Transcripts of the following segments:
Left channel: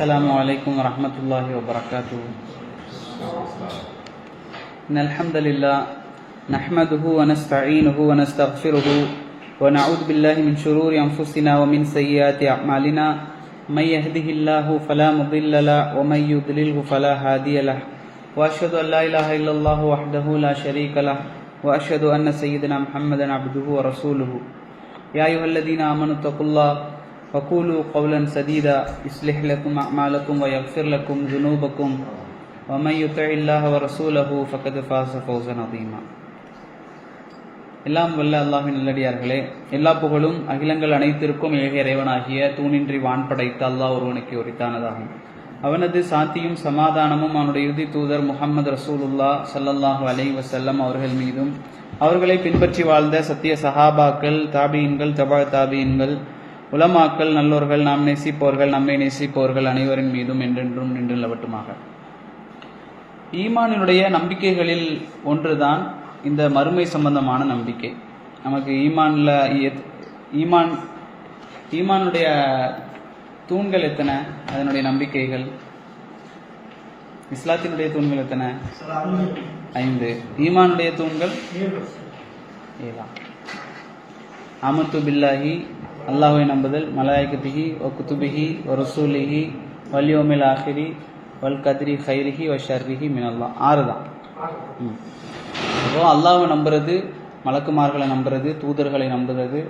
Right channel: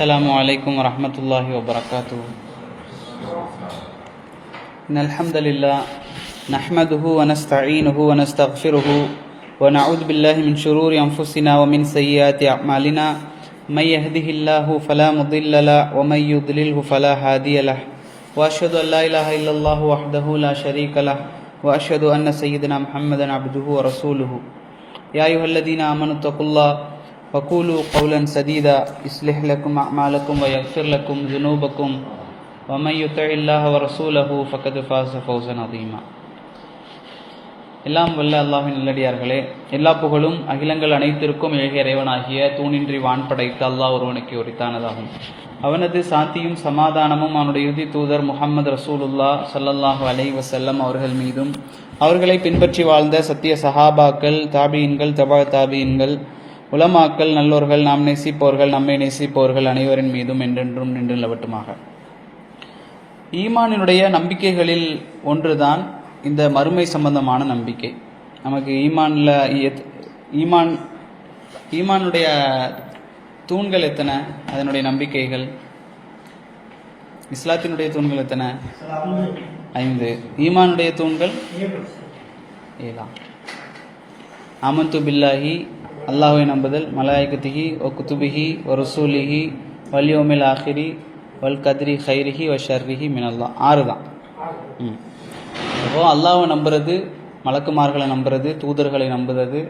السلام عليكم ورحمة الله وبركاته. إن الحمد لله نحمده ونستعينه ونستغفره ونعوذ بالله من شرور أنفسنا ومن سيئات أعمالنا. من يهده الله فلا مضل له ومن يضلله فلا هادي له. وأشهد أن لا إله إلا الله وحده لا شريك له وأشهد أن سيدنا محمدا عبده ورسوله. يا أيها الذين آمنوا اتقوا الله وقولوا قولا سديدا يصلح لكم أعمالكم ويغفر لكم ذنوبكم ومن يطع الله ورسوله فقد فاز فوزا عظيما. எல்லாம் வல்ல அல்லாஹ்வின் நல்லடியார்களே, எல்லா புகழும் அகிலங்கள் அனைத்திற்கும் ஏக இறைவனாகிய தூணின்றி வான் படைத்த அல்லாஹ் ஒருவனுக்கு உரித்தானதாகும். அவனது சாந்தியும் சமாதானமும் அவனுடைய இறுதி தூதர் முஹம்மது ரசூலுல்லாஹ் ஸல்லல்லாஹு அலைஹி வஸல்லம் அவர்கள் மீதும், அவர்களை பின்பற்றி வாழ்ந்த சத்திய சஹாபாக்கள், தாபீன்கள், தபா தாபீன்கள், உலமாக்கள், நல்லோர்கள், நாம் நேசிப்பவர்கள், நம்மை நேசிப்பவர்கள் அனைவரின் மீதும் என்றென்றும் நின்று நிலவட்டுமாக. ஈமானினுடைய நம்பிக்கைகளில் ஒன்றுதான் இந்த மறுமை சம்பந்தமான நம்பிக்கை. நமக்கு ஈமானுடைய தூண்கள் எத்தனை? அதனுடைய நம்பிக்கைகள். இஸ்லாத்தினுடைய தூண்கள் எத்தனை? 5. ஈமானுடைய தூண்கள் 7. ஆமன்து பில்லாஹி, அல்லாஹ்வை நம்புதல், மலாயிகத்திஹி வ குதுபிஹி வ ரசூலிஹி வல் யௌமில் ஆஹிரி வல் கத்ரி ஹைரிஹி வ ஷர்ரிஹி மினல்லாஹ். 6 தான். இப்போ அல்லாஹ்வை நம்புறது, மலக்குமார்களை நம்புறது, தூதர்களை நம்புறது,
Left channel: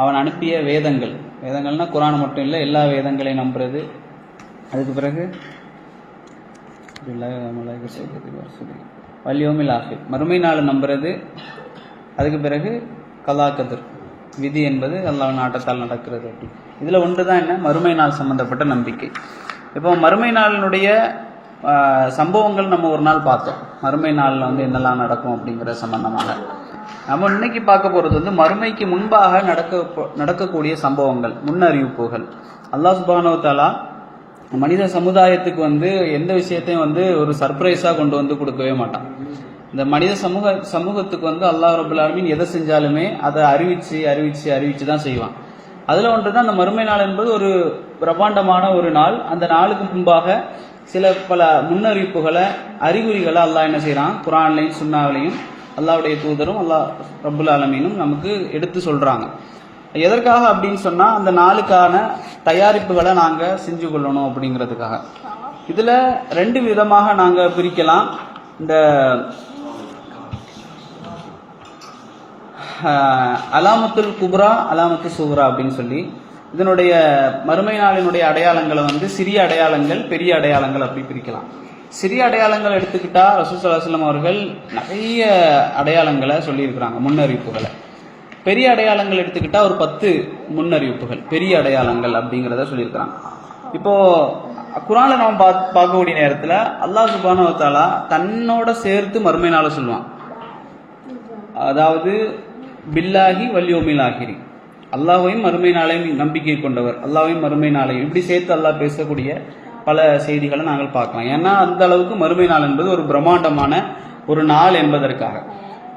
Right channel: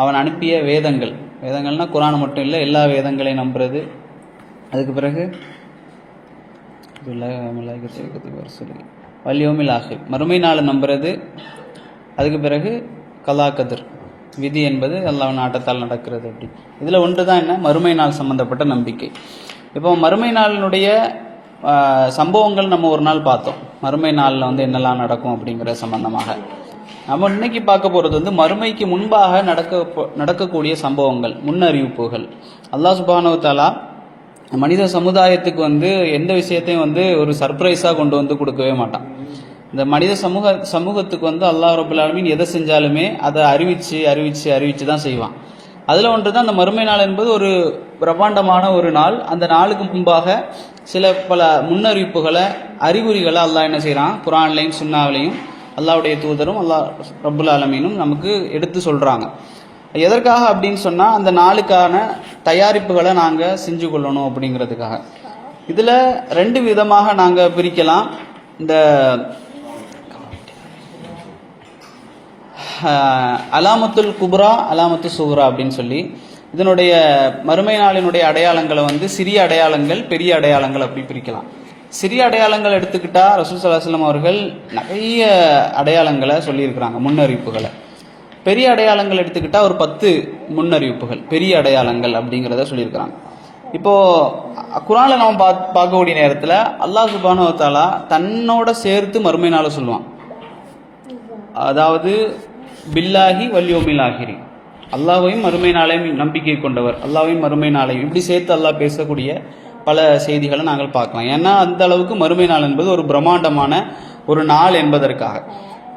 அவன் அனுப்பிய வேதங்கள்னா குரான் மட்டும் இல்லை, எல்லா வேதங்களையும் நம்புறது. அதுக்கு பிறகு வல் யௌமில் ஆஹிர், மறுமை நாளை நம்புறது. அதுக்கு பிறகு கலா கதிர், விதி என்பது அல்லாஹ் நாட்டத்தால் நடக்கிறது. அப்படி இதில் ஒன்று தான் என்ன? மறுமை நாள் சம்பந்தப்பட்ட நம்பிக்கை. இப்போ மறுமை நாளினுடைய சம்பவங்கள் நம்ம ஒரு நாள் பார்த்தோம். மறுமை நாளில் என்னெல்லாம் நடக்கும் அப்படிங்கிற சம்பந்தமாக நம்ம இன்னைக்கு பார்க்க போகிறது மறுமைக்கு முன்பாக நடக்கக்கூடிய சம்பவங்கள், முன்னறிவிப்புகள். அல்லாஹ் சுப்ஹானஹு வ தஆலா மனித சமுதாயத்துக்கு எந்த விஷயத்தையும் ஒரு சர்ப்ரைஸாக கொண்டு கொடுக்கவே மாட்டான். இந்த மனித சமூகத்துக்கு அல்லாஹ் ரப்பல் ஆலமீன் எதை செஞ்சாலுமே அதை அறிவிச்சு தான் செய்வான். அதில் ஒன்று தான் அந்த மறுமை நாள் என்பது ஒரு பிரம்மாண்டமான ஒரு நாள். அந்த நாளுக்கு முன்பாக பல முன்னறிவிப்புகளை, அறிகுறிகளை அல்லாஹ் என்ன செய்கிறான்? குர்ஆன்லையும் சுன்னாவிலையும் அல்லாஹ்வுடைய தூதரும் அல்லாஹ் ரப்பல் ஆலமீனும் நமக்கு எடுத்து சொல்கிறாங்க. எதற்காக அப்படின்னு சொன்னால், அந்த நாளுக்கான தயாரிப்புகளை நாங்கள் செஞ்சு கொள்ளணும் அப்படிங்கிறதுக்காக. இதில் 2 விதமாக நாங்கள் பிரிக்கலாம். இந்த அலாமத்துல் குப்ரா, அலாமத்து சுக்ரா அப்படின்னு சொல்லி இதனுடைய மறுமை நாளினுடைய அடையாளங்களை சிறிய அடையாளங்கள், பெரிய அடையாளங்கள் அப்படி பிரிக்கலாம். சிறிய அடையாளங்கள் எடுத்துக்கிட்டா ரசூல் ஸல்லல்லாஹு அலைஹி வஸல்லம் அவர்கள் நிறைய அடையாளங்களை சொல்லியிருக்கிறாங்க, முன்னறிவிப்புகளை. பெரிய அடையாளங்கள் எடுத்துக்கிட்டா ஒரு 10 முன்னறிவிப்புகள், பெரிய அடையாளங்கள் அப்படிங்கிறத சொல்லியிருக்கிறாங்க. இப்போ குர்ஆன்ல நாம் பார்க்கக்கூடிய நேரத்தில் அல்லாஹ் சுப்ஹானஹு வ தஆலா தன்னோட சேர்த்து மறுமை நாளை சொல்லுவான். அதாவது பில்லாஹி வல் யௌமில் ஆஹிரி, அல்லாஹ்வையும் மறுமை நாளையும் நம்பிக்கை கொண்டவர், அல்லாஹ்வையும் மறுமை நாளையும், இப்படி சேர்த்து அல்லாஹ் பேசக்கூடிய பல செய்திகளை நாங்கள் பார்க்கலாம். ஏன்னா அந்த அளவுக்கு மறுமை நாள் என்பது ஒரு பிரம்மாண்டமான ஒரு நாள் என்பதற்காக.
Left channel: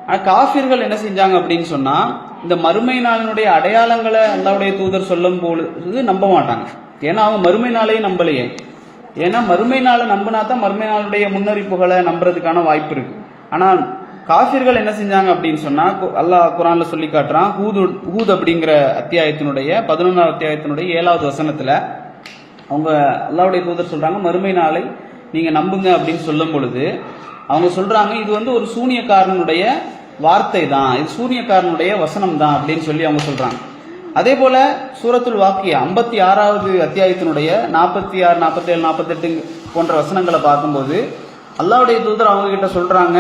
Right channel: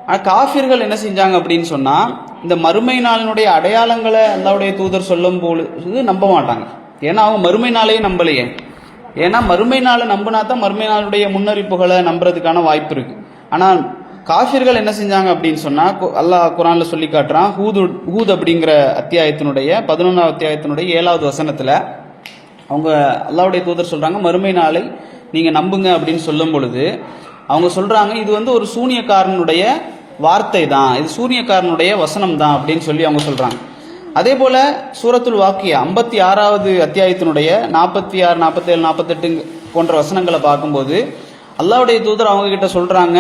ஆனால் காஃபிர்கள் என்ன செஞ்சாங்க அப்படின்னு சொன்னால், இந்த மறுமை நாளினுடைய அடையாளங்களை அல்லாஹ்வுடைய தூதர் சொல்லும் பொழுது நம்ப மாட்டாங்க. ஏன்னா அவங்க மறுமை நாளையும் நம்பலையே. ஏன்னா மறுமை நாளை நம்பினா தான் மறுமை நாளுடைய முன்னறிப்புகளை நம்புறதுக்கான வாய்ப்பு இருக்கு. ஆனால் காஃபிர்கள் என்ன செஞ்சாங்க அப்படின்னு சொன்னால், அல்லாஹ் குர்ஆன்ல சொல்லி காட்டுறான். ஹூத் அப்படிங்கிற அத்தியாயத்தினுடைய 11வது அத்தியாயத்தினுடைய 7வது வசனத்தில் அவங்க அல்லாஹ்வுடைய தூதர் சொல்றாங்க, மறுமை நாளை நீங்க நம்புங்க அப்படின்னு சொல்லும் பொழுது அவங்க சொல்றாங்க, இது ஒரு சூனியக்காரனுடைய வார்த்தை தான், இது சூனியக்காரனுடைய வசனம் தான் அப்படின்னு சொல்லி அவங்க சொல்றாங்க. அதே போல சூரத்துல் வாக்கியா 56வது அத்தியாயத்தினுடைய 46, 47, 48 போன்ற வசனங்களை பார்க்கும்போது அல்லாஹ்வுடைய தூதர் அவங்க கிட்ட சொல்றாங்க,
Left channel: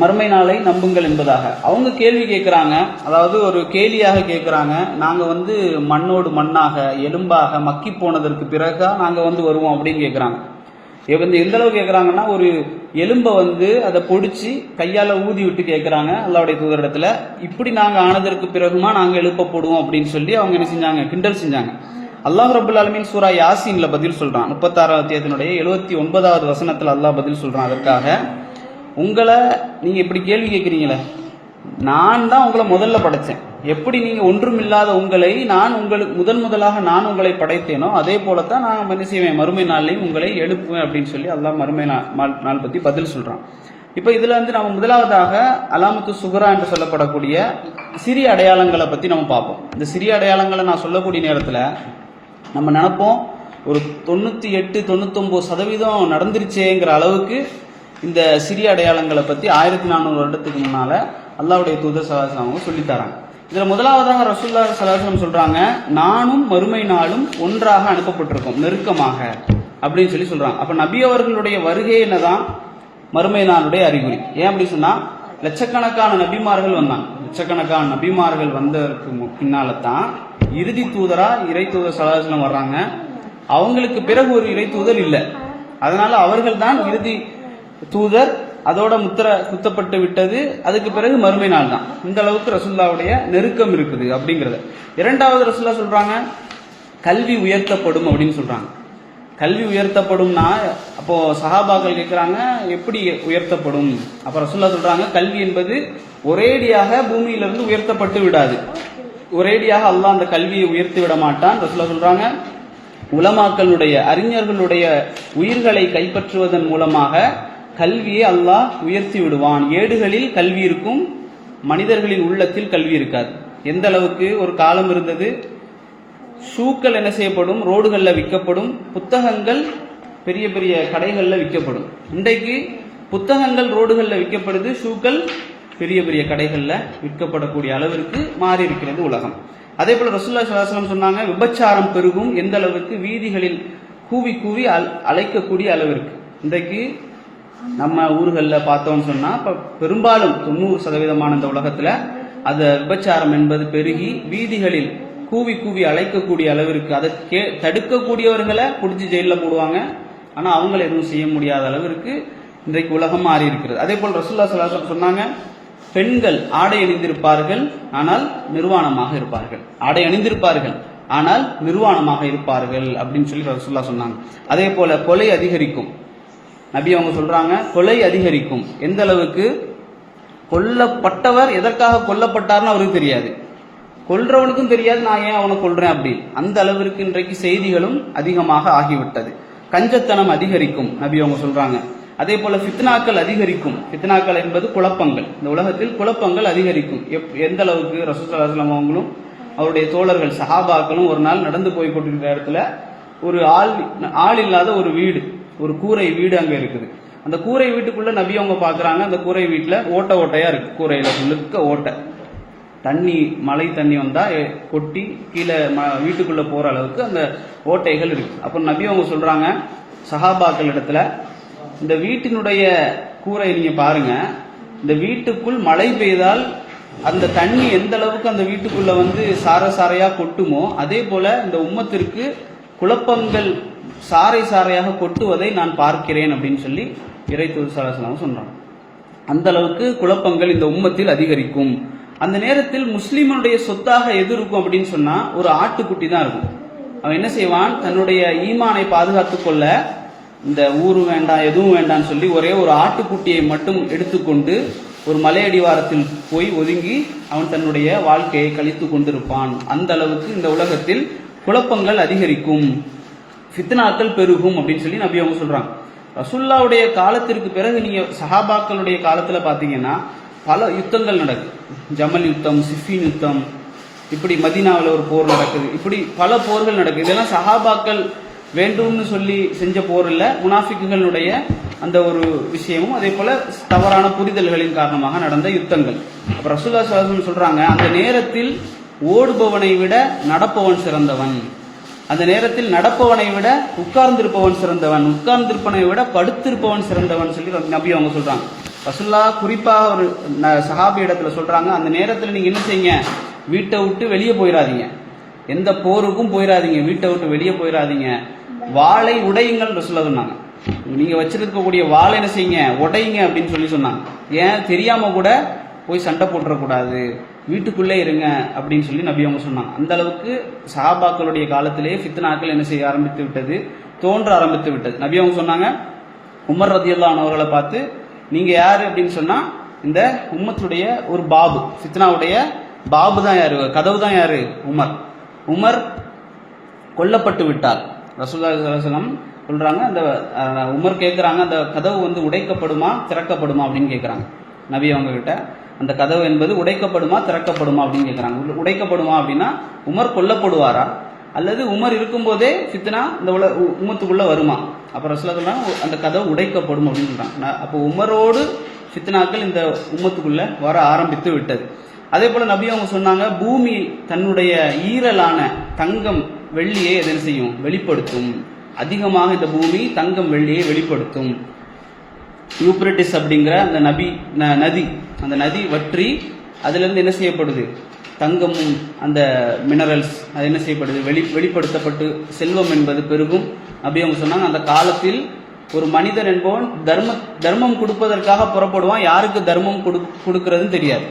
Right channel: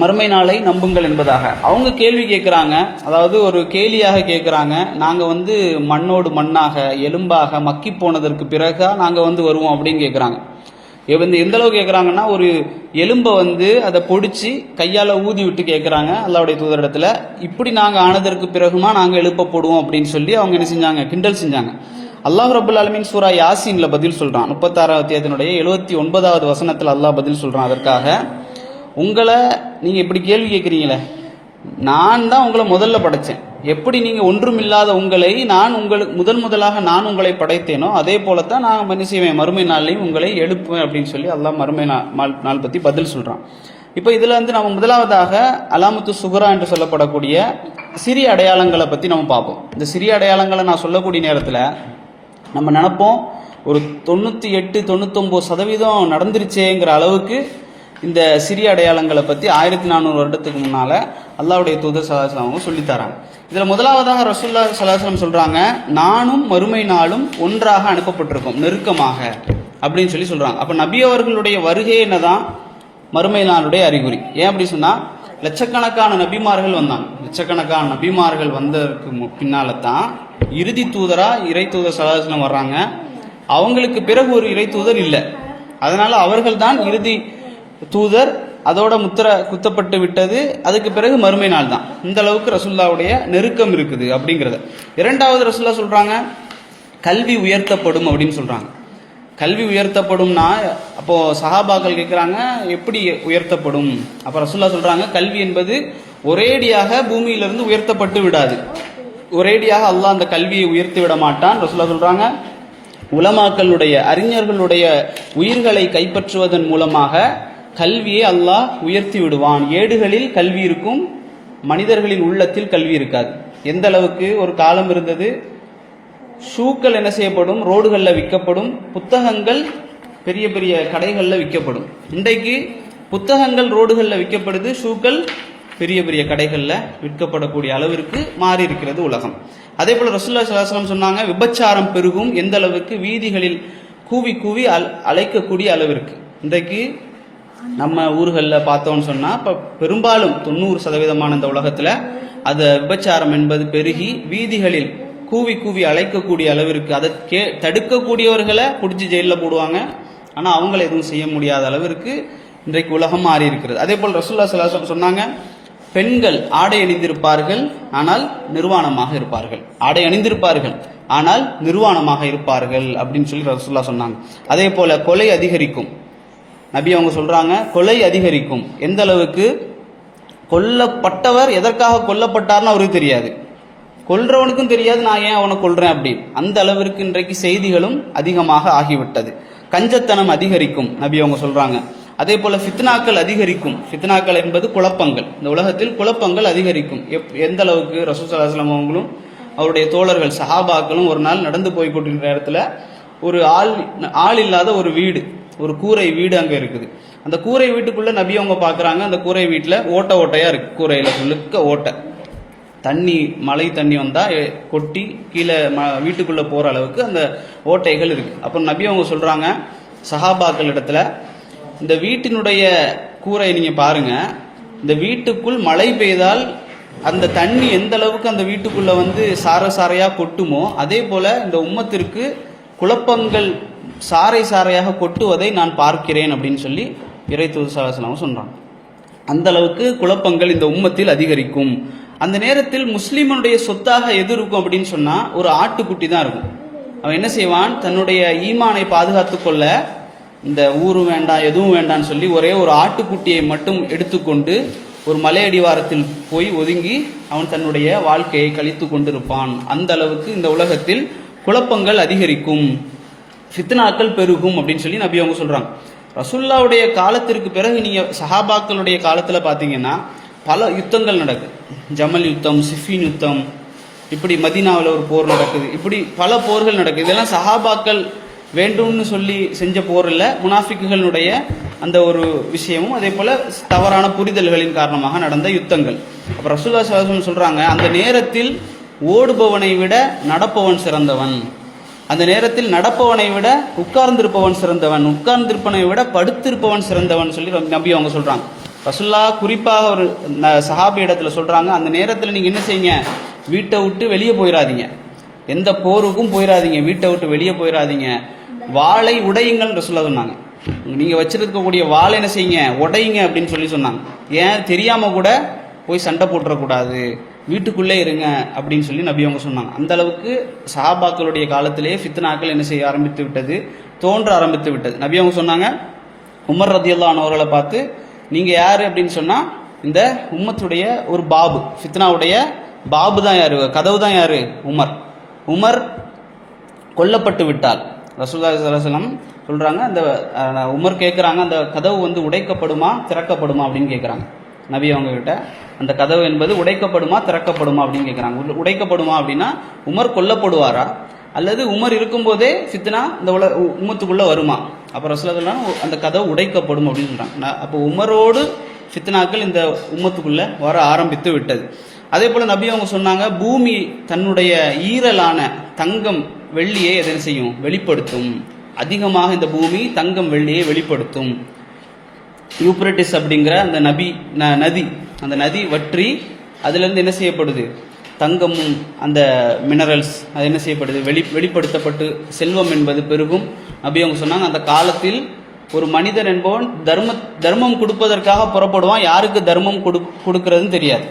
மறுமை நாளை நம்புங்கள் என்பதாக. அவங்க கேள்வி கேட்குறாங்க, அதாவது ஒரு கேலியாக கேட்குறாங்க. நாங்கள் மண்ணோடு மண்ணாக, எலும்பாக மக்கி போனதற்கு பிறகு நாங்கள் வருவோம் அப்படின்னு கேட்குறாங்க. எந்த அளவுக்கு கேட்குறாங்கன்னா, ஒரு எலும்பை அதை பொடிச்சு கையால் ஊதி விட்டு கேட்குறாங்க அல்லாஹ்வுடைய தூதரிடத்தில், இப்படி நாங்கள் ஆனதற்கு பிறகுமா நாங்கள் எழுப்பப்படுவோம் அப்படின்னு சொல்லி அவங்க என்ன செஞ்சாங்க? கிண்டல் செஞ்சாங்க. அல்லாஹ் ரப்பல் ஆலமீன் சூரா யாசீன்ல பதில் சொல்கிறான். 36வது அத்தியாயத்தினுடைய 79வது வசனத்தில் அல்லாஹ் பதில் சொல்கிறான். அதற்காக, உங்களை நீங்கள் இப்படி கேள்வி கேட்குறீங்களே, நான் தான் உங்களை முதல்ல படைத்தேன், எப்படி நீங்க ஒன்றுமில்லாத உங்களை நான் உங்களுக்கு முதலாக நான் உங்களை படைத்தேனோ அதே போலத்தான் நான் என்ன செய்வேன், மறுமை நாளையும் உங்களை எழுப்புவேன் அப்படின்னு சொல்லி அல்லாஹ் மறுமை நாள் பத்தி பதில் சொல்றான். இப்போ இதுல நம்ம முதலாவதாக அலாமத்து சுகுரா என்று சொல்லப்படக்கூடிய சிறிய அடையாளங்களை பத்தி நம்ம பார்ப்போம். இந்த சிறிய அடையாளங்களை நான் சொல்லக்கூடிய நேரத்தில் நம்ம நினைப்போம் ஒரு 98-99% நடந்துருச்சேங்கிற அளவுக்கு இந்த சிறிய அடையாளங்களை பத்தி 1400 வருடத்துக்கு முன்னால அல்லாஹ்வுடைய தூதர் ஸல்லல்லாஹு அலைஹி வஸல்லம் சொல்லித்தராங்க. இதுல முதலாவதாக ரசூலுல்லாஹி ஸல்லல்லாஹு அலைஹி வஸல்லம் சொல்றாங்க, நானும் மறுமை நாளும் ஒன்றாக அனுப்பப்பட்டிருக்கோம் நெருக்கமாக அப்படின்னு சொல்லி சொல்றாங்க. அப்ப நபி அவர்களுடைய வருகை என்னதான் மறுமை நாளுடைய அறிகுறி. ஏன் அப்படி சொன்னா, லட்சக்கணக்கான நபிமார்கள் வந்தாங்க. லட்சக்கணக்கான நபிமார்கள் வந்ததுக்கு பின்னால தான் இறுதி தூதரா இறை தூதர் ஸல்லல்லாஹு அலைஹி வஸல்லம் வர்றாங்க. அவங்களுக்கு பிறகு ஒரு இறை தூதர் இல்லை, அதனால அவர்கள் தான் இறுதி தூதர். அதோட முத்திரை குத்தப்பட்டு விட்டது. அதுக்கு பிறகு மறுமை நாள் தான். இந்த அளவுக்கு ரசூலுல்லாஹ்வுடைய நெருக்கம் இருக்குது அப்படிங்கிறத. இரண்டாவது ரசூலுல்லாஹ் சொல்றாங்க, கல்வி உயர்த்தப்படும் அப்படின்னு சொல்றாங்க. கல்வி உயர்த்தப்படும்னா அப்போ சஹாபாக்கள் கேட்குறாங்க எப்படி உயர்த்தப்படும்? அப்போ ரசூலுல்லாஹ் சொல்றாங்க, கல்வி என்பது ஒரேடியாக பூமியிலிருந்து உயர்த்தப்பட்டு விடாது. ஒரேடியாக அல்லாஹ் அந்த கல்வியை உயர்த்தி விட மாட்டான். ரசூலுல்லாஹ் சொல்றாங்க, உலமாக்களுடைய அறிஞர்களுடைய உயிர்களை கைப்பற்றுவதன் மூலமாக கல்வியை அல்லாஹ் உயர்த்தி விடுவான். ஏடுகளில் கல்வி இருக்கும், மனிதர்களின் உள்ளத்தில் கல்வி இருக்காது. எந்த அளவுக்கு ஒரு காலம் இருந்தது, ஷூக்கள் என்ன செய்யப்படும், ரோடுகளில் விற்கப்படும், புத்தகங்கள் பெரிய பெரிய கடைகளில் விற்கப்படும். இன்றைக்கு புத்தகங்கள் ரோடுகளில் விற்கப்படுது, ஷூக்கள் பெரிய பெரிய கடைகளில் விற்கப்படக்கூடிய அளவிற்கு மாறி இருக்கிறது உலகம். அதே போல ரசூலுல்லாஹி ஸல்லல்லாஹு அலைஹி வஸல்லம் சொன்னாங்க, விபச்சாரம் பெருகும். எந்த அளவுக்கு, வீதிகளில் கூவி கூவி அழைக்கக்கூடிய அளவிற்கு. இன்றைக்கு நம்ம ஊர்களில் பார்த்தோம்னு சொன்னா இப்போ பெரும்பாலும் 90% இந்த உலகத்தில் அது விபச்சாரம் என்பது பெருகி வீதிகளில் கூவி கூவி அழைக்கக்கூடிய அளவிற்கு. அதை தடுக்கக்கூடியவர்களை பிடிச்சி ஜெயிலில் போடுவாங்க, ஆனால் அவங்கள எதுவும் செய்ய முடியாத அளவிற்கு இன்றைக்கு உலகம் மாறி இருக்கிறது. அதே போல் ரசூலுல்லாஹி ஸல்லல்லாஹு அலைஹி வஸல்லம் சொன்னாங்க, பெண்கள் ஆடை அணிந்திருப்பார்கள் ஆனால் நிர்வாணமாக இருப்பார்கள். ஆடை அணிந்திருப்பார்கள் ஆனால் நிர்வாணமாக இருப்பார்கள் அப்படின்னு சொல்லி ரசூலுல்லாஹ் சொன்னாங்க. அதே போல கொலை அதிகரிக்கும். நபி அவங்க சொல்றாங்க, கொலை அதிகரிக்கும். எந்த அளவுக்கு, கொல்லப்பட்டவர் எதற்காக கொல்லப்பட்டார்னு அவருக்கு தெரியாது, கொல்றவனுக்கும் தெரியாது நான் ஏன் அவனை கொல்றேன் அப்படின்னு. அந்த அளவிற்கு இன்றைக்கு செய்திகளும் அதிகமாக ஆகிவிட்டது. கஞ்சத்தனம் அதிகரிக்கும் நபி அவங்க சொல்றாங்க. அதே போல ஃபித்னாக்கள் அதிகரிக்கும். ஃபித்னாக்கள் என்பது குழப்பங்கள். இந்த உலகத்தில் குழப்பங்கள் அதிகரிக்கும். எந்த அளவுக்கு, ரசூல் ஸல்லல்லாஹு அலைஹி வஸல்லம் அவங்களும் அவருடைய தோழர்கள் சஹாபாக்களும் ஒரு நாள் நடந்து போய் கொண்டிருக்கிற இடத்துல ஒரு ஆள் இல்லாத ஒரு வீடு, ஒரு கூரை வீடு அங்க இருக்குது. அந்த கூரை வீட்டுக்குள்ள நபி அவங்க பாக்குறாங்க, அந்த கூரை வீட்டுல ஓட்டையா இருக்கு. கூரையில முழுக்க ஓட்டை, தண்ணி மழை தண்ணி வந்தா கொட்டி கீழே வீட்டுக்குள்ள போற அளவுக்கு அந்த ஓட்டைகள் இருக்கு. அப்போ நபி அவங்க சொல்றாங்க சஹாபாக்கள் இடத்துல, இந்த வீட்டினுடைய கூரை நீங்க பாருங்க, இந்த வீட்டுக்குள் மழை பெய்தால் அந்த தண்ணி எந்த அளவுக்கு அந்த வீட்டுக்குள்ள சாரையா கொட்டுமோ அதே போல இந்த உம்மத்திற்கு குழப்பங்கள் சாரை சாரையாக கொட்டுவதை நான் பார்க்கிறேன் அப்படின்னு சொல்லி இறை தூதர் ஸல்லல்லாஹு அலைஹி வஸல்லம் சொல்றாங்க. அந்த அளவுக்கு குழப்பங்கள் இந்த உம்மத்தில் அதிகரிக்கும். அந்த நேரத்தில் முஸ்லிமுடைய சொத்தாக எது இருக்கும் அப்படின்னு சொன்னா ஒரு ஆட்டுக்குட்டி தான் இருக்கும். அவன் என்ன செய்வான், தன்னுடைய ஈமானை பாதுகாத்துக் கொள்ள இந்த ஊரும் வேண்டாம் எதுவும் வேண்டாம்னு சொல்லி ஒரே ஒரு ஆட்டுக்குட்டியை மட்டும் எடுத்துக்கொண்டு ஒரு மலையடிவாரத்தில் போய் ஒதுங்கி அவன் தன்னுடைய வாழ்க்கையை கழித்து கொண்டிருப்பான். அந்த அளவுக்கு இந்த உலகத்தில் குழப்பங்கள் அதிகரிக்கும், ஃபித்னாக்கள் பெருகும் அப்படின்னு சொல்லி நபி அவங்க சொல்றாங்க. ரசூலுல்லாஹ்வுடைய காலத்திற்கு பிறகு நீங்க சஹாபாக்களுடைய காலத்துல பாத்தீங்கன்னா பல யுத்தங்கள் நடக்குது. ஜமல் யுத்தம், சிஃபின் யுத்தம், இப்படி மதீனாவில் ஒரு போர் நடக்குது. இப்படி பல போர்கள் நடக்குது. இதெல்லாம் சஹாபாக்கள் வேண்டும்னு சொல்லி செஞ்ச போர் இல்ல, முனாஃபிக்குகளுடைய அந்த ஒரு விஷயமும் அதே போல தவறான புரிதல்களின் காரணமாக நடந்த யுத்தங்கள். அப்ப ரசூலுல்லாஹி ஸல்லல்லாஹு அலைஹி வஸல்லம் சொல்றாங்க, அந்த நேரத்தில் ஓடுபவனை விட நடப்பவன் சிறந்தவன், அந்த நேரத்தில் நடப்பவனை விட உட்கார்ந்திருப்பவன் சிறந்தவன், உட்கார்ந்திருப்பவனை விட படுத்திருப்பவன் சிறந்தவன் சொல்லி நபி அவங்க சொல்றாங்க. ரசூலுல்லாஹ் குறிப்பாக ஒரு சஹாபி இடத்துல சொல்றாங்க, அந்த நேரத்தில் நீங்க என்ன செய்யுங்க, வீட்டை விட்டு வெளியே போயிடாதீங்க, எந்த போருக்கும் போயிடாதீங்க, வீட்டை விட்டு வெளியே போயிடாதீங்க, வாளை உடையுங்கள் ரசூலுல்லாஹ் சொன்னாங்க. நீங்க வச்சிருக்கக்கூடிய வாளை என்ன செய்யுங்க, உடையுங்க அப்படின்னு சொல்லி சொன்னாங்க. ஏன், தெரியாம கூட போய் சண்டை போட்டுறக்கூடாது, வீட்டுக்குள்ளே இருங்க அப்படின்னு சொல்லி நபி அவங்க சொன்னாங்க. அந்த அளவுக்கு சஹாபாக்களுடைய காலத்திலேயே ஃபித்னாக்கள் என்ன செய்ய ஆரம்பித்து விட்டது, தோன்ற ஆரம்பித்து விட்டது. நபி அவங்க சொன்னாங்க, உமர் ரலியல்லாஹு அன்ஹு அவர்களை பார்த்து, நீங்க யாரு அப்படின்னு சொன்னா இந்த உம்மத்துடைய ஒரு பாபு, ஃபித்னாவுடைய பாபு தான் யாரு, கதவு தான் யாரு, உமர். உமர் கொல்லப்பட்டு விட்டார். ரசூலுல்லாஹி ஸல்லல்லாஹு அலைஹி வஸல்லம் சொல்றாங்க, அந்த உமர் கேட்குறாங்க, அந்த கதவு வந்து உடைக்கப்படுமா திறக்கப்படுமா அப்படின்னு கேட்குறாங்க நபி அவங்க கிட்ட. அந்த கதவு என்பது உடைக்கப்படுமா திறக்கப்படுமா அப்படின்னு கேட்குறாங்க. உடைக்கப்படுமா அப்படின்னா உமர் கொல்லப்படுவாரா, அல்லது உமர் இருக்கும்போதே ஃபித்னா இந்த உம்மத்துக்குள்ளே வருமா? அப்போ ரசூலுல்லாஹி அந்த கதவு உடைக்கப்படும் அப்படின்னு சொல்கிறாங்க. அப்போ உமரோடு ஃபித்னாக்கள் இந்த உம்மத்துக்குள்ளே வர ஆரம்பித்து விட்டது. அதே போல் நபி அவங்க சொன்னாங்க, பூமி தன்னுடைய ஈரலான தங்கம் வெள்ளியை எதனை செய்யும், வெளிப்படுத்தும். அதிகமாக இந்த பூமி தங்கம் வெள்ளியை வெளிப்படுத்தும். யூப்ரட்டிஸ் அப்படிங்கிற அந்த நதி, அந்த நதி வற்றி அதுலேருந்து என்ன செய்யப்படுது, தங்கமும் அந்த மினரல்ஸ் அது என்ன செய்யப்படுது, வெளிப்படுத்தப்பட்டு செல்வம் என்பது பெருகும். நபி அவங்க சொன்னாங்க, அந்த காலத்தில் ஒரு மனிதன் என்பவன் தர்மம் கொடுப்பதற்காக புறப்படுவான். யாருக்கு தர்மம் கொடுக்கறதுன்னு தெரியாது.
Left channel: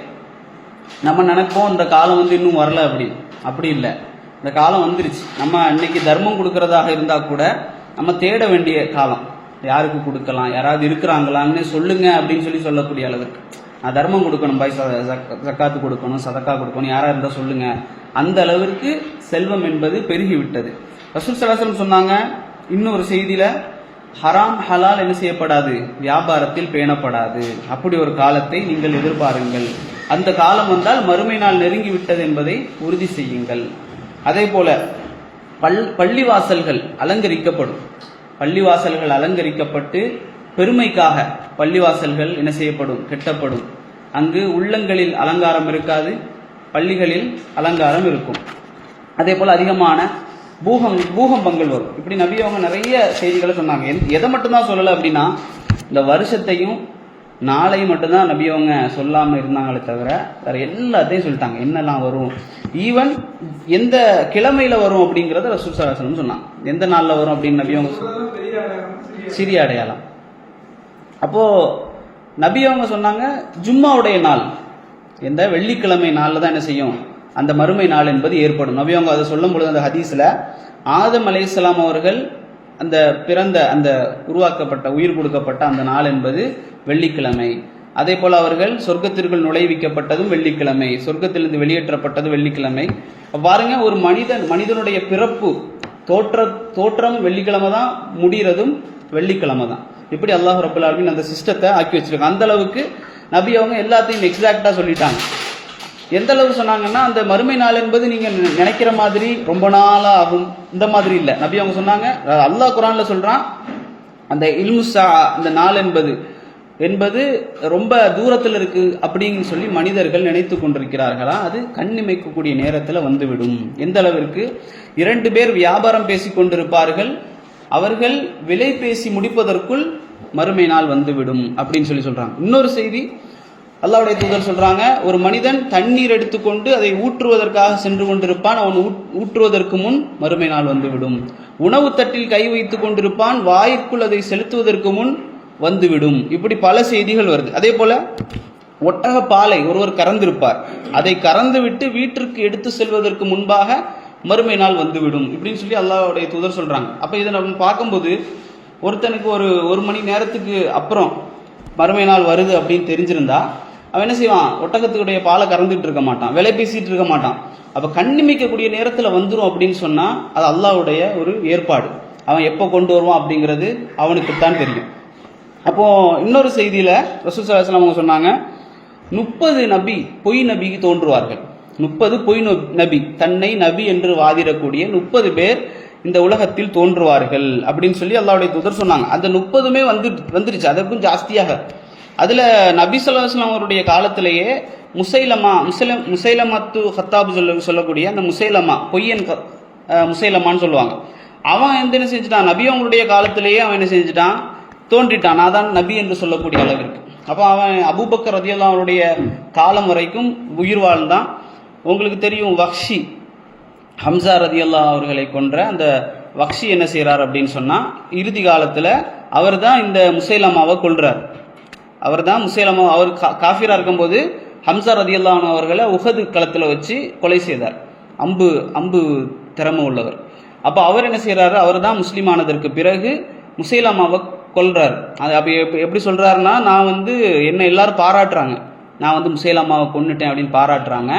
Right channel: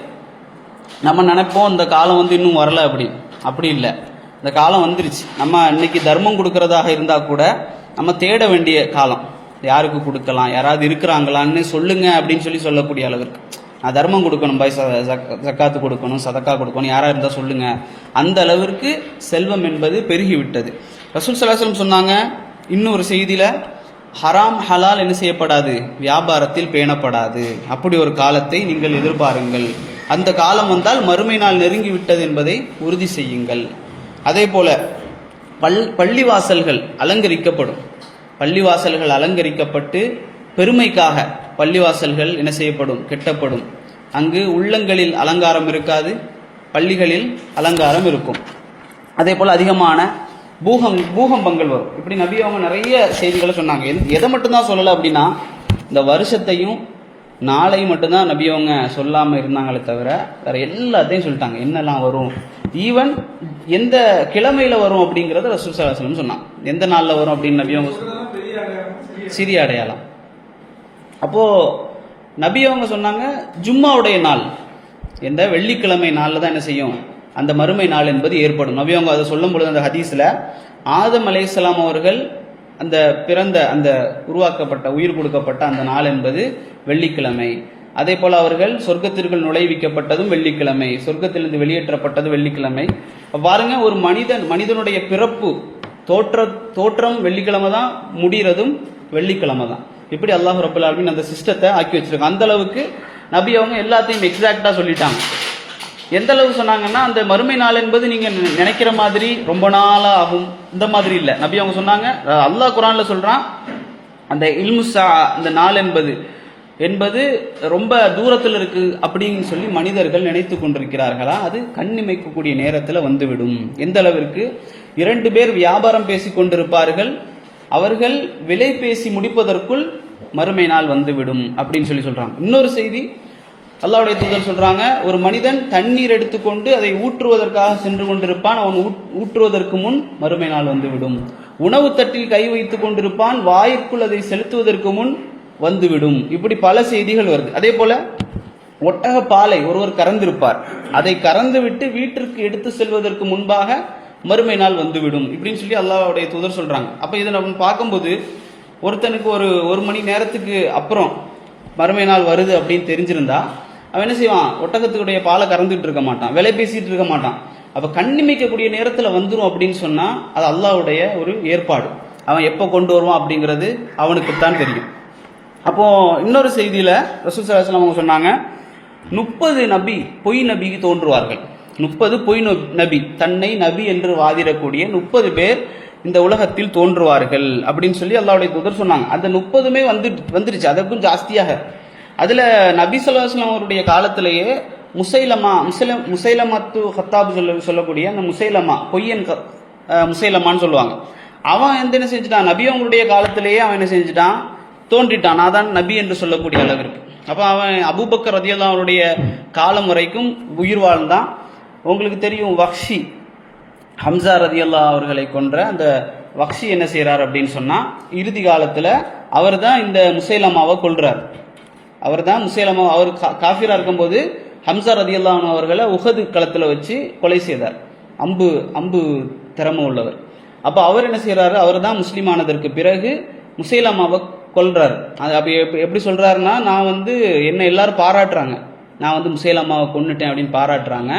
நம்ம நினைப்போம் இந்த காலம் வந்து இன்னும் வரல அப்படின்னு. அப்படி இல்லை, இந்த காலம் வந்துருச்சு. நம்ம இன்னைக்கு தர்மம் கொடுக்கறதாக இருந்தால் கூட நம்ம தேட வேண்டிய காலம். யாருக்கு கொடுக்கலாம், யாராவது இருக்கிறாங்களான்னு சொல்லுங்க அப்படின்னு சொல்லக்கூடிய அளவிற்கு நான் தர்மம் கொடுக்கணும், பாய் ஜக்காத்து கொடுக்கணும், சதக்கா கொடுக்கணும், யாராக இருந்தால் சொல்லுங்க. அந்த அளவிற்கு செல்வம் என்பது பெருகிவிட்டது. ரசூல் ஸல்லல்லாஹு அலைஹி வஸல்லம் சொன்னாங்க இன்னொரு செய்தியில், ஹராம் ஹலால் என்ன செய்யப்படாது, வியாபாரத்தில் பேணப்படாது. அப்படி ஒரு காலத்தை நீங்கள் எதிர்பாருங்கள். அந்த காலம் வந்தால் மறுமை நாள் நெருங்கி விட்டது என்பதை உறுதி செய்யுங்கள். அதே போல பள்ளிவாசல்கள் அலங்கரிக்கப்படும். பள்ளிவாசல்கள் அலங்கரிக்கப்பட்டு பெருமைக்காக பள்ளிவாசல்கள் என்ன செய்யப்படும், கெட்டப்படும். அங்கு உள்ளங்களில் அலங்காரம் இருக்காது, பள்ளிகளில் அலங்காரம் இருக்கும். அதே போல் அதிகமான பூகம்பங்கள் வரும். இப்படி நபி அவங்க நிறைய செய்திகளை சொன்னாங்க. எதை மட்டும்தான் சொல்லலை அப்படின்னா, இந்த வருஷத்தையும் நாளையும் மட்டும்தான் நபி அவங்க சொல்லாமல் இருந்தாங்களே தவிர வேறு எல்லாத்தையும் சொல்லிட்டாங்க. என்னெல்லாம் வரும், ஈவன் எந்த கிழமையில் வரும் அப்படிங்கிறத ரசூல் ஸல்லல்லாஹு அலைஹி வஸல்லம் சொன்னாங்க. எந்த நாளில் வரும் அப்படின்னு நபி அவங்க சிறிய அடையாளம். அப்போது நபி அவங்க சொன்னாங்க, ஜும்மாவுடைய நாள் என்ற வெள்ளிக்கிழமை நாளில் தான் என்ன செய்யும், அந்த மறுமை நாள் என்பது ஏற்படும். நபி அவங்க அதை சொல்லும் பொழுது அந்த ஹதீஸில் ஆதம் அலைஹிஸ்ஸலாம் அவர்கள் அந்த பிறந்த அந்த உருவாக்கப்பட்ட உயிர் கொடுக்கப்பட்ட அந்த நாள் என்பது வெள்ளிக்கிழமை. அதே போல் அவர்கள் சொர்க்கத்திற்குள் நுழைவிக்கப்பட்டதும் வெள்ளிக்கிழமை, சொர்க்கத்திலிருந்து வெளியேற்றப்பட்டது வெள்ளிக்கிழமை. பாருங்க, ஒரு மனிதனுடைய பிறப்பு தோற்றம் வெள்ளிக்கிழமை தான், முடிகிறதும் வெள்ளிக்கிழமை தான். இப்படி அல்லாஹ் ரப்பல் ஆலமீன் அந்த சிஸ்டத்தை ஆக்கி வச்சிருக்காங்க. அந்த அளவுக்கு நபி அவங்க எல்லாத்தையும் எக்ஸாக்டா சொல்லிட்டாங்க. எந்த அளவு சொன்னாங்கன்னா, அந்த மறுமை நாள் என்பது நீங்க நினைக்கிற மாதிரி ரொம்ப நாளா ஆகும், இந்த மாதிரி இல்லை. நபி அவங்க சொன்னாங்க, அல்லாஹ் குர்ஆன்ல சொல்றான், அந்த இல்முசா அந்த நாள் என்பது ரொம்ப தூரத்தில் இருக்கு அப்படின்னு சொல்லி மனிதர்கள் நினைத்து கொண்டிருக்கிறார்களா, அது கண்ணிமைக்கக்கூடிய நேரத்தில் வந்துவிடும். எந்த அளவிற்கு 2 பேர் வியாபாரம் பேசி கொண்டிருப்பார்கள், அவர்கள் விலை பேசி முடிப்பதற்குள் மறுமை நாள் வந்துவிடும் அப்படின்னு சொல்றாங்க. இன்னொரு செய்தி அல்லாஹ்வுடைய தூதர் சொல்றாங்க, ஒரு மனிதன் தண்ணீர் எடுத்துக்கொண்டு அதை ஊற்றுவதற்காக சென்று கொண்டிருப்பான், அவன் ஊற்றுவதற்கு முன் மறுமை நாள் வந்துவிடும். உணவு தட்டில் கை வைத்துக் கொண்டிருப்பான், வாயிற்குள் அதை செலுத்துவதற்கு முன் வந்துவிடும். இப்படி பல செய்திகள் வருது. அதே போல ஒட்டக பாலை ஒருவர் கறந்திருப்பார், அதை கறந்து விட்டு வீட்டிற்கு எடுத்து செல்வதற்கு முன்பாக மறுமை நாள் வந்துவிடும் இப்படின்னு சொல்லி அல்லாஹ்வுடைய தூதர் சொல்றாங்க. அப்ப இதை நம்ம பார்க்கும்போது, ஒருத்தனுக்கு ஒரு மணி நேரத்துக்கு அப்புறம் மறுமை நாள் வருது அப்படின்னு தெரிஞ்சிருந்தா அவன் என்ன செய்வான், ஒட்டகத்துடைய பாலை கறந்துட்டு இருக்க மாட்டான், விலை பேசிட்டு இருக்க மாட்டான். அப்ப கண்ணிமைக்கக்கூடிய நேரத்தில் வந்துடும் அப்படின்னு சொன்னா அது அல்லாஹ்வுடைய ஒரு ஏற்பாடு. அவன் எப்போ கொண்டு வருவான் அப்படிங்கிறது அவனுக்குத்தான் தெரியும். அப்போ இன்னொரு செய்தியில ரசூல் ஸல்லல்லாஹு அலைஹி வஸல்லம் அவங்க சொன்னாங்க, 30 பொய் நபி தோன்றுவார்கள். 30 பொய் நபி, தன்னை நபி என்று வாதிடக்கூடிய 30 பேர் இந்த உலகத்தில் தோன்றுவார்கள் அப்படின்னு சொல்லி அல்லாஹ்வுடைய தூதர் சொன்னாங்க. அந்த 30மே வந்துருச்சு, அதற்கும் ஜாஸ்தியாக. அதுல நபி ஸல்லல்லாஹு அலைஹி வஸல்லம் அவருடைய காலத்திலேயே முசைலமத்து ஹத்தாப் சொல்லக்கூடிய அந்த பொய்யன் முசைலமான்னு சொல்லுவாங்க. அவன் என்ன செஞ்சுட்டான், நபி அவங்களுடைய காலத்திலேயே அவன் என்ன செஞ்சுட்டான், தோன்றிட்டான். நான் தான் நபி என்று சொல்லக்கூடிய அளவிற்கு. அப்போ அவன் அபூபக்கர் ரலியல்லாஹு அவருடைய காலம் வரைக்கும் உயிர் வாழ்ந்தான். உங்களுக்கு தெரியும், வக்ஷி ஹம்சா ரலியல்லாஹு அவர்களை கொன்ற அந்த வக்ஷி என்ன செய்யறார் அப்படின்னு சொன்னா, இறுதி காலத்துல அவர் தான் இந்த முசைலமாவை கொல்றார். அவர் தான் அவர் காஃபிரா இருக்கும்போது ஹம்சா ரலியல்லாஹு அவர்களை உஹது களத்துல வச்சு கொலை செய்தார். அம்பு திறமை உள்ளவர். அப்போ அவர் என்ன செய்யறாரு, அவர் தான் முஸ்லீம் ஆனதற்கு பிறகு முசைலமாவை கொல்றாரு. அது அப்போ எப்படி சொல்றாருன்னா, நான் என்னை எல்லாரும் பாராட்டுறாங்க, நான் வந்து முசைலமாவை கொன்னுட்டேன் அப்படின்னு பாராட்டுறாங்க.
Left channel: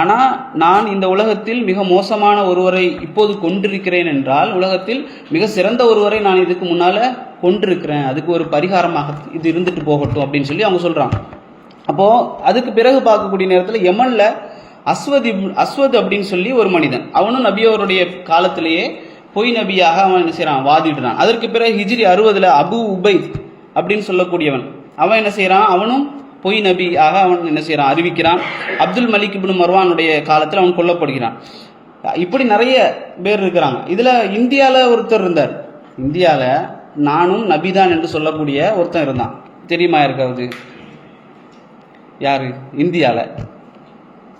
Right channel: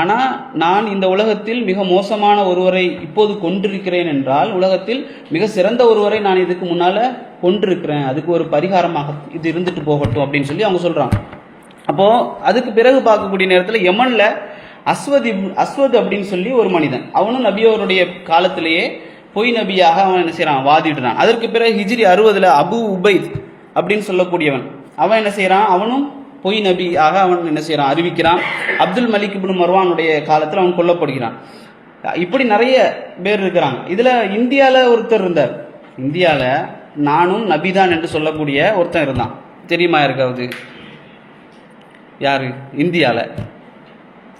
ஆனால் நான் இந்த உலகத்தில் மிக மோசமான ஒருவரை இப்போது கொண்டிருக்கிறேன் என்றால் உலகத்தில் மிக சிறந்த ஒருவரை நான் இதுக்கு முன்னால் கொண்டிருக்கிறேன், அதுக்கு ஒரு பரிகாரமாக இது இருந்துட்டு போகட்டும் அப்படின்னு சொல்லி அவங்க சொல்கிறாங்க. அப்போது அதுக்கு பிறகு பார்க்கக்கூடிய நேரத்தில் யமனில் அஸ்வத் அப்படின்னு சொல்லி ஒரு மனிதன், அவனும் நபியோருடைய காலத்திலேயே பொய் நபியாக அவன் என்ன செய்கிறான், வாதிடுறான். அதற்கு பிறகு ஹிஜ்ரி 60 அபு உபைத் அப்படின்னு சொல்லக்கூடியவன், அவன் என்ன செய்கிறான், அவனும் பொய் நபியாக அவன் என்ன செய்கிறான், அறிவிக்கிறான். அப்துல் மலிக் இப்னு மர்வானுடைய காலத்தில் அவன் கொல்லப்படுகிறான். இப்படி நிறைய பேர் இருக்கிறாங்க. இதில் இந்தியாவில் ஒருத்தர் இருந்தார். இந்தியாவில் நானும் நபிதான் என்று சொல்லக்கூடிய ஒருத்தன் இருந்தான். தெரியுமா இருக்காது? யார்?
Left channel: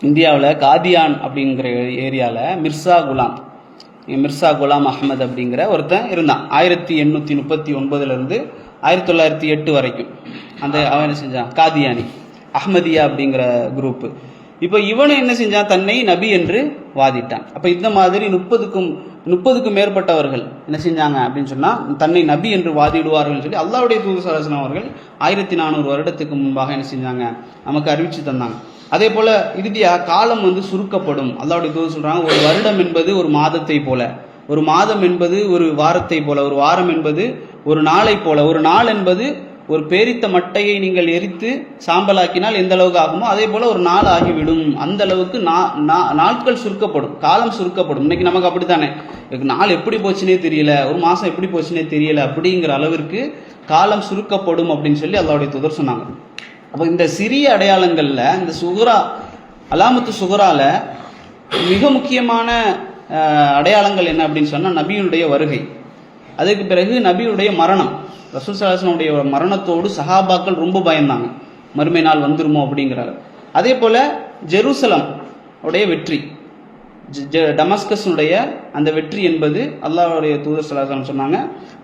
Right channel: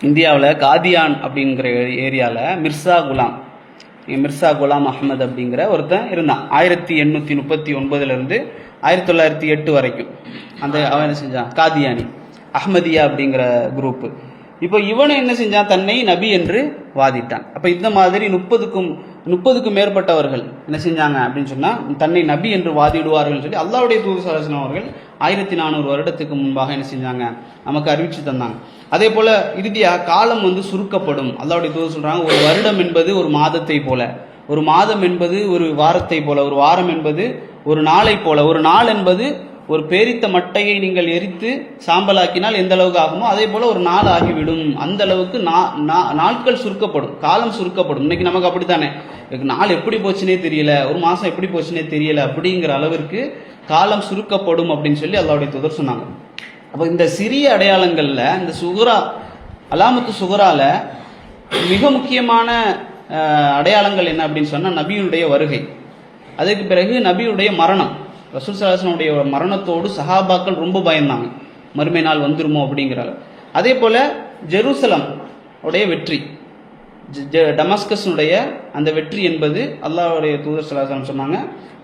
இந்தியாவில் காதியான் அப்படிங்கிற ஏரியாவில் மிர்சா குலாம் அஹ்மத் அப்படிங்கிற ஒருத்தன் இருந்தான். 1839 1908 வரைக்கும் அவன் என்ன செஞ்சான், காதியானி அஹ்மதியா அப்படிங்கிற குரூப்பு. இப்போ இவனை என்ன செஞ்சான், தன்னை நபி என்று வாதிட்டான். அப்போ இந்த மாதிரி 30க்கும் மேற்பட்டவர்கள் என்ன செஞ்சாங்க அப்படின்னு சொன்னால் தன்னை நபி என்று வாதிடுவார்கள் சொல்லி அல்லாஹ்வுடைய தூதர் ஸல்லல்லாஹு அலைஹி வஸல்லம் அவர்கள் 1400 வருடத்துக்கு முன்பாக என்ன செஞ்சாங்க, நமக்கு அறிவிச்சு தந்தாங்க. அதே போல இறுதியாக காலம் வந்து சுருக்கப்படும். அல்லாஹ்வுடைய தூதர் சொல்றாங்க, ஒரு வருடம் என்பது ஒரு மாதத்தை போல, ஒரு மாதம் என்பது ஒரு வாரத்தை போல, ஒரு வாரம் என்பது ஒரு நாளை போல, ஒரு நாள் என்பது ஒரு பேரித்த மட்டையை நீங்கள் எரித்து சாம்பலாக்கினால் எந்த அளவுக்கு ஆகுமோ அதே போல ஒரு நாள் ஆகிவிடும். அந்த அளவுக்கு நாட்கள் சுருக்கப்படும், காலம் சுருக்கப்படும். இன்னைக்கு நமக்கு அப்படித்தானே, நாள் எப்படி போச்சுனே தெரியல, ஒரு மாசம் எப்படி போச்சுனே தெரியல, அப்படிங்கிற அளவிற்கு காலம் சுருக்கப்படும் அப்படின்னு சொல்லி அல்லாஹ்வுடைய தூதர் சொன்னாங்க. அப்போ இந்த சிறிய அடையாளங்கள்ல இந்த சுகுரா அலாமத்து சுகுரால மிக முக்கியமான அடையாளங்கள் என்ன அப்படின்னு சொன்னா நபியுடைய வருகை, அதுக்கு பிறகு நபியுடைய மரணம். ரசூல் ஸல்லல்லாஹு அலைஹி வஸல்லம் மரணத்தோடு சஹாபாக்கள் ரொம்ப பயந்தாங்க, மறுமை நாள் வந்துருமோ அப்படிங்கிறாங்க. அதே போல ஜெருசலம் உடைய வெற்றி, டமஸ்கஸுடைய அந்த வெற்றி என்பது அல்லாஹ்வுடைய தூதர் ஸல்லல்லாஹு அலைஹி வஸல்லம் சொன்னாங்க,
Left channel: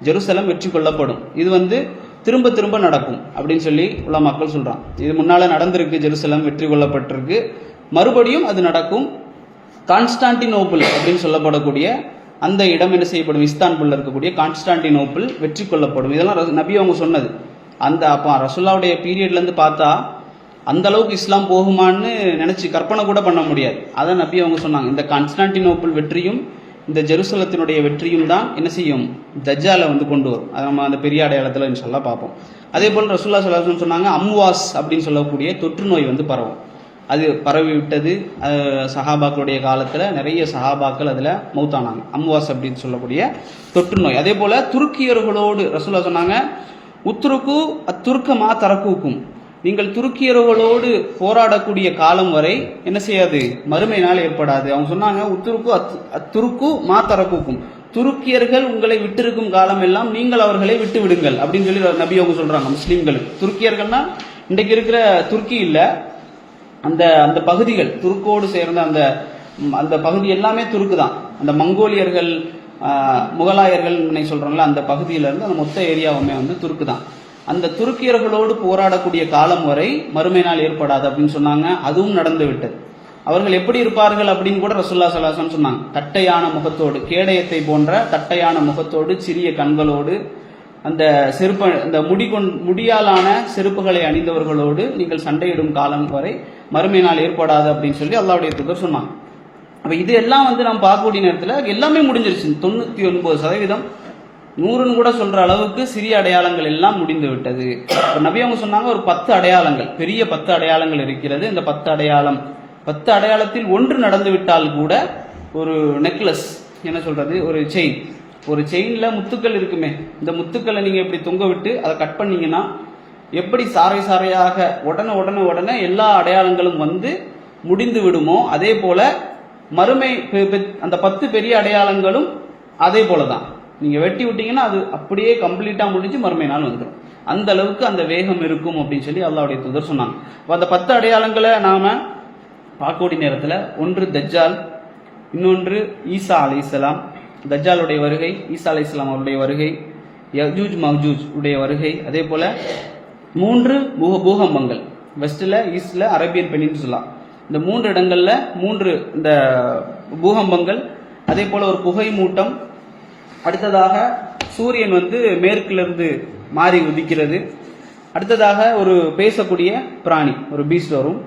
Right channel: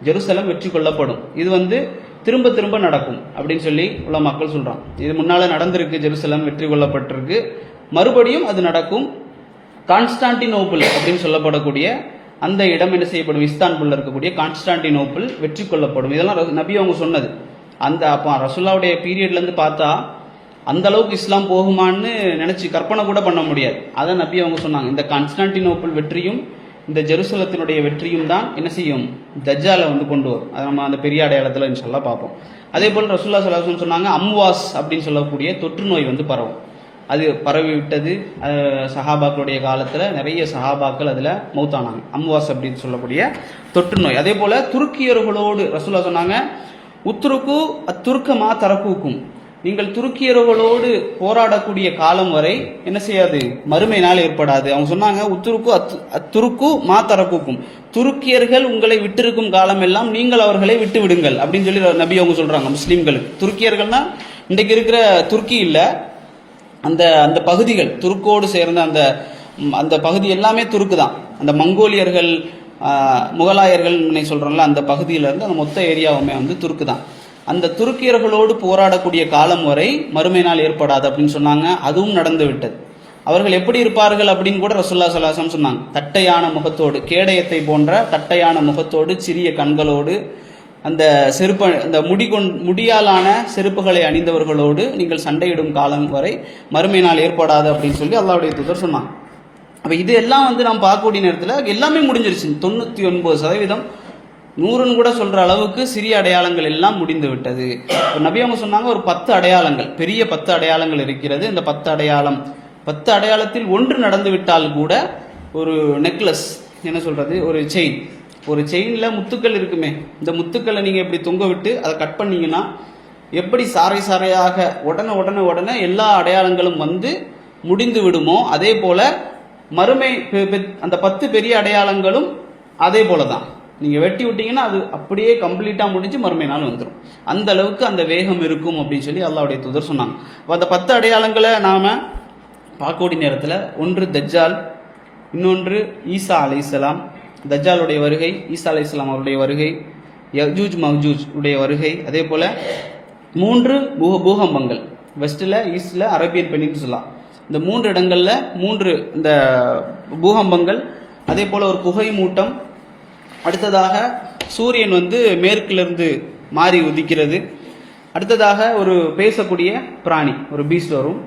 ஜெருசலம் வெற்றி கொள்ளப்படும், இது வந்து திரும்ப திரும்ப நடக்கும் அப்படின்னு சொல்லி உள்ள மக்கள் சொல்றாங்க. இது முன்னால நடந்திருக்கு, ஜெருசலம் வெற்றி கொள்ளப்பட்டிருக்கு, மறுபடியும் அது நடக்கும். கான்ஸ்டான்டினோப்பிள் அப்படின்னு சொல்லப்படக்கூடிய அந்த இடம் என்ன செய்யப்படும், இஸ்தான்புல்ல இருக்கக்கூடிய கான்ஸ்டான்டினோப்பிள் வெற்றி கொள்ளப்படும். இதெல்லாம் நபி அவங்க சொன்னது. அப்போ ரசூலுல்லாஹ்வுடைய பீரியட்ல இருந்து பார்த்தா அந்த அளவுக்கு இஸ்லாம் போகுமான்னு நினைச்சு கற்பனை கூட பண்ண முடியாது. அதை நபி அவங்க சொன்னாங்க. இந்த கான்ஸ்டான்டினோப்பிள் வெற்றியும் இந்த ஜெருசலத்தினுடைய வெற்றியும் தான் என்ன செய்யும், தஜ்ஜாலை வந்து கொண்டு வரும். அதை நம்ம அந்த பெரிய அடையாளத்தில் இன்ஷால்லா பார்ப்போம். அதே போல் ரசூலுல்லாஹி ஸல்லல்லாஹு அலைஹி வஸல்லம் சொன்னாங்க, அம்வாஸ் அப்படின்னு சொல்லக்கூடிய தொற்று நோய் வந்து பரவும். அது பரவி விட்டது. சஹாபாக்களுடைய காலத்தில் நிறைய சஹாபாக்கள் அதில் மௌத்தானாங்க. அம்வாஸ் அப்படின்னு சொல்லக்கூடிய தொற்று நோய். அதே போல் துருக்கியர்களோடு ரசூலுல்லாஹ் சொன்னாங்க, உத்துருக்கு அத்துருக்கமா தரக்கூக்கும், நீங்கள் துருக்கியர்களோடு போராடக்கூடிய காலம் வரை என்ன செய்யாது, மறுமை நாள் ஏற்படாது. அவங்க சொன்னாங்க, துருக்கு மா தரக்கூக்கும், துருக்கியர்கள் உங்களை விட்டிருக்கும் காலம் எல்லாம் நீங்கள் அவர்களை விட்டு விடுங்கள் அப்படின்னு சொல்லி நபி அவங்க சொல்றாங்க. முஸ்லீம்களுக்கு துருக்கியர்கள்னா இன்றைக்கு இருக்கிற துருக்கி இல்லை, அந்த பகுதிகள் துருக்கோடு சேர்ந்த அந்த பகுதி எல்லாமே துருக்கு தான். அந்த மங்கோலியர்கள் முகலாயர்கள் சொல்றாங்களா, அந்த பகுதியில இருந்து அந்த மொத்த ஏரியாவுமே வந்து துருக்கு தான். அந்த துருக்கியர்களோடு போராடக்கூடிய காலம் வரை மறுமை நாள் ஏற்படாது அப்படின்னு சொன்னாங்க. அதுவும் நடந்து விட்டது. அவர்கள் எப்படி இருப்பார்கள் அப்படின்னு கூட ரசூலுல்லாஹி ஸல்லல்லாஹு அலைஹி வஸல்லம் சொன்னாங்க. தட்டையான முகத்தோடு, கேடயத்தை போன்ற தட்டையான முகத்தோடு, சிறிய கண்களோடு, அந்த அந்த முடியாலான செருப்புகளை அணிந்தவர்களோடு நீங்கள் சண்டையிடும் காலம் வரை மறுமை நாள் ஏற்படாது அப்படின்னு சொல்லி அல்லாஹ்வுடைய தூதர் சொன்னாங்க. அப்ப இது எல்லாம் வந்து நாம் பார்க்கக்கூடிய நேரத்தில் எல்லாமே முடிஞ்சிருச்சு. 99% 100ன்னு கூட சொல்ற அளவுக்கு சிறிய அடையாளங்கள் எல்லாம் முடிந்து விட்டது. நபி அவங்க சொன்னாங்க, ஒரு 10 அடையாளங்கள், பெரிய 10 அடையாளங்கள் இருக்கிறது. இந்த 10 அடையாளத்தில் ஒன்று நடந்து விட்டால் கூட ஒரு நெக்லஸ், என்ன சொல்றது, ஒரு செயின்ல முத்துக்கள் இருக்குமே, இந்த முத்துக்களை நீங்க இப்படி தொங்க விட்டு அதை கட் பண்ணீங்கன்னா எப்படி சாறை சாறையாக உடனே எல்லா அடையாளங்களும் வந்து முடிந்து விடுமோ, அதே போல மறுமை அந்த 10 பெரிய அடையாளங்களும் அதே போலதான். நீங்க வெட்டி விட்டீங்கன்னா அது அப்படியே கம்ப்ளீட்டா முடிஞ்சு மறுமை நாள் வந்துடும். அந்த அளவுக்கு அந்த வேகம் இருக்கும் அப்படின்னு சொல்லி அல்லாஹ்வுடைய தூதர் சொன்னாங்க. அந்த 10 அடையாளங்களை நாம பார்க்கக்கூடிய நேரத்தில் ஒன்று தஜ்ஜால், இன்னொன்று ஈசா அலைஹிஸ்ஸலாம், தஜ்ஜாலுடைய வருகை, ஈசா அலைஹிஸ்ஸலாம் அவருடைய வருகை, யஜூஜ் மஜூஜ் உடைய வருகை, அதே போல 3 பூகம்பங்கள், வெஸ்ட்ல, ஈஸ்ட்ல, அரேபியன் பெனின்சுலா, இந்த 3 இடங்கள்ல 3 இந்த பூகம்பங்கள், அதே போல ஒரு புகை மூட்டம், அடுத்ததாக சூரியன் வந்து மேற்கிலிருந்து மாறி உதிக்கிறது, அடுத்ததாக ஒரு பேசக்கூடிய பிராணி, ஒரு பீஸ்ட் வரும்.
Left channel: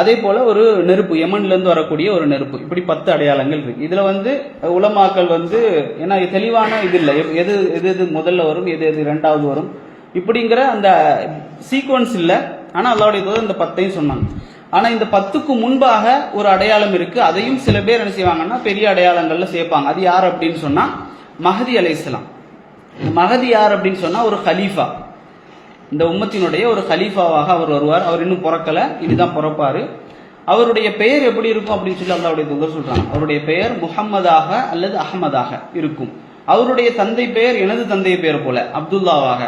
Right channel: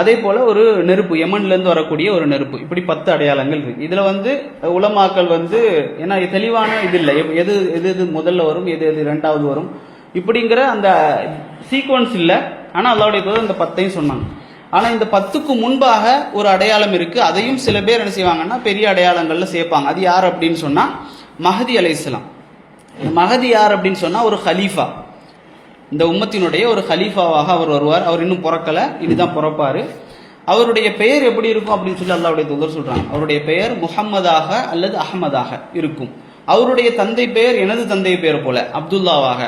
அதே போல ஒரு நெருப்பு, யமன்ல இருந்து வரக்கூடிய ஒரு நெருப்பு. இப்படி 10 அடையாளங்கள் இருக்கு. இதுல உலமாக்கள் ஏன்னா தெளிவான இது இல்லை, எது எது எது முதல்ல வரும், எது எது இரண்டாவது வரும் இப்படிங்கிற அந்த சீக்வன்ஸ் இல்லை. ஆனா அல்லாஹ்வுடைய தூதர் இந்த 10ஐயும் சொன்னாங்க. ஆனா இந்த 10க்கு முன்பாக ஒரு அடையாளம் இருக்கு. அதையும் சில பேர் என்ன செய்வாங்கன்னா பெரிய அடையாளங்கள்ல சேர்ப்பாங்க. அது யார் அப்படின்னு சொன்னா மஹதி அலைஹிஸ்ஸலாம். மஹதி யார் அப்படின்னு சொன்னா ஒரு ஹலீஃபா, இந்த உம்மத்தினுடைய ஒரு ஹலீஃபாவாக அவர் வருவார். அவர் இன்னும் பிறக்கல, இதுதான் பிறப்பாரு. அவருடைய பெயர் எப்படி இருக்கும் அப்படின்னு சொல்லி அல்லாஹ்வுடைய தூதர் சொல்றாங்க. அவருடைய பெயர் முஹம்மதாக அல்லது அஹ்மதாக இருக்கும். அவருடைய தந்தை பெயர் எனது தந்தை பெயர் போல அப்துல்லாவாக,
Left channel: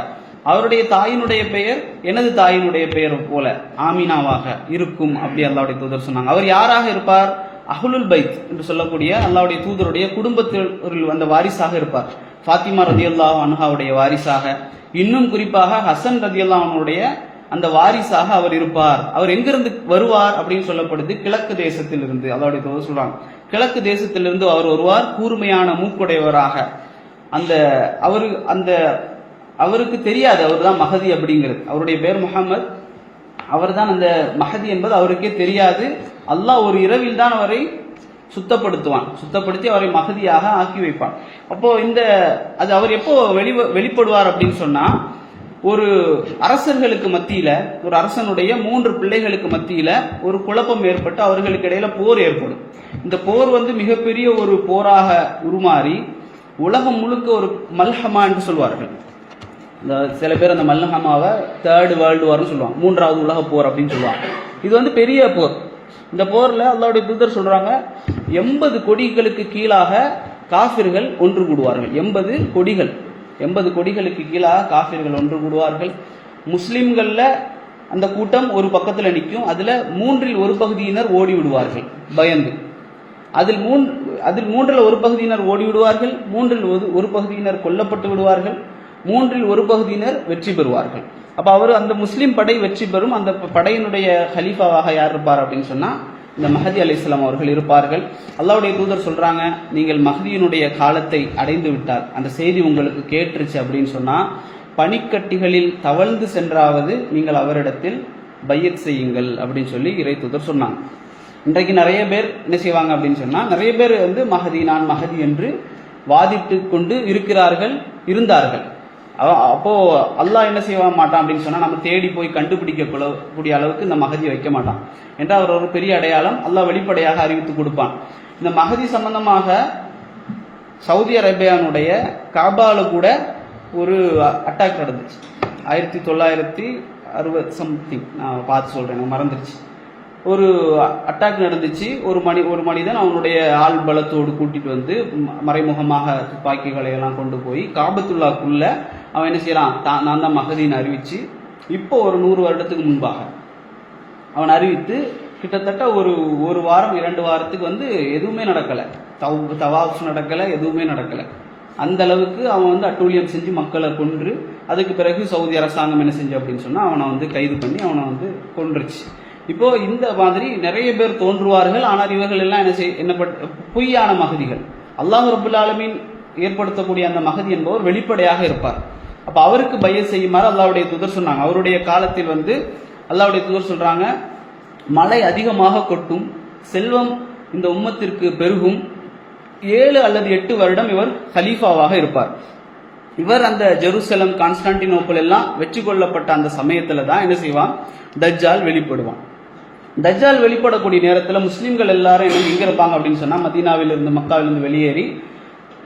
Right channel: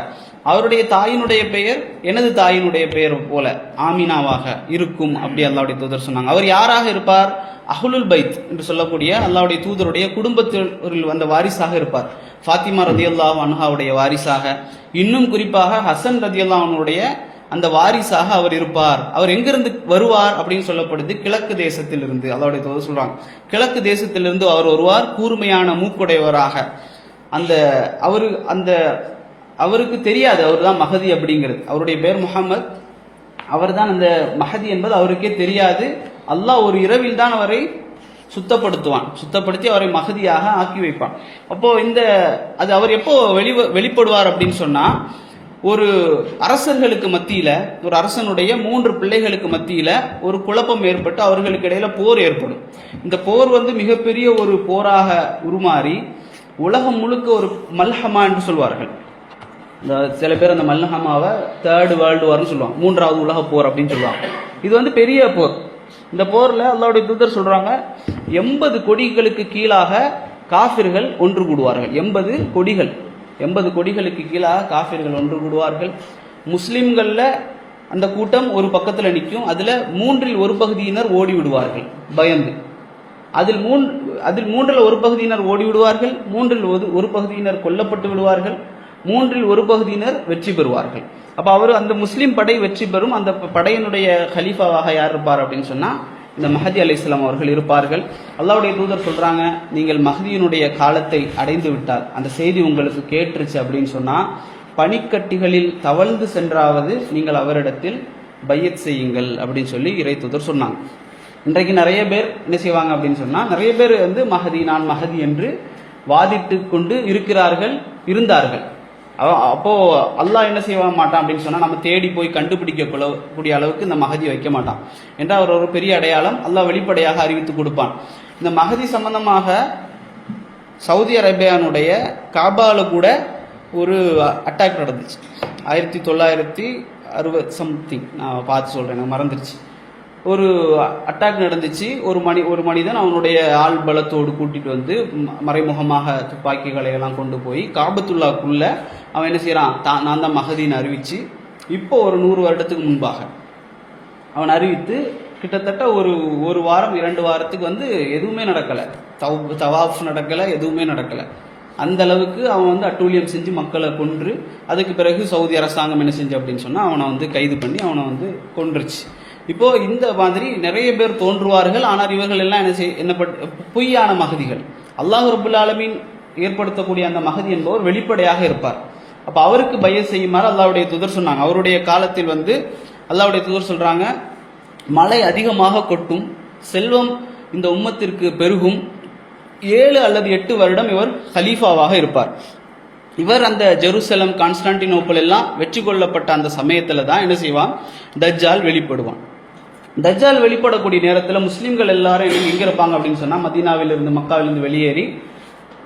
அவருடைய தாயினுடைய பெயர் எனது தாயினுடைய பெயர் போல ஆமினாவாக இருக்கும் அப்படி அல்லாஹ்வுடைய தூதர் சொன்னாங்க. அவர் யாராக இருப்பார்? அஹ்லுல் பைத் என்று சொல்லக்கூடிய அல்லாஹ்வுடைய தூதருடைய குடும்பத்தில் வந்த வாரிசாக இருப்பார். ஃபாத்திமா ரலியல்லாஹு அன்ஹாவுடைய வாரிசாக, இன்னும் குறிப்பாக ஹசன் ரலியல்லாஹு அன்ஹுடைய அந்த வாரிசாக அவர் இருப்பார். அவர் எங்கிருந்து வருவார் அப்படின்னு சொல்லப்படுது? கிழக்கு தேசத்திலிருந்து. அல்லாஹ்வுடைய தூதர் சொல்றாங்க, கிழக்கு தேசத்திலிருந்து அவர் வருவார், கூர்மையான மூக்குடையவராக. அவருக்கு தெரியாது அவர் தான் மஹதி அப்படிங்கிறது. அவருடைய பேர் முஹம்மது, அவர் தான் அந்த மஹதி என்பது அவருக்கே தெரியாது. அல்லாஹ் ஒரு இரவில் தான் அவரை சுத்தப்படுத்தி அவரை மஹதியாக ஆக்கி வைப்பான். அப்போ அது அவர் எப்போ வெளிப்படுவார் அப்படின்னு சொன்னா, ஒரு அரசர்களுக்கு மத்தியில, ஒரு அரசனுடைய 3 பிள்ளைகளுக்கு மத்தியில ஒரு குழப்பம் ஏற்பட்டு அவர்களுக்கு இடையில போர் ஏற்படும். இந்த போர் மிகப்பெரிய ஒரு போராக உருமாறி உலகம் முழுக்க ஒரு மல்ஹமா என்று சொல்வார்கள். சில பேர் அந்த மல்ஹமாவை 3rd வேர்ல்டு வார்னு சொல்லுவாங்க, 3வது உலக போர் அப்படின்னு சொல்லுவாங்க. இது பெரிய போர். இந்த போர்ல அல்லாஹ்வுடைய தூதர் சொல்றாங்க 80 கொடிகளுக்கு கீழாக காஃபிர்கள் ஒன்று கூடுவார்கள். 80 கொடிகளுக்கு கீழாக காஃபிர்கள் ஒன்று கூடுவார்கள். முஸ்லிம்கள்ல அந்த கூட்டம் ஒரு பக்கத்துல நிற்கும். அதுல 3ல் ஒரு பகுதியினர் ஓடி விடுவார்கள் பயந்து. அதில் 3ல் ஒரு பகுதியினர் ஓடி விடுவார்கள், 3ல் ஒரு பகுதியினர் கொல்லப்பட்டு விடுவார்கள், 3ல் ஒரு பகுதியினர் வெற்றி பெறுவார்கள். அப்ப அந்த முஸ்லீம் படை வெற்றி பெறும். அந்த படையினுடைய ஹலீஃபாவாக யார் இருப்பார் அப்படின்னு சொன்னா இந்த மஹதி அலைஹிஸ்ஸலாம் அவர்கள் இருப்பார்கள். அல்லாஹ்வுடைய தூதர் சொல்றாங்க, நீங்கள் மஹதியினுடைய காலத்தை அடைந்து விட்டால், அந்த செய்தி உங்களுக்கு கேட்டுருச்சு அப்படின்னு சொன்னா, பனிக்கட்டிகளில் தவழ்ந்து சென்றாவது நீங்கள் அவரிடத்தில் பையத் செய்யுங்கள் அப்படின்னு சொல்லி இறை தூதர் சொன்னாங்க. இன்றைக்கு நிறைய பேர் என்ன செய்வாங்க அப்படின்னு சொன்னா, நிறைய பேர் மஹதி, நான் மஹதி என்று வாதிட்டு கொண்டு இருந்தார்கள். அப்போ அல்லாஹ் என்ன செய்ய மாட்டான் அப்படின்னு சொன்னா, நம்ம தேடி போய் கண்டுபிடிக்க கூடிய அளவுக்கு இந்த மஹதியை வைக்க மாட்டான் என்ற ஒரு பெரிய அடையாளம் அல்லாஹ் வெளிப்படையாக அறிவித்து கொடுப்பான். இந்த மஹதி சம்பந்தமாக சவுதி அரேபியானுடைய காபால கூட ஒரு அட்டாக் நடந்துச்சு. 1960 சம்திங், நான் பார்த்து சொல்றேன், மறந்துருச்சு. ஒரு அட்டாக் நடந்துச்சு. ஒரு மனிதன் அவனுடைய ஆள் பலத்தோடு கூட்டிட்டு மறைமுகமாக துப்பாக்கிகளை எல்லாம் கொண்டு போய் காபத்துல்லாக்குள்ள அவன் என்ன செய்யறான், நான் தான் மஹதின்னு அறிவிச்சு, இப்போ ஒரு 100 வருடத்துக்கு முன்பாக அவன் அறிவித்து கிட்டத்தட்ட ஒரு வாரம் 2 வாரத்துக்கு எதுவுமே நடக்கல, தவாஃப் நடக்கல, எதுவுமே நடக்கல. அந்த அளவுக்கு அவன் அட்டூழியம் செஞ்சு மக்களை கொன்று, அதுக்கு பிறகு சவுதி அரசாங்கம் என்ன செஞ்சு அப்படின்னு சொன்னா அவனை கைது பண்ணி அவனை கொன்றுச்சு. இப்போ இந்த மாதிரி நிறைய பேர் தோன்றுவார்கள். ஆனால் இவர்கள் எல்லாம் என்ன பொய்யான மகதிகள். அல்லாஹ் ரப்புல் ஆலமீன் ஏற்படுத்தக்கூடிய அந்த மகதி என்பவர் வெளிப்படையாக இருப்பார். அப்ப அவருக்கு பையத் செய்யுமாறு அல்லாஹ்வுடைய தூதர் சொன்னாங்க. அவருடைய காலத்தில் அல்லாஹ்வுடைய தூதர் சொல்றாங்க, மழை அதிகமாக கொட்டும், செல்வம் இந்த உம்மத்திற்கு பெருகும், 7 அல்லது 8 வருடம் இவர் ஹலீஃபாவாக இருப்பார். இவர் அந்த ஜெருசலம், கான்ஸ்டான்டினோப்பிள் எல்லாம் வெற்றி கொள்ளப்பட்ட அந்த சமயத்துல தான் என்ன செய்வான், தஜ்ஜால் வெளிப்படுவான். தஜ்ஜால் வெளிப்படக்கூடிய நேரத்தில் முஸ்லீம்கள் எல்லாரும் எங்க இருப்பாங்க அப்படின்னு சொன்னா, மதீனாவிலிருந்து மக்காவிலிருந்து வெளியேறி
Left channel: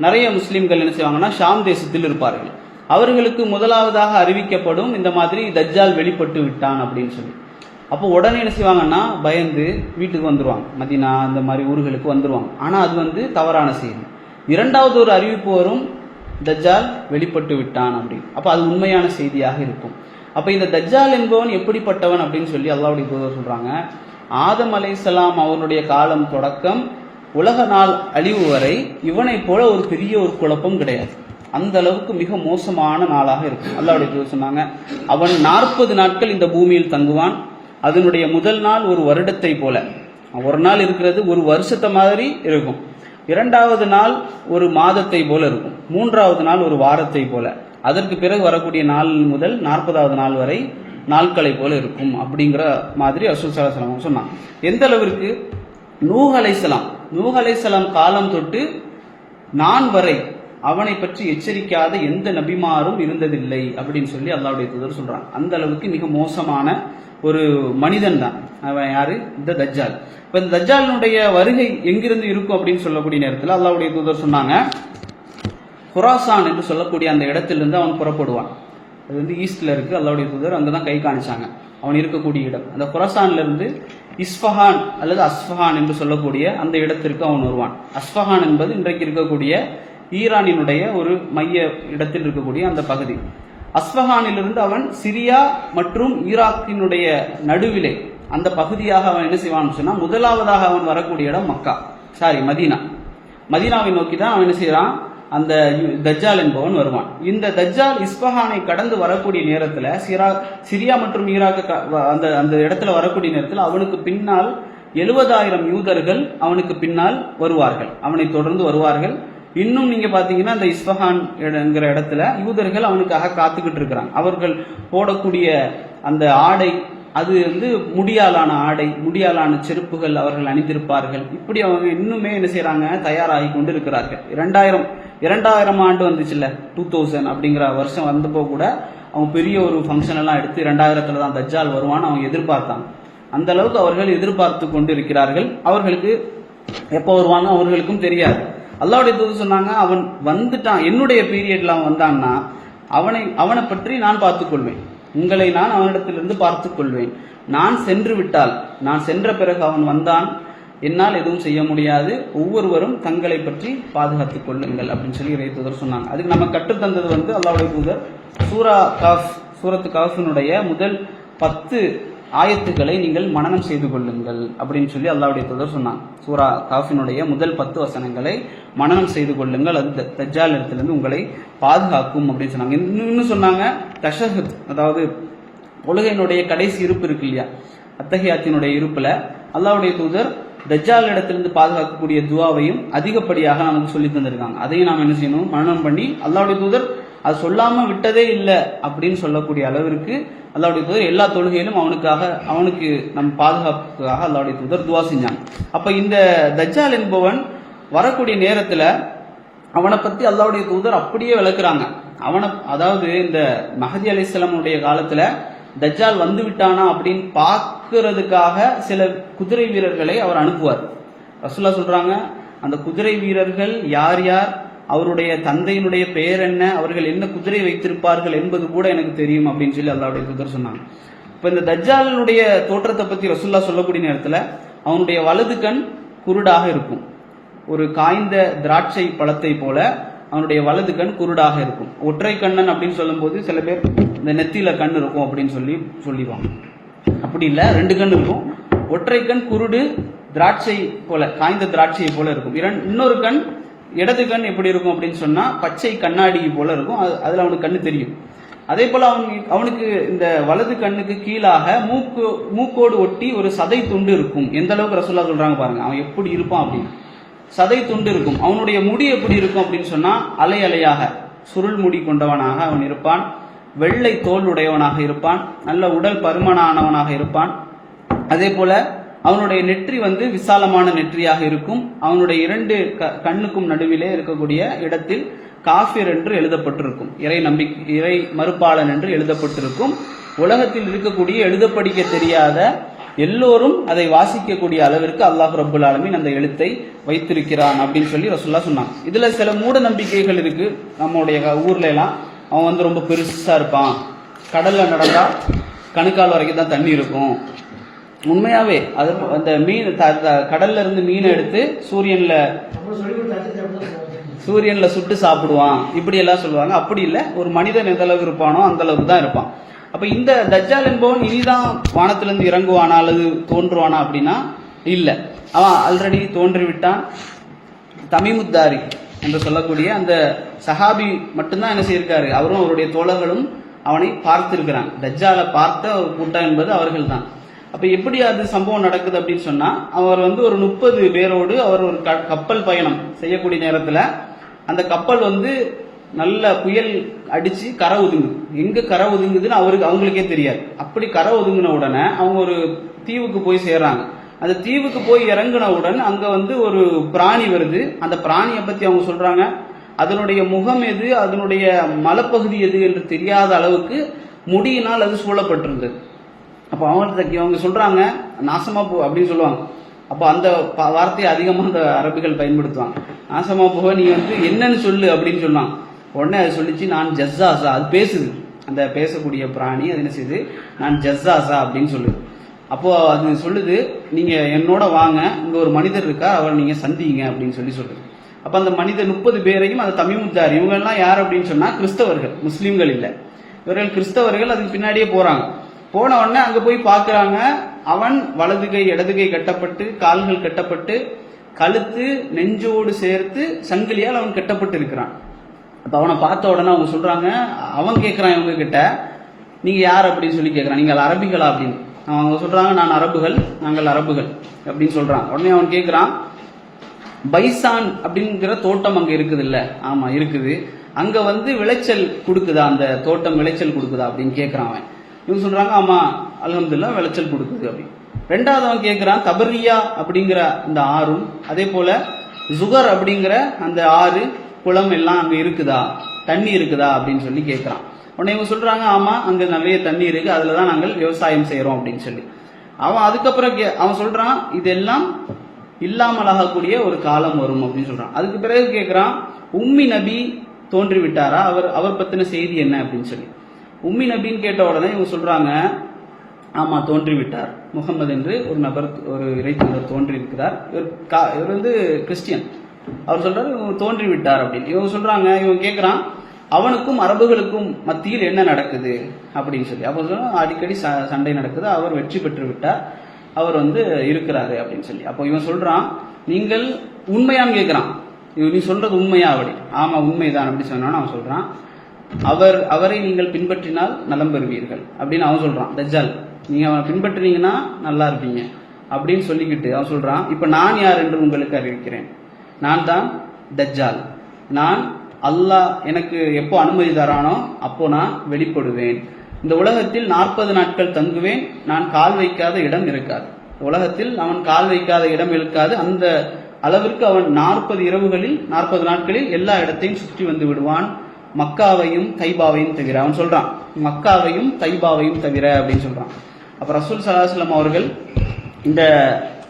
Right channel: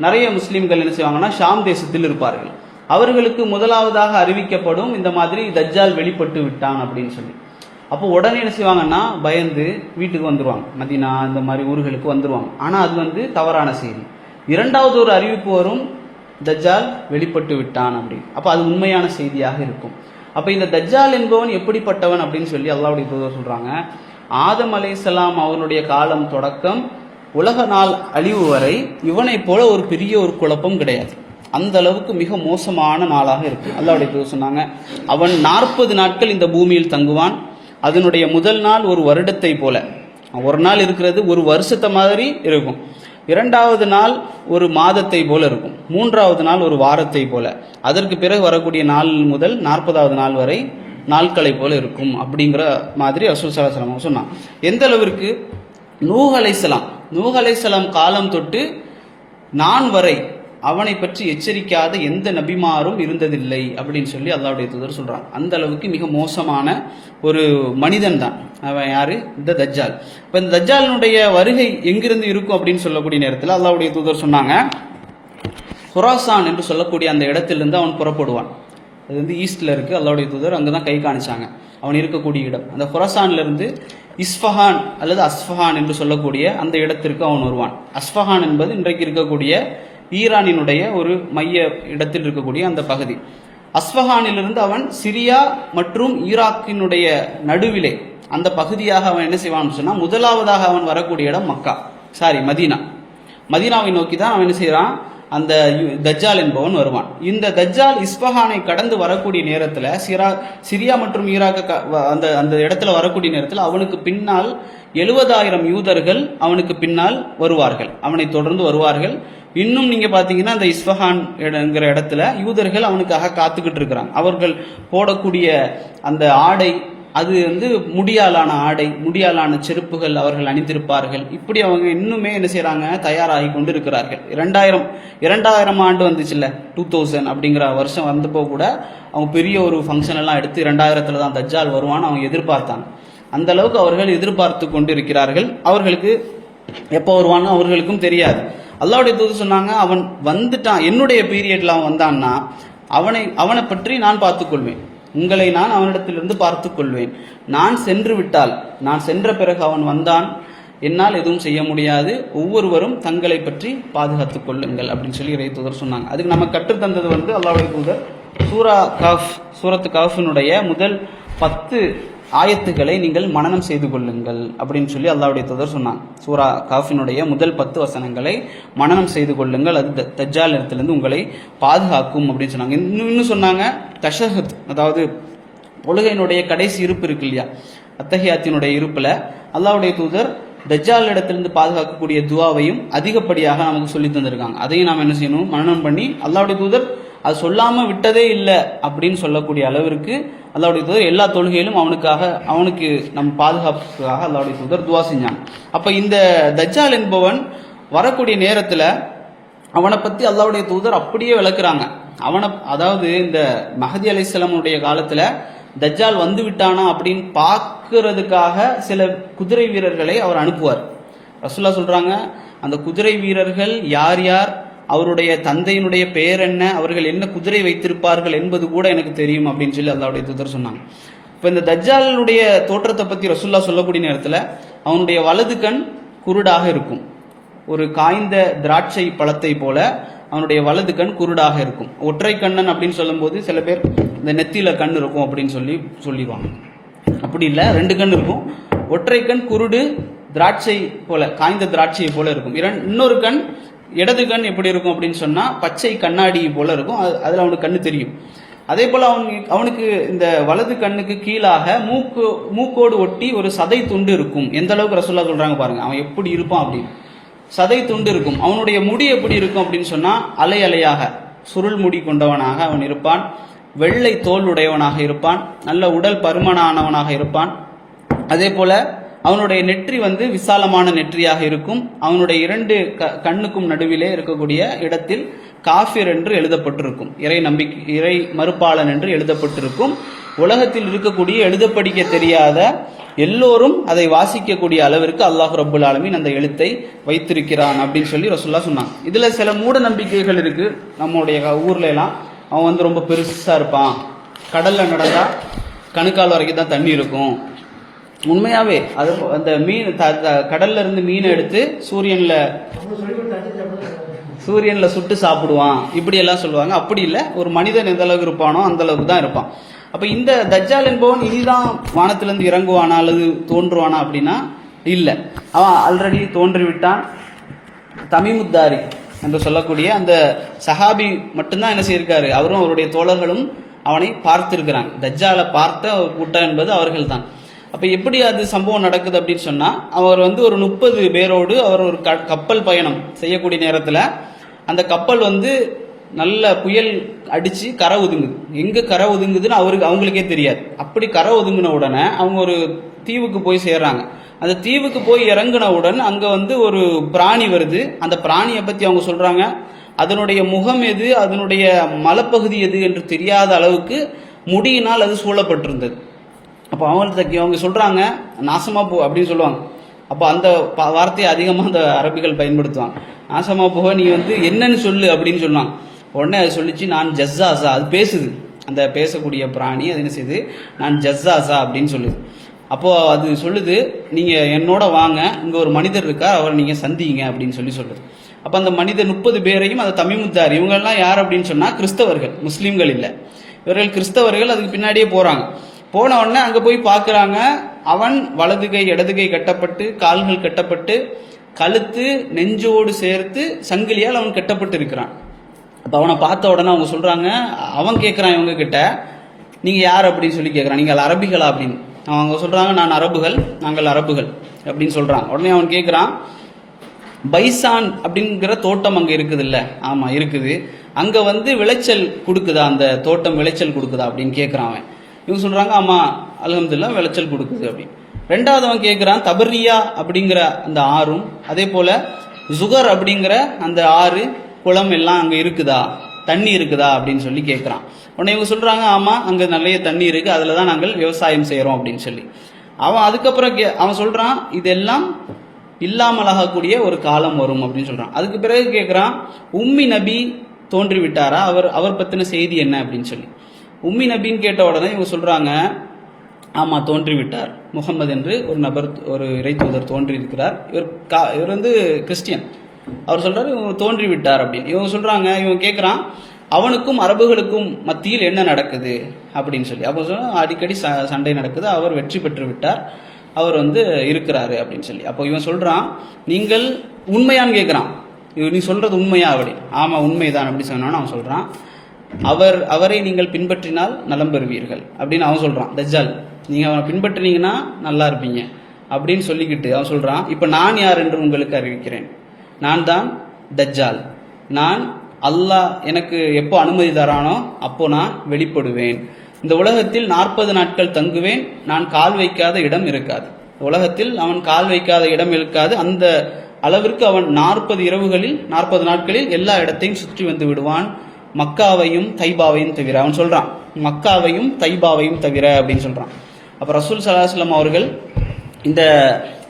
நிறைய முஸ்லீம்கள் என்ன செய்வாங்கன்னா ஷாம் தேசத்தில் இருப்பார்கள். அவர்களுக்கு முதலாவதாக அறிவிக்கப்படும் இந்த மாதிரி தஜ்ஜால் வெளிப்பட்டு விட்டான் அப்படின்னு சொல்லி. அப்போ உடனே என்ன செய்வாங்கன்னா பயந்து வீட்டுக்கு வந்துருவாங்க, மதீனா இந்த மாதிரி ஊர்களுக்கு வந்துருவாங்க. ஆனா அது தவறான செய்தி. 2வது ஒரு அறிவிப்பு வரும், தஜ்ஜால் வெளிப்பட்டு விட்டான் அப்படின்னு. அப்ப அது உண்மையான செய்தியாக இருக்கும். அப்ப இந்த தஜ்ஜால் என்பவன் எப்படிப்பட்டவன் அப்படின்னு சொல்லி அல்லாஹ்வுடைய தூதர் சொல்றாங்க, ஆதம் அலைஹிஸ்ஸலாம் அவனுடைய காலம் தொடக்கம் உலக நாள் அழிவு வரை இவனை போல ஒரு பெரிய ஒரு குழப்பம் கிடையாது. அந்த அளவுக்கு மிக மோசமான நாளாக இருக்கும். அல்லாஹ்வுடைய தூதர் சொன்னாங்க, அவன் 40 நாட்கள் இந்த பூமியில் தங்குவான். அதனுடைய முதல் நாள் ஒரு வருடத்தை போல, ஒரு நாள் இருக்கிறது ஒரு வருஷத்தை மாதிரி இருக்கும். இரண்டாவது நாள் ஒரு மாதத்தை போல இருக்கும், மூன்றாவது நாள் ஒரு வாரத்தை போல, அதற்கு பிறகு வரக்கூடிய நாள் முதல் 40வது நாள் வரை நாட்களை போல இருக்கும் அப்படிங்கிற மாதிரி ரசூல் ஸல்லல்லாஹு அலைஹி வஸல்லம் சொன்னான். எந்த அளவிற்கு நூஹ் அலைஹிஸ்ஸலாம் காலம் தொட்டு நான் வரை அவனை பற்றி எச்சரிக்காத எந்த நபிமாரும் இருந்ததில்லை அப்படின்னு சொல்லி அல்லாஹ்வுடைய தூதர் சொல்றான். அந்த அளவுக்கு மிக மோசமான ஒரு மனிதன் தான் அவன். யாரு? இந்த தஜ்ஜால். இப்போ இந்த தஜ்ஜாலினுடைய வருகை எங்கிருந்து இருக்கும் அப்படின்னு சொல்லக்கூடிய நேரத்தில் அல்லாஹ்வுடைய தூதர் சொன்னாங்க, குராசான் என்று சொல்லக்கூடிய அந்த இடத்திலிருந்து அவன் புறப்படுவான். அது வந்து ஈஸ்ட்ல இருக்கு. அல்லாஹ்வுடைய தூதர் அங்கதான் கை காணிச்சாங்க அவன் இருக்கக்கூடிய இடம். அந்த குராசான்ல இருந்து இஸ்ஃபஹான் அல்லது அஸ்ஃபஹான் என்று சொல்லக்கூடிய அந்த இடத்திற்கு அவன் வருவான். அஸ்ஃபஹான் என்பது இன்றைக்கு இருக்கக்கூடிய ஈரானினுடைய ஒரு மைய இடத்தில் இருக்கக்கூடிய அந்த பகுதி. அஸ்ஃபஹானிலிருந்து அவன் சிரியா மற்றும் ஈராக்கினுடைய நடுவிலே அந்த பகுதியாக அவன் என்ன செய்வான்னு சொன்னா, முதலாவதாக அவன் வரக்கூடிய இடம் மதீனாவை நோக்கி தான் அவன் என்ன செய்யறான், அந்த தஜ்ஜால் என்பவன் வருவான். இந்த தஜ்ஜால் இஸ்ஃபஹானை கடந்து வரக்கூடிய நேரத்தில் சிரியா மற்றும் ஈராக் அந்த இடத்துல வரக்கூடிய நேரத்தில் அவனுக்கு பின்னால் 70,000 யூதர்கள் அவனுக்கு பின்னால் வருவார்கள், அவனை தொடர்ந்து வருவார்கள். இன்னும் நீங்க பாத்தீங்கன்னா அந்த இஸ்ஃபஹான் என்கிற இடத்துல யூதர்கள் அவனுக்காக காத்துக்கிட்டு இருக்கிறாங்க. அவர்கள் போடக்கூடிய அந்த ஆடை அது வந்து முடியாலான ஆடை, முடியாலான செருப்புகள் அவர்கள் அணிந்திருப்பார்கள். இப்படி அவங்க இன்னுமே என்ன செய்யறாங்க, தயாராகி கொண்டு இருக்கிறார்கள். 2000 ஆண்டு வந்துச்சுல்ல, 2000 அப்படிங்கிற வருஷம் வந்தப்போ கூட அவங்க பெரிய ஒரு ஃபங்க்ஷன் எல்லாம் எடுத்து 2000 தான் தஜ்ஜால் வருவான்னு அவங்க எதிர்பார்த்தாங்க. அந்த அளவுக்கு அவர்கள் எதிர்பார்த்து கொண்டு இருக்கிறார்கள். அவர்களுக்கு எப்போ வருவான்னு அவர்களுக்கும் தெரியாது. அல்லாஹ்வுடைய தூதர் சொன்னாங்க, அவன் வந்துட்டான், என்னுடைய பீரியட்ல அவன் வந்தான்னா அவனை பற்றி நான் பார்த்துக்கொள்வேன், உங்களை நான் அவனிடத்திலிருந்து பார்த்துக் கொள்வேன். நான் சென்ற பிறகு அவன் வந்தான், என்னால் எதுவும் செய்ய முடியாது, ஒவ்வொருவரும் தங்களை பற்றி பாதுகாத்துக் கொள்ளுங்கள் அப்படின்னு சொல்லி இறை தூதர் சொன்னாங்க. அதுக்கு நம்ம கற்றுத்தந்தது வந்து அல்லாஹ்வுடைய தூதர் சூரத்து காஃபினுடைய முதல் 10 ஆயத்துக்களை நீங்கள் மனனம் செய்து கொள்ளுங்கள் அப்படின்னு சொல்லி அல்லாஹ்வுடைய தூதர் சொன்னாங்க. சூரா காஃபினுடைய முதல் 10 வசனங்களை மனனம் செய்து கொள்ளுங்கள், அது தஜ்ஜால் இடத்திலிருந்து உங்களை பாதுகாக்கும் அப்படின்னு சொன்னாங்க. இன்னும் சொன்னாங்க, தஷஹத், அதாவது தொழுகையினுடைய கடைசி இருப்பு இருக்கு இல்லையா, அத்தஹியாத்தினுடைய இருப்புல அல்லாஹ்வுடைய தூதர் தஜ்ஜால் இடத்திலிருந்து பாதுகாக்கக்கூடிய துவாவையும் அதிகப்படியாக நமக்கு சொல்லி தந்திருக்காங்க. அதையும் நாம் என்ன செய்யணும், மனனம் பண்ணி அல்லாஹ்வுடைய தூதர் அது சொல்லாம விட்டதே இல்லை அப்படின்னு சொல்லக்கூடிய அளவிற்கு அல்லாஹ்வுடைய தூதர் எல்லா தொழுகையிலும் அவனுக்கு நம் பாதுகாப்புக்காக அல்லாஹ்வுடைய தூதர் துவா செஞ்சாங்க. அப்ப இந்த தஜ்ஜால் என்பவன் வரக்கூடிய நேரத்துல அவனை பத்தி அல்லாஹ்வுடைய தூதர் அப்படியே விளக்குறாங்க. அதாவது இந்த மஹதி அலைஹிஸ்ஸலாமுடைய காலத்துல தஜ்ஜால் வந்து விட்டானா அப்படின்னு பார்க்கறதுக்காக சில குதிரை வீரர்களை அவர் அனுப்புவார். ரசூலுல்லாஹ் சொல்றாங்க, அந்த குதிரை வீரர்கள் யார் யார், அவருடைய தந்தையினுடைய பெயர் என்ன, அவர்கள் என்ன குதிரை வைத்திருப்பார்கள் என்பது கூட எனக்கு தெரியும் அப்படின்னு சொல்லி அல்லாஹ்வுடைய தூதர் சொன்னாங்க. இப்போ இந்த தஜ்ஜாலுடைய தோற்றத்தை பற்றி ரசூலுல்லாஹ் சொல்லக்கூடிய நேரத்தில் அவனுடைய வலது கண் குருடாக இருக்கும், ஒரு காய்ந்த திராட்சை பழத்தை போல அவனுடைய வலது கண் குருடாக இருக்கும். ஒற்றை கண்ணன் அப்படின்னு சொல்லும்போது சில பேர் இந்த நெத்தியில கண் இருக்கும் அப்படின்னு சொல்லிடுவாங்க. அப்படி இல்லை, 2 கண் இருக்கும். ஒற்றை கண் குருடு, திராட்சை போல, காய்ந்த திராட்சை போல இருக்கும். இன்னொரு கண், இடது கண் எப்படி இருக்கும் அப்படின்னு சொன்னா பச்சை கண்ணாடி போல இருக்கும், அதுல அவனுக்கு கண்ணு தெரியும். அதே போல அவனுக்கு இந்த வலது கண்ணுக்கு கீழாக மூக்கோடு ஒட்டி ஒரு சதை துண்டு இருக்கும். எந்த அளவுக்கு ரசூலுல்லாஹ் சொல்றாங்க பாருங்க, அவன் எப்படி இருப்பான் அப்படின்னு. சதை துண்டு இருக்கும். அவனுடைய முடி எப்படி இருக்கும் அப்படின்னு சொன்னா அலை அலையாக சுருள் முடி கொண்டவனாக அவன் இருப்பான். வெள்ளை தோல் உடையவனாக இருப்பான். நல்ல உடல் பருமனானவனாக இருப்பான். அதே போல அவனுடைய நெற்றி வந்து விசாலமான நெற்றியாக இருக்கும். அவனுடைய 2 கண்ணுக்கும் நடுவிலே இருக்கக்கூடிய இடத்தில் காஃபிர் என்று எழுதப்பட்டிருக்கும், இறை மறுப்பாளன் என்று எழுதப்பட்டிருக்கும். உலகத்தில் இருக்கக்கூடிய எழுத படிக்க தெரியாத எல்லோரும் அதை வாசிக்கக்கூடிய அளவிற்கு அல்லாஹ் ரப்புல் ஆலமீன் அந்த எழுத்தை வைத்திருக்கிறான் அப்படின்னு சொல்லி ரசூலுல்லாஹ் சொன்னாங்க. இதுல சில மூட நம்பிக்கைகள் இருக்கு. நம்முடைய ஊர்ல எல்லாம் அவன் வந்து ரொம்ப பெருசா இருப்பான், கடல்ல நடந்தா கணுக்கால் வரைக்கும் தான் தண்ணி இருக்கும். உண்மையாவே அது அந்த மீன் கடல்ல இருந்து மீனை எடுத்து சூரியன்ல சுட்டு சாப்பிடுவான், இப்படி எல்லாம் சொல்லுவாங்க. அப்படி இல்லை, ஒரு மனிதன் எந்த அளவுக்கு இருப்பானோ அந்த அளவுக்கு தான் இருப்பான். அப்ப இந்த தஜ்ஜால் என்பவன் இனிதான் வானத்திலிருந்து இறங்குவானா அல்லது தோன்றுவானா அப்படின்னா இல்லை, அவன் ஆல்ரெடி தோன்றிவிட்டான். தமீமுத்தாரி என்று சொல்லக்கூடிய அந்த சஹாபி மட்டும்தான் என்ன செய்யிருக்காரு, அவரும் அவருடைய தோழர்களும் அவனை பார்த்திருக்கிறாங்க. தஜ்ஜாலை பார்த்த ஒரு கூட்டம் என்பது அவர்கள் தான். அப்ப எப்படி அது சம்பவம் நடக்குது அப்படின்னு சொன்னா, அவர் வந்து ஒரு 30 பேரோடு அவர் ஒரு கப்பல் பயணம் செய்யக்கூடிய நேரத்துல அந்த கப்பல் வந்து நல்ல புயல் அடிச்சு கரை ஒதுங்குது. எங்க கரை ஒதுங்குதுன்னு அவங்களுக்கே தெரியாது. அப்படி கரை ஒதுங்கின உடனே அவங்க ஒரு தீவுக்கு போய் சேர்றாங்க. அந்த தீவுக்கு போய் இறங்கினவுடன் அங்க வந்து ஒரு பிராணி வருது. அந்த பிராணியை பத்தி அவங்க சொல்றாங்க, அதனுடைய முகம் எது, அதனுடைய மலைப்பகுதி எது என்று தெரியாத அளவுக்கு முடியினால் அது சூழப்பட்டிருந்தது. அப்போ அவங்க சொல்றாங்க, நாசமா போ அப்படின்னு சொல்லுவாங்க. அப்போ அந்த வார்த்தையை அதிகமாக அந்த அரபிகள் பயன்படுத்துவாங்க. நாசமா போக நீ வந்து என்னன்னு சொல்லு அப்படின்னு சொன்னாங்க. உடனே அது சொல்லிச்சு, நான் ஜஸ்ஸாசா. அது பேசுது, அந்த பேசக்கூடிய பிராணி அது என்ன செய்யுது, நான் ஜஸ்ஸாசா அப்படின்னு சொல்லுது. அப்போ அது சொல்லுது, நீங்க என்னோட வாங்க, இங்க ஒரு மனிதர் இருக்கார், அவரை நீங்க சந்திங்க அப்படின்னு சொல்லுது. அப்ப அந்த மனிதர் 30 பேரையும் அந்த தமிமுத்தார், இவங்க எல்லாம் யார் அப்படின்னு சொன்னா கிறிஸ்தவர்கள், முஸ்லீம்கள் இல்லை, இவர்கள் கிறிஸ்தவர்கள். அதுக்கு பின்னாடியே போறாங்க. போன உடனே அங்க போய் பாக்குறாங்க, அவன் வலது கை இடது கை கட்டப்பட்டு, கால்கள் கட்டப்பட்டு, கழுத்து நெஞ்சோடு சேர்த்து சங்கிலியால் அவன் கட்டப்பட்டு இருக்கிறான். அப்ப அவனை பார்த்த உடனே அவங்க சொல்றாங்க, அவன் கேட்கிறான் இவங்க கிட்ட, நீங்க யார் அப்படின்னு சொல்லி கேட்கிறான், நீங்கள் அரபிகளா அப்படின்னு. அவங்க சொல்றாங்க, நான் அரபுகள், நாங்கள் அரபுகள் அப்படின்னு சொல்றான். உடனே அவன் கேட்கிறான், பைசான் அப்படிங்கிற தோட்டம் அங்க இருக்குது இல்ல? ஆமா இருக்குது. அங்க வந்து விளைச்சல் கொடுக்குதா, அந்த தோட்டம் விளைச்சல் கொடுக்குதா அப்படின்னு கேட்கிறான் அவன். இவங்க சொல்றாங்க, ஆமா அல்ஹம்துலில்லாஹ் விளைச்சல் கொடுக்குது அப்படின்னு. ரெண்டாவது அவன் கேட்கிறான், தபர்ரியா அப்படிங்கிற அந்த ஆறும், அதே போல ஜுகர் அப்படிங்கிற அந்த ஆறு குளம் எல்லாம் அங்க இருக்குதா, தண்ணி இருக்குதா அப்படின்னு சொல்லி கேட்கிறான். உடனே இவங்க சொல்றாங்க, ஆமா அங்க நிறைய தண்ணி இருக்கு, அதுலதான் நாங்கள் விவசாயம் செய்யறோம் அப்படின்னு சொல்லி. அவன் அதுக்கப்புறம் அவன் சொல்றான், இதெல்லாம் இல்லாமலாகக்கூடிய ஒரு காலம் வரும் அப்படின்னு சொல்றான். அதுக்கு பிறகு கேட்கிறான், உம்மி நபி தோன்றி விட்டாரா, அவர் பத்தின செய்தி என்ன அப்படின்னு சொல்லி. உம்மி நபின்னு கேட்ட உடனே இவங்க சொல்றாங்க, ஆமா தோன்றி விட்டார், முகமது என்று ஒரு நபர், ஒரு இறை தூதர் தோன்றி இருக்கிறார். இவர் வந்து கிறிஸ்டியன். அவர் சொல்றாரு தோன்றி விட்டார் அப்படின்னு. இவங்க சொல்றாங்க, இவங்க கேட்கிறான், அவனுக்கும் அரபுகளுக்கும் மத்தியில் என்ன நடக்குது அப்படின்னு சொல்லி. அப்போ சொல்ல, அடிக்கடி சண்டை நடக்குது, அவர் வெற்றி பெற்று விட்டார், அவர் வந்து இருக்கிறாரு அப்படின்னு சொல்லி. அப்போ இவன் சொல்றான், நீங்கள் உண்மையான்னு கேட்கிறான். நீ சொல்றது உண்மையா அப்படி? ஆமா உண்மைதான் அப்படி சொன்னான்னு அவன் சொல்றான். அவரை நீங்கள் பின்பற்றினால் நலம் பெறுவீர்கள் அப்படின்னு அவன் சொல்றான். தஜ்ஜால், நீங்க அவனை பின்பற்றினீங்கன்னா நல்லா இருப்பீங்க அப்படின்னு சொல்லிக்கிட்டு அவன் சொல்றான், இப்ப நான் யார் என்று உங்களுக்கு அறிவிக்கிறேன், நான் தான் தஜ்ஜால். நான் அல்லாஹ் எனக்கு எப்போ அனுமதி தரானோ அப்போ நான் வெளிப்படுவேன். இந்த உலகத்தில் 40 நாட்கள் தங்குவேன், நான் கால் வைக்காத இடம் இருக்காது. உலகத்தில் அவன் கால் வைக்காத இடம் இருக்காது. அந்த அளவிற்கு அவன் 40 இரவுகளில் 40 நாட்களில் எல்லா இடத்தையும் சுற்றி வந்து விடுவான், மக்காவையும் தைபாவையும் தவிர. அவன் சொல்றான், மக்காவையும் தைபாவையும் தவிர அப்படின்னு சொல்றான். அப்ப ரசூல் ஸல்லல்லாஹு அலைஹி வஸல்லம் அவர்கள்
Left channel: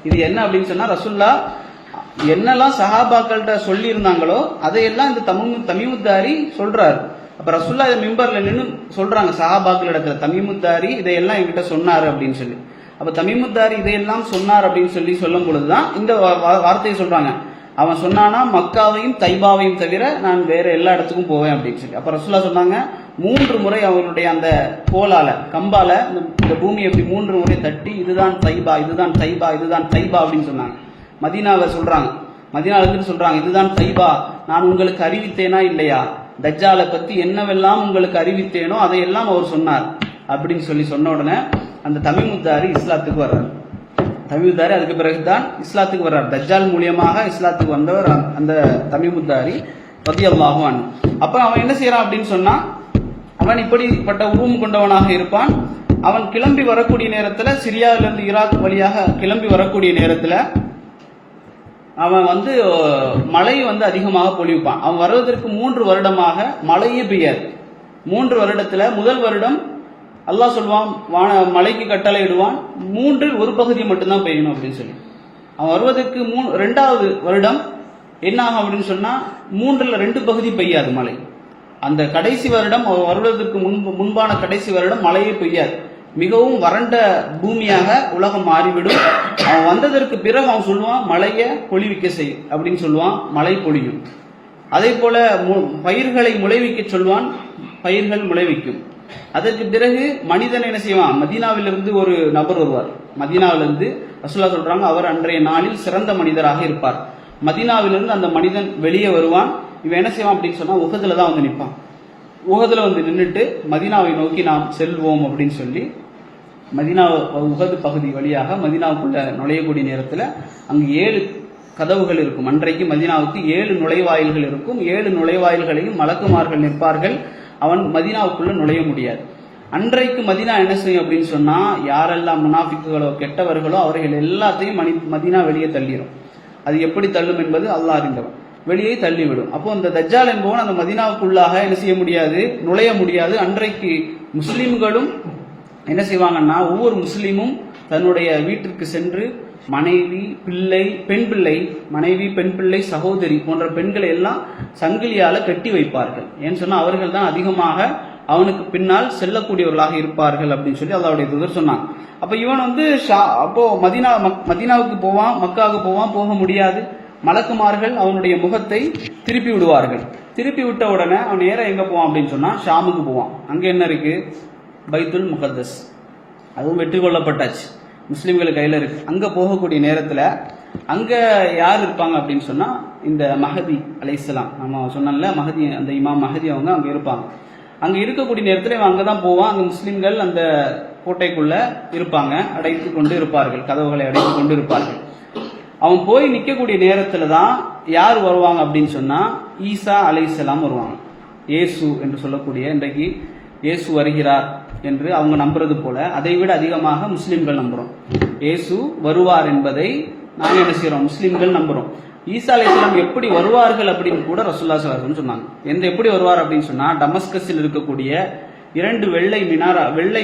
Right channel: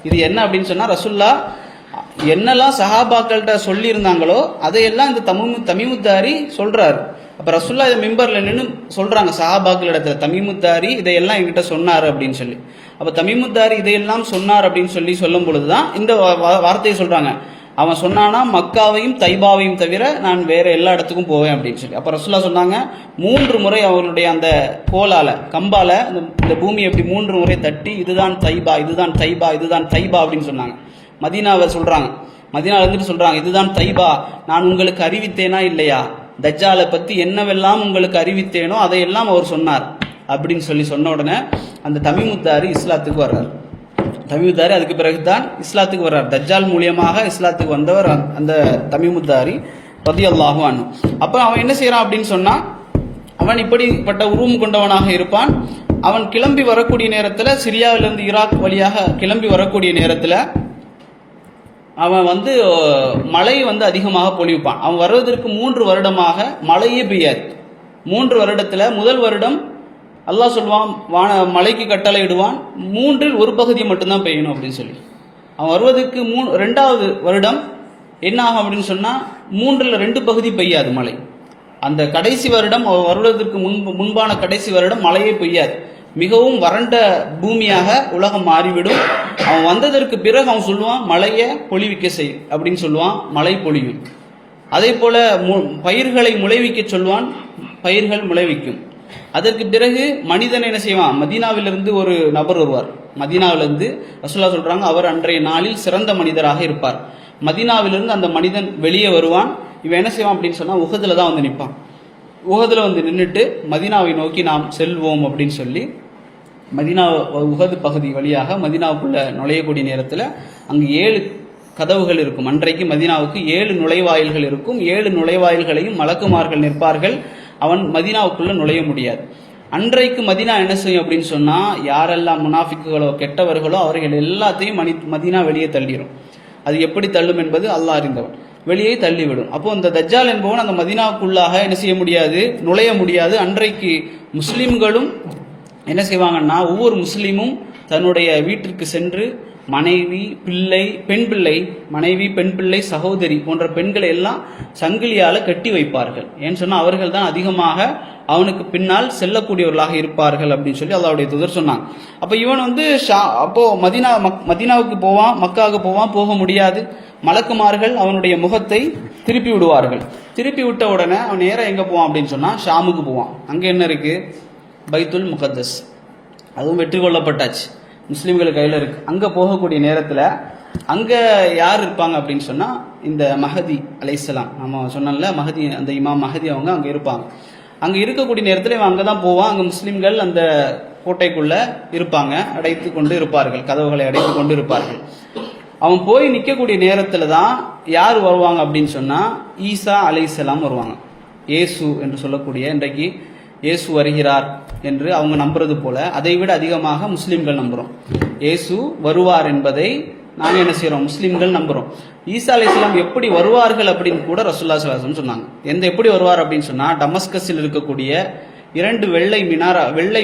இது என்ன அப்படின்னு சொன்னா, ரசூல்லா என்னெல்லாம் சஹாபாக்கள்கிட்ட சொல்லி இருந்தாங்களோ அதையெல்லாம் இந்த தமீமுத்தாரி சொல்றாரு. அப்ப ரசூல்லா இதை மிம்பர்ல நின்று சொல்றாங்க சஹாபாக்கள் இடத்துல, தமீமுத்தாரி இதையெல்லாம் என்கிட்ட சொன்னாரு அப்படின்னு சொல்லி. அப்ப தமீமுத்தாரி இதையெல்லாம் சொன்னார் அப்படின்னு சொல்லி சொல்லும் பொழுதுதான் இந்த வார்த்தையை சொல்றாங்க, அவன் சொன்னானா மக்காவையும் தைபாவையும் தவிர நான் வேற எல்லா இடத்துக்கும் போவேன் அப்படின்னு சொல்லி. அப்ப ரசூல்லா சொன்னாங்க, 3 முறை அவருடைய அந்த கோலால கம்பால இந்த பூமி எப்படி 3 முறை தட்டி, இதுதான் தைபா, இதுதான் தைபா, இதுதான் தைபா அப்படின்னு சொன்னாங்க. மதீனாவர் சொல்றாங்க, மதீனால இருந்துட்டு சொல்றாங்க, இதுதான் தைபா, நான் உங்களுக்கு அறிவித்தேனா இல்லையா, தஜ்ஜாலை பத்தி என்னவெல்லாம் உங்களுக்கு அறிவித்தேனோ அதையெல்லாம் அவர் சொன்னார் அப்படின்னு சொல்லி சொன்ன உடனே அந்த தமீமுத்தாரி இஸ்லாத்துக்கு வர்றார். தமீமுத்தாரி அதுக்கு பிறகுதான் இஸ்லாத்துக்கு வர்றார். தஜ்ஜால் மூலியமாக இஸ்லாத்துக்கு வந்தவர் அந்த தமீமுத்தாரி ரலியல்லாஹு அன்ஹு. அப்ப அவன் என்ன செய்யறான் அப்படின்னு சொன்னா, அவன் இப்படிப்பட்ட உருவம் கொண்டவனாக இருப்பான். அவன் கிளம்பி வரக்கூடிய நேரத்துல, சிரியாவிலிருந்து ஈராக் வழியாக கிளம்பி வரக்கூடிய நேரத்துல அவன் வந்து மழை வந்து அதிகமாக பொழிவிப்பான். அவன் வருவதற்கு 3 வருடமாக மழையே பெய்யாது. 3 வருடத்துல முதல் வருடம் அல்லாஹ் சொல்வான், மலைக்கு கட்டளை இடுவான், 3இல் 1 பகுதி மட்டும்தான் பெய்யணும் அப்படின்னு சொல்லி. அவன் வருவதற்கு 2வது வருடம் என்ன ஆகும் அப்படின்னு சொன்னா, 3இல் 2 பகுதி பெய்யாது மழை. அந்த கடைசி வருடம் அவன் வருவதற்கு முன்பான கடைசி வருடம் மழையே பெய்யாது. மிகவும் வறண்ட பூமியாக உலகம் மாறிவிடும். அவன் வந்ததற்கு பிறகு அவன் சொல்லுவான், மழையை பொழிவிக்க செய் அப்படின்னு சொல்லுவான், மழை பொழியும். அதே போல பயிர்களை முளைவிக்க சொல்வான், பயிர்கள் முளைவிக்கும். அதற்கு பிறகு மனிதன் என்ன செய்வான், மதீனாவிலிருந்து ஒரு நபர் வருவார். மதீனாவிலிருந்து ரசூலுல்லாஹ் சொல்றாங்க, அவர் அன்றைய நாளில் சிறந்த மனிதராக இருப்பார். மதீனாவிலிருந்து அந்த மனிதன் வெளியே வருவான். இவன் என்ன செய்வான் அப்படின்னு சொன்னா, உஹதுல தான் வந்து நிற்பான். உஹதுல வந்து நின்றுட்டு மதீனாவை நோக்கி நாம் செல்வோம் அப்படின்னு சொல்லி மதீனா உஹது பகுதி வழியாக மதீனாவுக்குள்ள நுழையக்கூடிய நேரத்தில் அங்கு 7 கதவுகள் இருக்கும். அன்றைக்கு மதீனாவுக்கு 7 நுழைவாயில்கள் இருக்கும். 7 நுழைவாயில்களையும் மலக்குமார்கள் நிற்பார்கள். அவன் மதீனாவுக்குள்ள நுழைய முடியாது. அன்றைக்கு மதீனா என்ன செய்யும் அப்படின்னு சொன்னா, யாரெல்லாம் முனாஃபிக்குகளோ கெட்டவர்களோ அவர்கள் எல்லாத்தையும் மதீனா வெளியே தள்ளிடும். அது எப்படி தள்ளும் என்பது அல்லாஹ் அறிந்தவர். வெளியே தள்ளிவிடும். அப்போ அந்த தஜ்ஜால் என்பவன் அந்த மதீனாவுக்குள்ளாக என்ன செய்ய முடியாது, நுழைய முடியாது. அன்றைக்கு முஸ்லிம்களும் என்ன செய்வாங்கன்னா, ஒவ்வொரு முஸ்லீமும் தன்னுடைய வீட்டிற்கு சென்று மனைவி, பிள்ளை, பெண் பிள்ளை, மனைவி, பெண் பிள்ளை, சகோதரி போன்ற பெண்களை எல்லாம் சங்கிலியால கட்டி வைப்பார்கள். ஏன்னு சொன்னா அவர்கள் தான் அதிகமாக அவனுக்கு பின்னால் செல்லக்கூடியவர்களாக இருப்பார்கள் அப்படின்னு சொல்லி அல்லாஹ்வுடைய தூதர் சொன்னான். அப்ப இவன் வந்து அப்போ மதீனாவுக்கு போவான், மக்காவுக்கு போவான், போக முடியாது. மலக்குமார்கள் அவனுடைய முகத்தை திருப்பி விடுவார்கள். திருப்பி விட்ட உடனே அவன் நேரம் எங்க போவான் அப்படின்னு சொன்னா ஷாமுக்கு போவான். அங்க என்ன இருக்கு, பைத்துல் முகத்தஸ், அதுவும் வெற்றி கொள்ளப்பட்டாச்சு, முஸ்லீம்கள் கையில் இருக்கு. அங்கே போகக்கூடிய நேரத்தில் அங்கே யார் இருப்பாங்க அப்படின்னு சொன்னால் இந்த மஹதி அலைஹிஸ்ஸலாம், நம்ம சொன்னோம்ல மஹதி, அந்த இமாம் மஹதி அவங்க அங்கே இருப்பாங்க. அங்கே இருக்கக்கூடிய நேரத்தில் இவன் அங்கே தான் போவான். அங்கே முஸ்லீம்கள் அந்த கோட்டைக்குள்ளே இருப்பாங்க, அடைத்து கொண்டு இருப்பார்கள், கதவுகளை அடைத்து கொண்டு இருப்பார்கள். அவன் போய் நிற்கக்கூடிய நேரத்தில் தான் யார் வருவாங்க அப்படின்னு சொன்னால் ஈசா அலைஹிஸ்ஸலாம் வருவாங்க. இயேசு என்று சொல்லக்கூடிய, இன்றைக்கு இயேசு வருகிறார் என்று அவங்க நம்புறது போல அதை விட அதிகமாக முஸ்லிம்கள் நம்புறோம். இயேசு வருவார் என்பதை நாங்கள் என்ன செய்யறோம், முஸ்லிம்கள் நம்புறோம். ஈசா அலைஹிஸ்ஸலாம் எப்படி வருவார்கள் அப்படின்னு கூட ரசூலுல்லாஹி ஸல்லல்லாஹு அலைஹி வஸல்லம் சொன்னாங்க. எப்படி வருவார் அப்படின்னு சொன்னா, டமஸ்கஸில் இருக்கக்கூடிய 2 வெள்ளை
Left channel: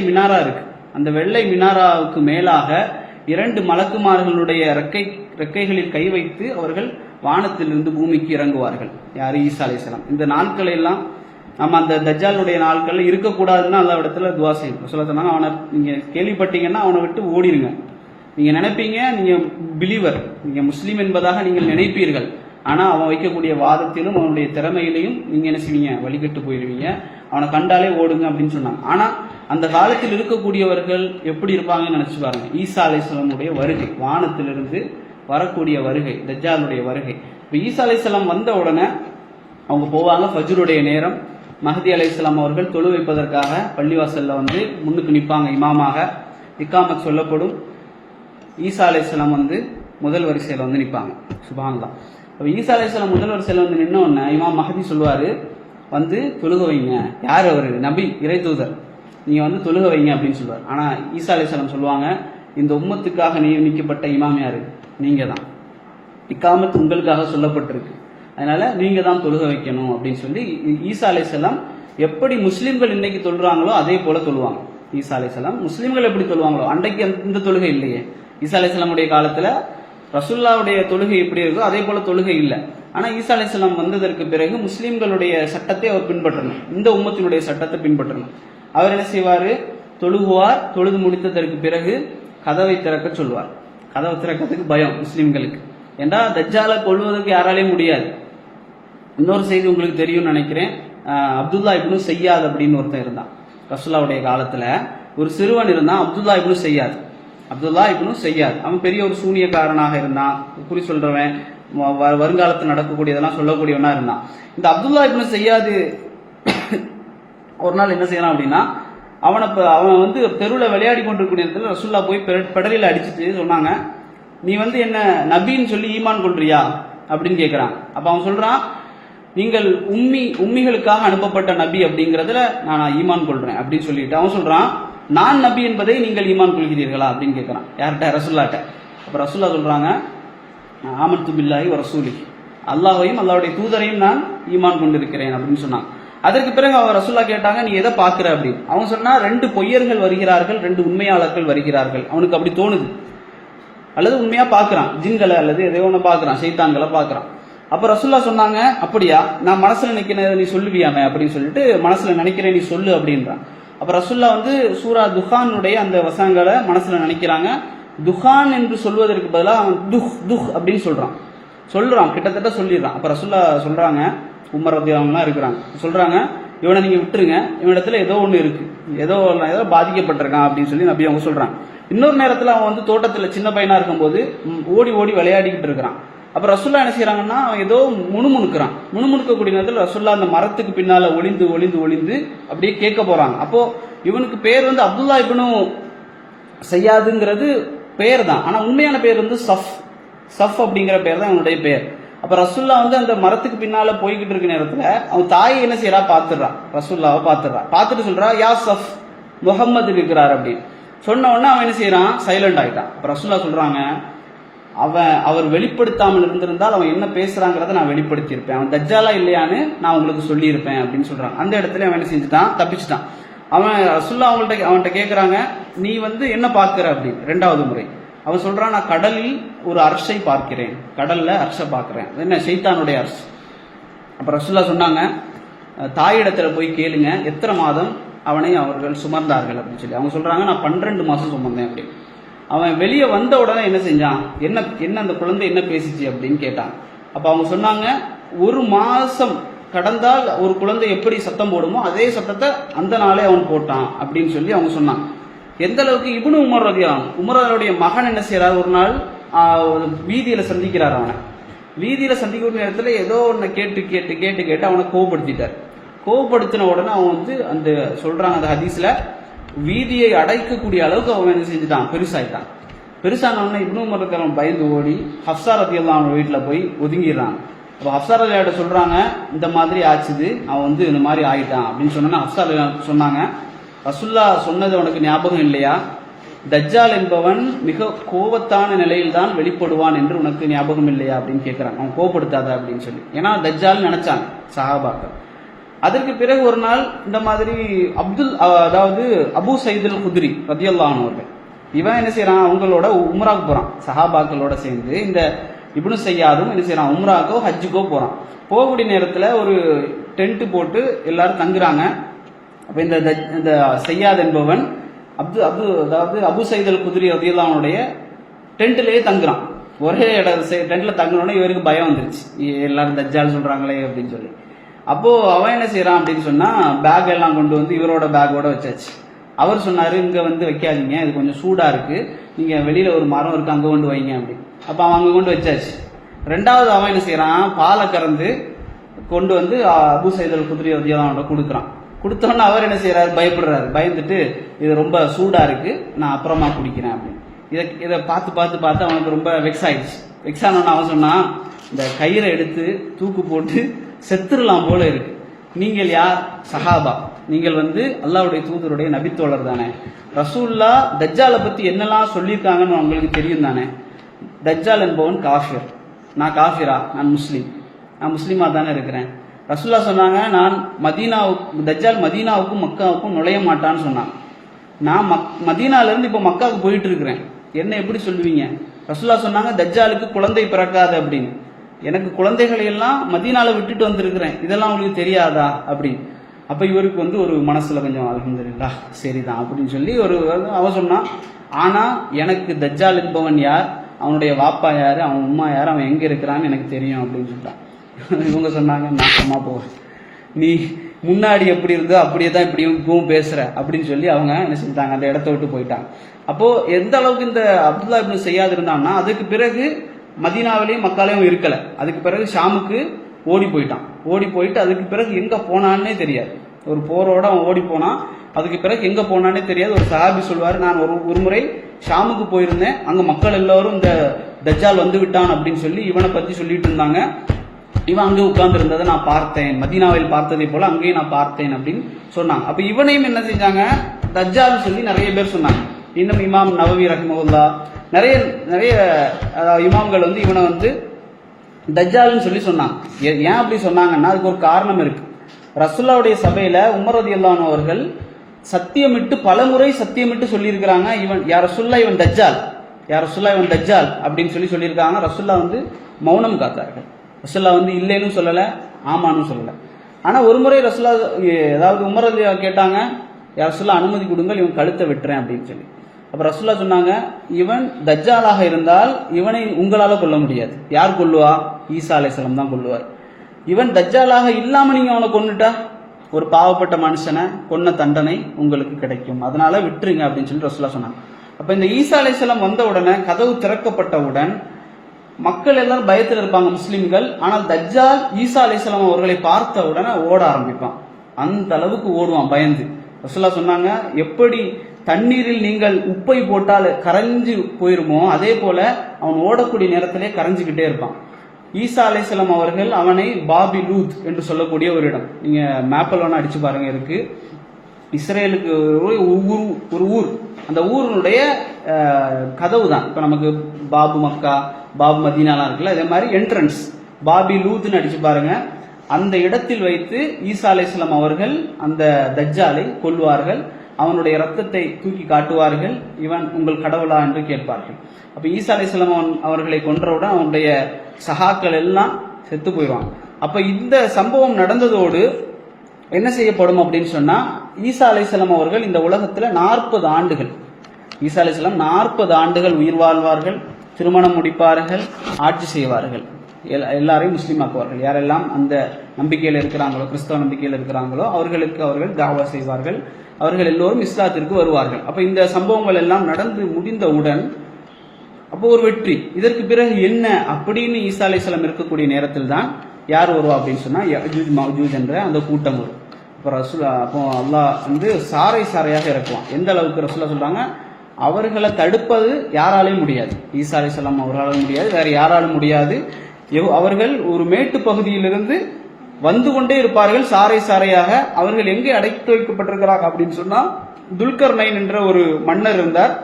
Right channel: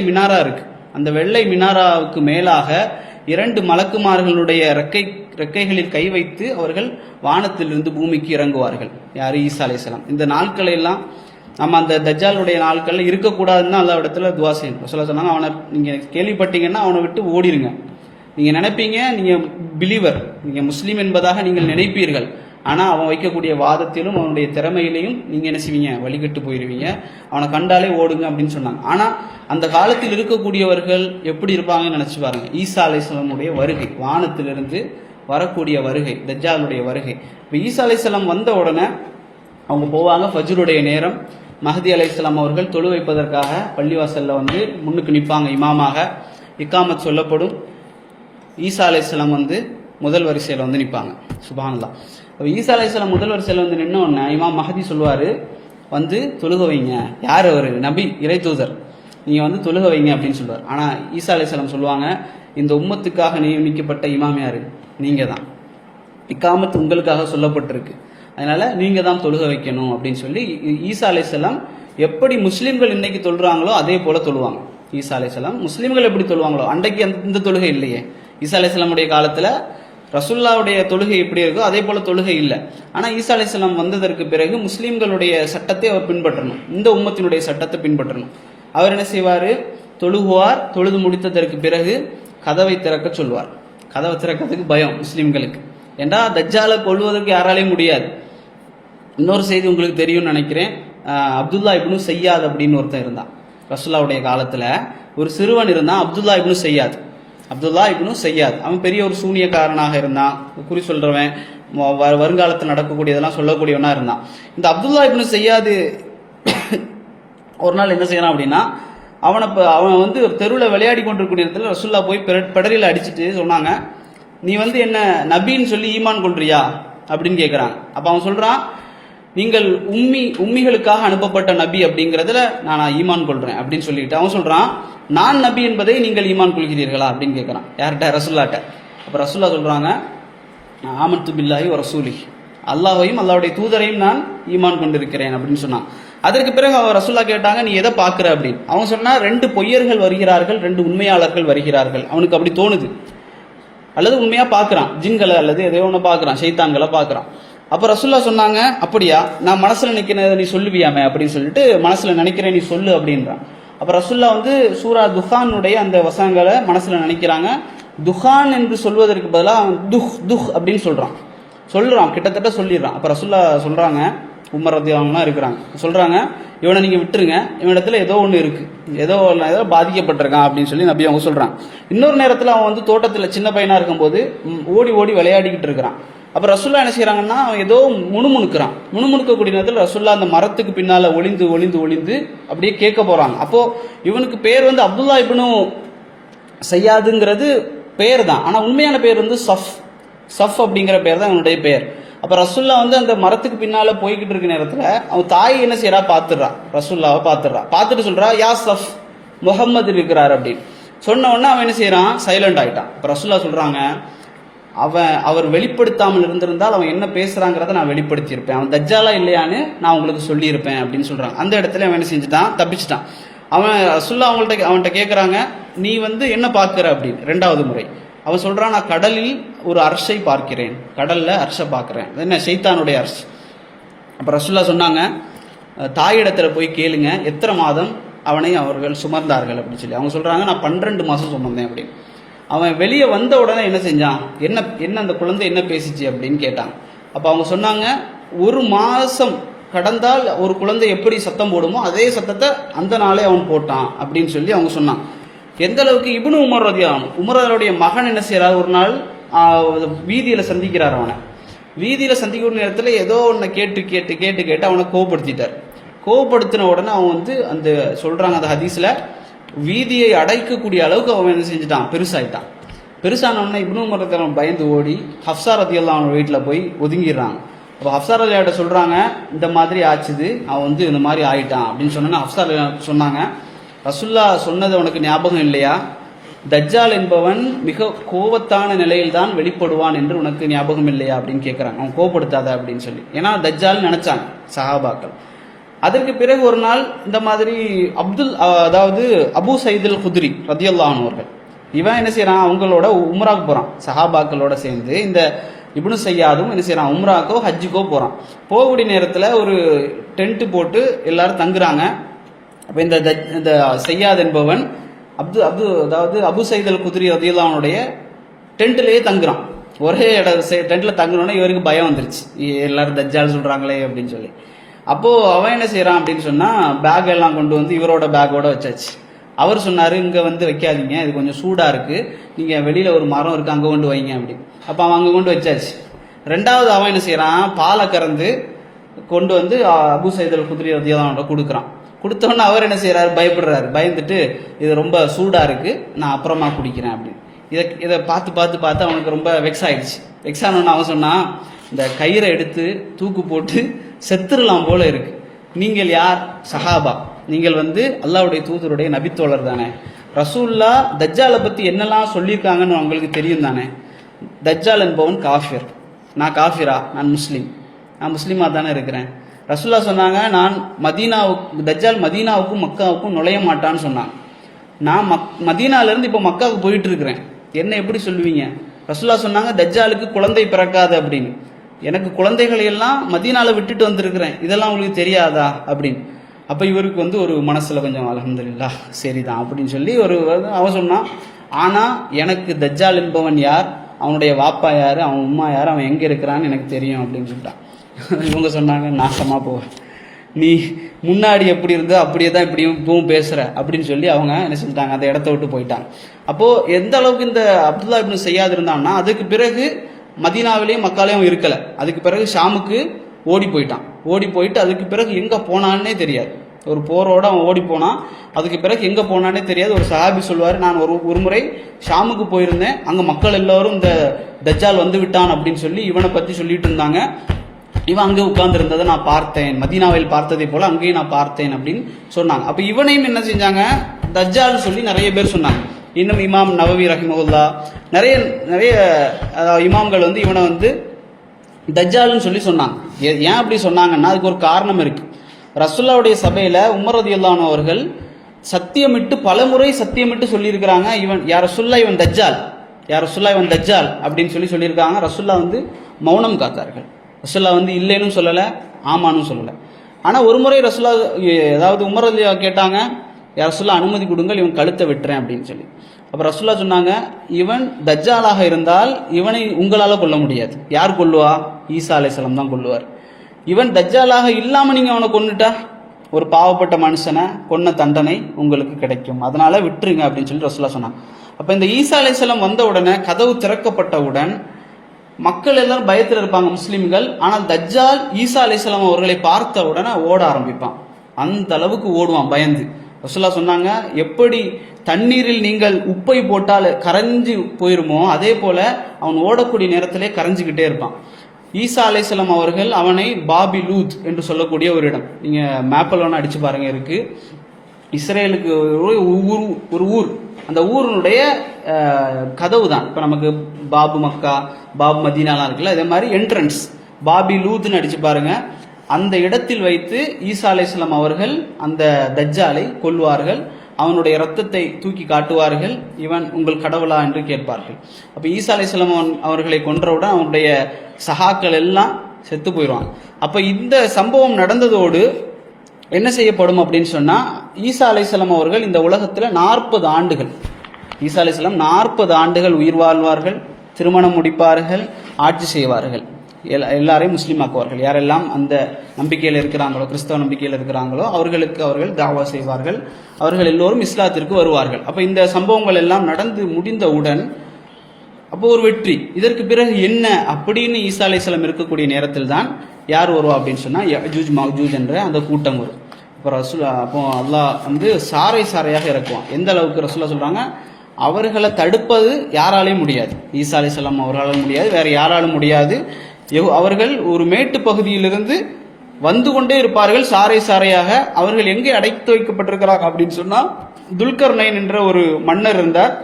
மினாரா இருக்கு. அந்த வெள்ளை மினாராவுக்கு மேலாக 2 மலக்குமார்களுடைய ரெக்கைகளில் கை வைத்து அவர்கள் வானத்திலிருந்து பூமிக்கு இறங்குவார்கள். யாரு, ஈசா அலைஹிஸ்ஸலாம். இந்த நாட்களை எல்லாம் நம்ம அந்த தஜ்ஜாலுடைய நாட்கள்ல இருக்கக்கூடாதுன்னு அல்லா இடத்துல துவா செய்யணும். சொல்ல சொன்னாங்க, அவனை நீங்க கேள்விப்பட்டீங்கன்னா அவனை விட்டு ஓடிருங்க. நீங்க நினைப்பீங்க நீங்க பிலீவர், நீங்க முஸ்லீம் என்பதாக நீங்கள் நினைப்பீர்கள். ஆனா அவன் வைக்கக்கூடிய வாதத்திலும் அவனுடைய திறமையிலையும் நீங்க என்ன செய்வீங்க, வழிகட்டு போயிருவீங்க. அவனை கண்டாலே ஓடுங்க அப்படின்னு சொன்னாங்க. ஆனா அந்த காலத்தில் இருக்கக்கூடியவர்கள் எப்படி இருப்பாங்கன்னு நினைச்சு பாருங்க. ஈசா அலைஹிஸ்ஸலாமுடைய வருகை, வானத்திலிருந்து வரக்கூடிய வருகை, தஜ்ஜாலுடைய வருகை. இப்போ ஈசா அலைஹிஸ்ஸலாம் வந்த உடனே அவங்க போவாங்க. ஃபஜ்ருடைய நேரம், மஹதி அலைஹிஸ்ஸலாம் அவர்கள் தொழு வைப்பதற்காக பள்ளிவாசல்ல வந்து முன்னுக்கு நிற்பாங்க. இமாமாக இக்காமத் சொல்லப்படும். ஈசா அலைஹிஸ்ஸலாம் வந்து முதல் வரிசையில் வந்து நிற்பாங்க. சுப்ஹானல்லாஹ். அப்போ ஈசா அலைஹிஸ்ஸலாம் முதல் வரிசையில் வந்து நின்னோன்னா இமாம் மஹதி சொல்லுவார், வந்து தொழுக வைங்க. யார் அவர், நபி, இறை தூதர், நீங்கள் வந்து தொழுக வைங்க அப்படின்னு சொல்லுவார். ஆனால் ஈசா அலைஹிஸ்ஸலாம் சொல்லுவாங்க, இந்த உம்மத்துக்காக நியமிக்கப்பட்ட இமாம் யாரு, நீங்கள் தான். இக்காமத் உங்களுக்காக சொல்லப்பட்டிருக்கு, அதனால நீங்க தான் தொழுக வைக்கணும் அப்படின்னு சொல்லி ஈசா அலைஹிஸ்ஸலாம் எப்படி முஸ்லிம்கள் இன்னைக்கு தொழுறாங்களோ அதே போல தொழுவாங்க. ஈசா அலைஹிஸ்ஸலாம் முஸ்லிம்கள் எப்படி தொழுவாங்களோ அன்றைக்கு இந்த தொழுகை இல்லையே. ஈசா அலைஹிஸ்ஸலாமுடைய காலத்துல ரசூலுல்லாஹ்வுடைய தொழுகை எப்படி இருக்கோ அதே போல தொழுகை இல்லை. ஆனா ஈசா அலைஹிஸ்ஸலாம் வந்ததற்கு பிறகு முஸ்லிம்களுடைய சட்டத்தை அவர் பின்பற்றணும், இந்த உம்மத்தினுடைய சட்டத்தை பின்பற்றணும். அவர் என்ன செய்வார், தொழுகுவார். தொழுது முடித்ததற்கு பிறகு கதவை திறக்க சொல்வார். கதவை திறக்கிறதுக்கு பயம் முஸ்லிம்களுக்கு, ஏண்டா தஜ்ஜாலை கொள்வதற்கு யாராலையும் முடியாது. இன்னொரு செய்தி உங்களுக்கு தெரியும்னு நினைக்கிறேன். அப்துல்லா இப்னு சையாத் அப்படின்னு ஒருத்தன் இருந்தான். ரசூலுல்லாஹ்வுடைய காலத்துல ஒரு சிறுவன் இருந்தான், அப்துல்லா இப்னு சையாத். அவன் பெரிய ஒரு சூனியக்காரனாக இருந்தான், குறி சொல்றவன், வருங்காலத்தில் நடக்கக்கூடியதெல்லாம் சொல்லக்கூடியவனா இருந்தான். இந்த அப்துல்லா இப்னு சையாத் ஒரு நாள் என்ன செய்யறான் அப்படின்னா, அவன் வந்து தெருவில் விளையாடி கொண்டிருக்கிற இடத்துல ரசூலுல்லாஹ் போய் பெடரியில் அடிச்சுட்டு சொன்னாங்க, நீ வந்து என்ன நபின்னு சொல்லி ஈமான் கொள்றியா அப்படின்னு கேட்கிறான். அப்ப அவன் சொல்றான், நீங்கள் உம்மிகளுக்காக அனுப்பப்பட்ட நபி அப்படிங்கிறதுல நான் ஈமான் கொள்றேன் அப்படின்னு சொல்லிட்டு அவன் சொல்றான், நான் நபி என்பதை நீங்கள் ஈமான் கொள்கிறீர்களா அப்படின்னு கேட்கிறான். யார்கிட்ட, ரசூலுல்லாஹ்ட்ட. அப்ப ரசூலுல்லாஹ் சொல்றாங்க, ஆமன்து பில்லாஹி வ ரசூலிஹி, அல்லாஹ்வையும் அல்லாஹ்வுடைய தூதரையும் நான் ஈமான் கொண்டிருக்கிறேன் அப்படின்னு சொன்னான். அதற்கு பிறகு அவன் ரசூலுல்லாஹ் கேட்டாங்க, நீ எதை பார்க்கிற அப்படின்னு. அவன் சொன்னா, 2 பொய்யர்கள் வருகிறார்கள், 2 உண்மையாளர்கள் வருகிறார்கள். அவனுக்கு அப்படி தோணுது, அல்லது உண்மையா பார்க்கறான், ஜின்களை அல்லது எதையோ ஒன்று பார்க்கறான், ஷைத்தான்களை பார்க்கறான். அப்ப ரசூலுல்லாஹ் சொன்னாங்க, அப்படியா, நான் மனசுல நினைக்கிறேன் நீ சொல்லுவியாமே அப்படின்னு சொல்லிட்டு, மனசுல நினைக்கிறேன் நீ சொல்லு அப்படின்றான். அப்ப ரசூலுல்லாஹ் வந்து சூரா துஹானுடைய அந்த வசனங்களை மனசுல நினைக்கிறாங்க. துஹான் என்று சொல்வதற்கு பதிலாக துஹ் அப்படின்னு சொல்றான், கிட்டத்தட்ட சொல்லிடுறான். அப்ப ரசூலுல்லாஹ் சொல்றாங்க, உமர் ரலியல்லாஹு இருக்கிறாங்க, சொல்றாங்க, இவனை நீங்க விட்டுருங்க, இவனிடத்துல ஏதோ ஒன்று இருக்கு, ஏதோ பாதிக்கப்பட்டிருக்கான் அப்படின்னு சொல்லி நபி அவங்க சொல்றான். இன்னொரு நேரத்தில் அவன் வந்து தோட்டத்தில் சின்ன பையனா இருக்கும்போது ஓடி ஓடி விளையாடிக்கிட்டு இருக்கிறான். அப்ப ரசூலுல்லாஹ் என்ன செய்யறாங்கன்னா, அவன் ஏதோ முணுமுணுக்கக்கூடிய நேரத்தில் ரசூலுல்லாஹ் அந்த மரத்துக்கு பின்னால ஒளிந்து அப்படியே கேட்க போறாங்க. அப்போ இவனுக்கு பேர் வந்து அப்துல்லா இப்னு சையாதுங்கிறது பேர் தான், ஆனால் உண்மையான பேர் வந்து சஃப் அப்படிங்கிற பேர் தான் அவனுடைய பேர். அப்போ ரசுல்லா வந்து அந்த மரத்துக்கு பின்னால போய்கிட்டு இருக்க நேரத்தில் அவன் தாய் என்ன செய்யறா பார்த்துடுறா, ரசுல்லாவை பார்த்துட்டு சொல்றா யா சஃப் முகம்மது இருக்கிறார் அப்படின்னு சொன்ன உடனே அவன் என்ன செய்யறான், சைலண்ட் ஆயிட்டான். இப்போ ரசுல்லா சொல்றாங்க அவர் வெளிப்படுத்தாமல் இருந்திருந்தால் அவன் என்ன பேசுறாங்கிறத நான் வெளிப்படுத்தியிருப்பேன், அவன் தஜ்ஜாலா இல்லையான்னு நான் உங்களுக்கு சொல்லியிருப்பேன் அப்படின்னு சொல்றாங்க. அந்த இடத்துல அவன் என்ன செஞ்சுட்டான், தப்பிச்சிட்டான். அவன் ரசுல்லா அவன்கிட்ட கேட்குறாங்க நீ வந்து என்ன பார்க்குற அப்படின்னு. 2வது முறை அவன் சொல்றான் நான் கடலில் ஒரு அரசை பார்க்கிறேன், கடல்ல அரசை பார்க்குறேன், என்ன சைத்தானுடைய அரசு. அப்போ ரசுல்லா சொன்னாங்க தாயிடத்துல போய் கேளுங்க எத்தனை மாதம் அவனை அவர்கள் சுமர்ந்தார்கள் அப்படின்னு சொல்லி. அவங்க சொல்றாங்க நான் 12 மாதம் சுமந்தேன் அப்படின்னு. அவன் வெளியே வந்த உடனே என்ன செஞ்சான், என்ன அந்த குழந்தை என்ன பேசிச்சு அப்படின்னு கேட்டான். அப்போ அவங்க சொன்னாங்க 1 மாதம் கடந்தால் ஒரு குழந்தை எப்படி சத்தம் போடுமோ அதே சத்தத்தை அந்த நாளே அவன் போட்டான் அப்படின்னு சொல்லி அவங்க சொன்னான். எந்த அளவுக்கு இப்னு உமர் உமருடைய மகன் என்ன செய்யறாரு, ஒரு நாள் வீதியில சந்திக்கிறார். அவனை வீதியில சந்திக்கிற நேரத்தில் ஏதோ ஒன்று கேட்டு அவனை கோவப்படுத்தின உடனே அவன் வந்து அந்த சொல்றாங்க அந்த ஹதீஸ்ல வீதியை அடைக்கக்கூடிய அளவுக்கு அவன் என்ன செஞ்சுட்டான், பெருசானவன இப்னு உமர் பயந்து ஓடி ஹப்ஸா ரலியல்லாஹு அன்ஹா வீட்டில் போய் ஒதுங்கிடுறாங்க. அப்போ ஹப்ஸா ரலியல்லாஹு சொல்றாங்க இந்த மாதிரி ஆச்சுது, அவன் வந்து இந்த மாதிரி ஆயிட்டான் அப்படின்னு சொன்னா ஹப்ஸா சொன்னாங்க ரசுல்லா சொன்னது உனக்கு ஞாபகம் இல்லையா, தஜ்ஜால் என்பவன் மிக கோபத்தான நிலையில் தான் வெளிப்படுவான் என்று உனக்கு ஞாபகம் இல்லையா அப்படின்னு கேட்குறாங்க. அவன் கோபப்படுத்தாத அப்படின்னு சொல்லி, ஏன்னா தஜ்ஜால் நினைச்சாங்க சஹாபாக்கள். அதற்கு பிறகு ஒரு நாள் இந்த மாதிரி அதாவது அபு சயீதுல் குத்ரி ரலியல்லாஹு அன்ஹு அவர்கள் இவன் என்ன செய்யறான், அவங்களோட உம்ராக்கு போறான், சஹாபாக்களோட சேர்ந்து இந்த இப்னு சையாதும் என்ன செய்யறான், உம்ராக்கோ ஹஜ்ஜுக்கோ போறான். போகக்கூடிய நேரத்தில் ஒரு டென்ட் போட்டு எல்லாரும் தங்குறாங்க. அப்போ இந்த சையாத் என்பவன் அதாவது அபு சயீதுல் குத்ரி ரலியல்லாஹு அன்ஹுடைய டென்ட்லயே தங்குறான். ஒரே டென்ட்ல தங்குனோடனே இவருக்கு பயம் வந்துருச்சு, எல்லாரும் தஜ்ஜால் சொல்றாங்களே அப்படின்னு சொல்லி. அப்போ அவன் என்ன செய்யறான் அப்படின்னு சொன்னா பேக் எல்லாம் கொண்டு வந்து இவரோட பேக்கோட வச்சாச்சு. அவர் சொன்னாரு இங்க வந்து வைக்காதீங்க, இது கொஞ்சம் சூடா இருக்கு, நீங்க வெளியில ஒரு மரம் இருக்கு அங்க கொண்டு வைங்க அப்படின்னு. அப்ப அவன் அங்க கொண்டு வச்சாச்சு. 2வது அவன் என்ன செய்யறான், பாலை கறந்து கொண்டு வந்து அபு சயீதுல் குத்ரி ரலியல்லாஹு அன்ஹு கொடுக்குறான். கொடுத்தோன்னு அவர் என்ன செய்யறாரு, பயந்துட்டு இது ரொம்ப சூடா இருக்கு, நான் அப்புறமா குடிக்கிறேன் அப்படின்னு. இதை பார்த்து அவனுக்கு ரொம்ப வெக்ஸ் ஆனவன் அவன் சொன்னான் இந்த கயிறை எடுத்து தூக்கு போட்டு செத்துடலாம் போல இருக்கு, நீங்கள் யார், சஹாபா, நீங்கள் வந்து அல்லாஹ்வுடைய தூதருடைய நபித்தோழர் தானே, ரசூல்லா தஜ்ஜாலை பத்தி என்னெல்லாம் சொல்லியிருக்காங்கன்னு உங்களுக்கு தெரியும் தானே, தஜ்ஜால் என்பவன் காஃபிர், நான் காஃபிரா, நான் முஸ்லீமா தானே இருக்கிறேன். ரசூல்லா சொன்னாங்க நான் தஜ்ஜால் மதீனாவுக்கும் மக்காவுக்கும் நுழைய மாட்டான்னு சொன்னாங்க. நான் மதீனாலேருந்து இப்போ மக்காவுக்கு போயிட்டு இருக்கிறேன், என்ன எப்படி சொல்லுவீங்க? ரசூல்லா சொன்னாங்க தஜ்ஜாலுக்கு குழந்தை பிறக்காது அப்படின்னு. எனக்கு குழந்தைகளை எல்லாம் மதீனால விட்டுட்டு வந்திருக்கிறேன், இதெல்லாம் உங்களுக்கு தெரியாதா அப்படின்னு. அப்போ இவருக்கு வந்து ஒரு மனசுல கொஞ்சம் அல்ஹம்துலில்லாஹ் சரிதான் அப்படின்னு சொல்லி அவன் சொன்னான். ஆனா எனக்கு தஜ்ஜால் என்பவன் யார், அவனுடைய வாப்பா யாரு, அவன் உம்மா யார், அவன் எங்க இருக்கிறான்னு எனக்கு தெரியும் அப்படின்னு சொல்லிட்டான். இவங்க சொன்னாங்க நாசமா போ, நீ முன்னாடி எப்படி இருந்தோ அப்படியே தான் இப்பவும் பேசுற அப்படின்னு சொல்லி அவங்க என்ன செஞ்சிட்டாங்க, அந்த இடத்த விட்டு போயிட்டாங்க. அப்போ எந்த அளவுக்கு இந்த அப்துல்லா இப்னு சையாத் இருந்தான்னா அதுக்கு பிறகு மதீனாவிலையும் மக்காலையும் இருக்கல. அதுக்கு பிறகு ஷாமுக்கு ஓடி போயிட்டு அதுக்கு பிறகு எங்க போனான்னே தெரியாது. ஒரு போரோட அவன் ஓடி போனான், அதுக்கு பிறகு எங்க போனானே தெரியாது. ஒரு சஹாபி சொல்வார், நான் ஒரு முறை ஷாமுக்கு போயிருந்தேன், அங்க மக்கள் எல்லாரும் இந்த தஜ்ஜால் வந்து விட்டான் அப்படின்னு சொல்லி இவனை பத்தி சொல்லிட்டு இருந்தாங்க. இவன் அங்கே உட்கார்ந்து இருந்ததை நான் பார்த்தேன், மதீனாவில் பார்த்ததை போல அங்கேயும் நான் பார்த்தேன் அப்படின்னு சொன்னாங்க. அப்ப இவனையும் என்ன செஞ்சாங்க, தஜ்ஜால் சொல்லி நிறைய பேர் சொன்னாங்க. இன்னும் இமாம் நவவி ரஹிமஹுல்லா நிறைய இமாம்கள் வந்து இவனை வந்து தஜ்ஜால்னு சொல்லி சொன்னாங்க. ஏன் அப்படி சொன்னாங்கன்னா அதுக்கு ஒரு காரணம் இருக்கு. ரசூலுல்லாஹ்வுடைய சபையில உமர் ரலியல்லாஹு அன்ஹு அவர்கள் பலமுறை சத்தியமிட்டு சொல்லியிருக்கிறாங்க, இவன் யார் ரசூலுல்லாஹ் இவன் தஜ்ஜால் அப்படின்னு சொல்லியிருக்காங்க. ரசூலுல்லாஹ் வந்து மௌனம் காத்தார்கள். ரசூலுல்லாஹ் வந்து இல்லைன்னு சொல்லலை, ஆமான்னு சொல்லலை. ஆனால் ஒரு முறை ரசூலுல்லாஹ் அதாவது உமர் ரலியல்லாஹு கேட்டாங்க, யார் ரசூலுல்லாஹ் அனுமதி கொடுங்கள், இவன் கழுத்தை வெட்டுறேன் அப்படின்னு சொல்லி. அப்போ ரசூலுல்லாஹ் சொன்னாங்க, இவன் தஜ்ஜாலாக இருந்தால் இவனை உங்களால் கொல்ல முடியாது. யார் கொல்லுவா? ஈசா அலைஹிஸ்ஸலாம் தான் கொல்லுவார். இவன் தஜ்ஜாலாக இல்லாமல் நீங்கள் அவனை கொன்னுட்டா ஒரு பாவப்பட்ட மனுஷனை கொன்ன தண்டனை உங்களுக்கு கிடைக்கும், அதனால விட்டுருங்க அப்படின்னு சொல்லி ரசூலுல்லாஹ் சொன்னாங்க. அப்போ இந்த ஈசா அலைஹிஸ்ஸலாம் வந்த உடனே கதவு திறக்கப்பட்டவுடன் மக்கள் எல்லாரும் பயத்தில் இருப்பாங்க முஸ்லிம்கள். ஆனால் தஜ்ஜால் ஈசா அலைஹிஸ்ஸலாம் அவர்களை பார்த்த உடனே ஓட ஆரம்பிப்பான், அந்த அளவுக்கு ஓடுவான் பயந்து. ரசூலுல்லாஹ் சொன்னாங்க, எப்படி தண்ணீரில் நீங்கள் உப்பை போட்டால் கரைஞ்சு போயிருமோ அதே போல அவன் ஓடக்கூடிய நேரத்திலே கரைஞ்சுக்கிட்டே இருப்பான். ஈசா அலைஹிஸ்ஸலாம் அவர்கள் அவனை பாபி லூத் என்று சொல்லக்கூடிய ஒரு இடம், நீங்க மேப்பில் வேணா அடிச்சு பாருங்க, இருக்கு. இஸ்ரேலுக்கு ஒரு ஊர், அந்த ஊரினுடைய கதவு தான். இப்போ நமக்கு பாபு மக்கா, பாபு மதீனாலாம் இருக்குல்ல, அதே மாதிரி என்ட்ரன்ஸ் பாபி லூத்னு அடிச்சு பாருங்க. அந்த இடத்தில் வைத்து ஈசா அலைஹிஸ்ஸலாம் அவர்கள் அந்த தஜ்ஜாலை கொல்வார்கள். அவனுடைய ரத்தத்தை தூக்கி காட்டுவார்கள். இவன் உங்கள் கடவுளா என்று கேட்பார்கள். அப்ப ஈசா அலைஹிஸ்ஸலாம் அவர்களை கொன்றவுடன் அவனுடைய சகாக்கள் எல்லாம் செத்து போயிடுவாங்க. அப்ப இந்த சம்பவம் நடந்ததோடு என்ன செய்யப்படும் அப்படின்னு சொன்னா, ஈசா அலைஹிஸ்ஸலாம் அவர்கள் இந்த உலகத்துல 40 ஆண்டுகள், ஈசா அலைஹிஸ்ஸலாம் 40 ஆண்டுகள் உயிர் வாழ்வார்கள், திருமணம் முடிப்பார்கள், ஆட்சி செய்வார்கள், எல்லாரையும் முஸ்லீம் ஆக்குவார்கள். யாரெல்லாம் அந்த நம்பிக்கையில் இருக்கிறாங்களோ, கிறிஸ்தவ நம்பிக்கையில் இருக்கிறாங்களோ அவர்களுக்கு அவர்கள் தாவா செய்வார்கள். அவர்கள் எல்லோரும் இஸ்லாத்திற்கு வருவார்கள். அப்ப இந்த சம்பவங்கள் எல்லாம் நடந்து முடிந்தவுடன் அப்போ ஒரு வெற்றி. இதற்கு பிறகு என்ன அப்படின்னு ஈசா அலைஹிஸ்ஸலாம் இருக்கக்கூடிய நேரத்தில் தான் யார் வருவா அப்படின்னு சொன்னா, யஜூஜ் மஜூஜ் என்ற அந்த கூட்டம் வரும். அப்போ அல்லாஹ் வந்து சாறை சாறையாக இறக்குவான். எந்த அளவுக்கு ரசூலுல்லாஹ் சொல்றாங்க, அவர்களை தடுப்பது யாராலையும் முடியாது, ஈசா அலைஹிஸ்ஸலாம் அவர்களாலும் முடியாது, வேற யாராலும் முடியாது. அவர்கள் ஒரு மேட்டு பகுதியிலிருந்து வந்து கொண்டே இருப்பார்கள் சாறை சாறையாக. அவர்கள் எங்கே அடைத்து வைக்கப்பட்டிருக்கிறாங்க அப்படின்னு சொன்னா, துல்கர்னைன் என்ற ஒரு மன்னர் இருந்தார்.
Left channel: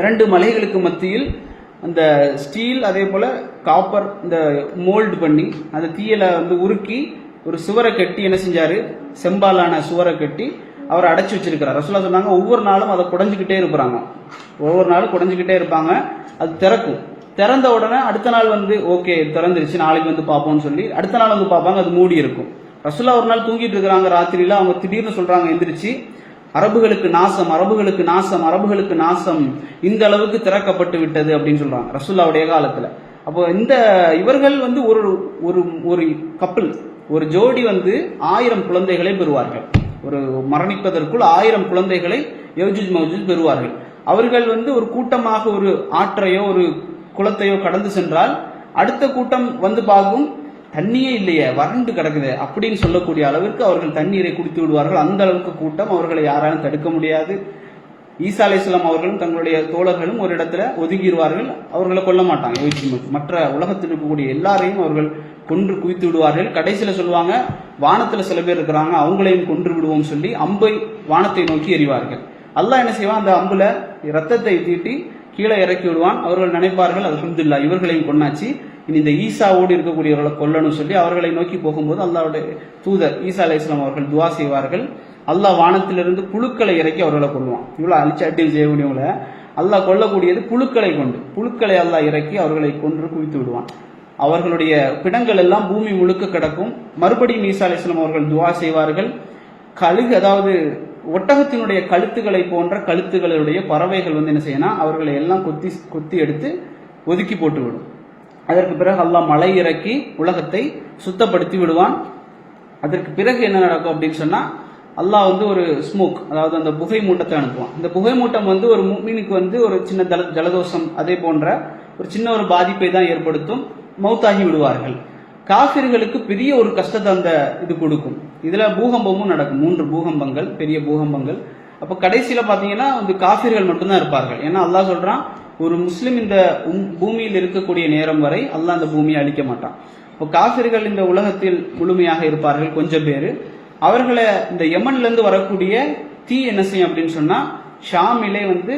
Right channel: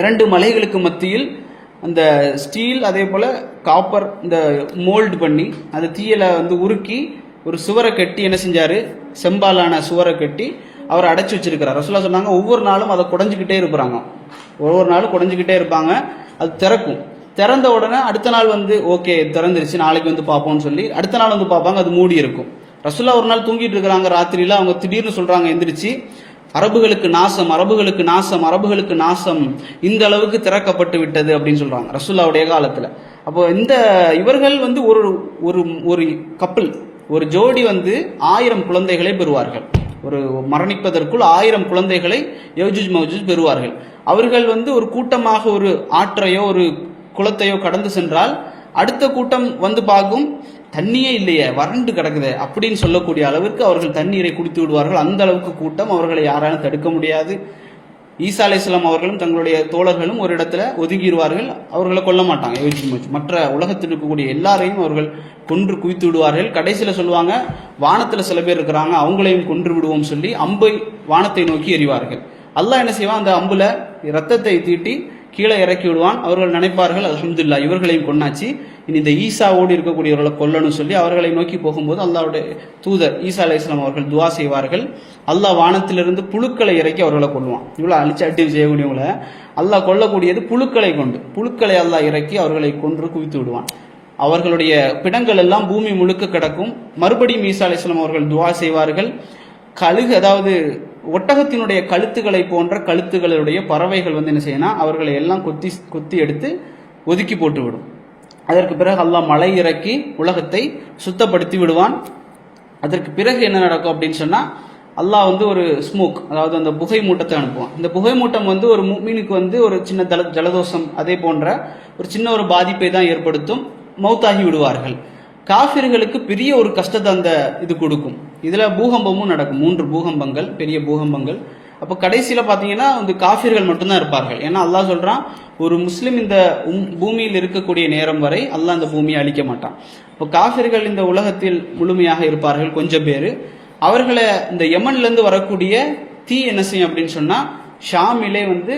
2 மலைகளுக்கு மத்தியில் அந்த ஸ்டீல் அதே போல காப்பர் இந்த மோல்டு பண்ணி அந்த தீயலை வந்து உருக்கி ஒரு சுவரை கட்டி என்ன செஞ்சாரு, செம்பாலான சுவரை கட்டி அவர் அடைச்சு வச்சிருக்கிறார். ரசூலுல்லாஹ் சொன்னாங்க, ஒவ்வொரு நாளும் அதை குடைஞ்சுக்கிட்டே இருப்பாங்க, ஒவ்வொரு நாளும் குடைஞ்சுக்கிட்டே இருப்பாங்க. அது திறக்கும். திறந்த உடனே அடுத்த நாள் வந்து ஓகே திறந்துருச்சு, நாளைக்கு வந்து பார்ப்போம்னு சொல்லி அடுத்த நாள் வந்து பார்ப்பாங்க, அது மூடி இருக்கும். ரசூலுல்லாஹ் ஒரு நாள் தூங்கிட்டு இருக்கிறாங்க ராத்திரியில, அவங்க திடீர்னு சொல்றாங்க எந்திரிச்சு, அரபுகளுக்கு நாசம், அரபுகளுக்கு நாசம், அரபுகளுக்கு நாசம், இந்த அளவுக்கு திறக்கப்பட்டு விட்டது அப்படின்னு சொல்றாங்க ரசூலுல்லாஹ்வுடைய காலத்துல. அப்போ இந்த இவர்கள் வந்து ஒரு ஒரு கப்பல், ஒரு ஜோடி வந்து 1000 குழந்தைகளை பெறுவார்கள். ஒரு மரணிப்பதற்குள் 1000 குழந்தைகளை யஜூஜ் மஜூஜ் பெறுவார்கள். அவர்கள் வந்து ஒரு கூட்டமாக ஒரு ஆற்றையோ ஒரு குளத்தையோ கடந்து சென்றால் அடுத்த கூட்டம் வந்து பார்க்கும், தண்ணியே இல்லையே, வறண்டு கிடக்குது அப்படின்னு சொல்லக்கூடிய அளவிற்கு அவர்கள் தண்ணீரை குடித்து விடுவார்கள். அந்த அளவுக்கு கூட்டம், அவர்களை யாராலும் தடுக்க முடியாது. ஈசா அலைஹிஸ்ஸலாம் அவர்களும் தங்களுடைய தோழர்களும் ஒரு இடத்துல ஒதுங்கிடுவார்கள். அவர்களை கொல்ல மாட்டாங்க. மற்ற உலகத்தில் இருக்கக்கூடிய எல்லாரையும் அவர்கள் கொன்று குவித்து விடுவார்கள். கடைசியில் சொல்லுவாங்க, வானத்தில் சில பேர் இருக்கிறாங்க, அவங்களையும் கொன்று விடுவோம் சொல்லி அம்பை வானத்தை நோக்கி எறிவார்கள். அல்லாஹ் என்ன செய்வான், அந்த அம்புல ரத்தத்தை தீட்டி கீழே இறக்கி விடுவான். அவர்கள் நினைப்பார்கள், அல்ஹம்துலில்லாஹ் இவர்களையும் கொன்னாச்சு, இனி இந்த ஈசாவோடு இருக்கக்கூடியவர்களை கொல்லணும் சொல்லி அவர்களை நோக்கி போகும்போது அல்லாஹ்வுடைய தூதர் ஈசா அலைஹிஸ்ஸலாம் அவர்கள் துவா செய்வார்கள். அல்லாஹ் வானத்திலிருந்து புழுக்களை இறக்கி அவர்களை கொல்லுவான். இவ்வளவு அழிச்சாட்டி செய்யக்கூடியவங்கள அல்லாஹ் கொல்லக்கூடியது புழுக்களை கொண்டு, புழுக்களை அல்லாஹ் இறக்கி அவர்களை கொன்று குவித்து விடுவான். அவர்களுடைய பிணங்கள் எல்லாம் பூமி முழுக்க கிடக்கும். மறுபடியும் ஈசா அலைஹிஸ்ஸலாம் அவர்கள் துவா செய்வார்கள். கழுகு, அதாவது ஒட்டகத்தினுடைய கழுத்துக்களை போன்ற கழுத்துகளுடைய பறவைகள் வந்து என்ன செய்யணும், அவர்களை எல்லாம் குத்தி எடுத்து ஒதுக்கி போட்டு விடும். அதற்கு பிறகு அல்லாஹ் மழை இறக்கி உலகத்தை சுத்தப்படுத்தி விடுவான். அதற்கு பிறகு என்ன நடக்கும் அப்படின்னு சொன்னா, அல்லாஹ் வந்து ஒரு ஸ்மோக், அதாவது அந்த புகை மூட்டத்தை அனுப்புவான். இந்த புகை மூட்டம் வந்து ஒரு முஃமினுக்கு வந்து ஒரு சின்ன ஜலதோஷம் அதே போன்ற ஒரு சின்ன ஒரு பாதிப்பை தான் ஏற்படுத்தும், மௌத்தாகி விடுவார்கள். காஃபிர்களுக்கு பெரிய ஒரு கஷ்டத்தை அந்த இது கொடுக்கும். இதுல பூகம்பமும் நடக்கும், 3 பூகம்பங்கள், பெரிய பூகம்பங்கள். அப்ப கடைசியில பாத்தீங்கன்னா வந்து காஃபிர்கள் மட்டும்தான் இருப்பார்கள். ஏன்னா அல்லாஹ் சொல்றான், ஒரு முஸ்லிம் இந்த பூமியில் இருக்கக்கூடிய நேரம் வரை அல்லாஹ் அந்த பூமியை அழிக்க மாட்டான். இப்போ காஃபிர்கள் இந்த உலகத்தில் முழுமையாக இருப்பார்கள், கொஞ்சம் பேர். அவர்களை இந்த யமன்ல இருந்து வரக்கூடிய தீ என்ன செய்யும் அப்படின்னு சொன்னா, ஷாமிலே வந்து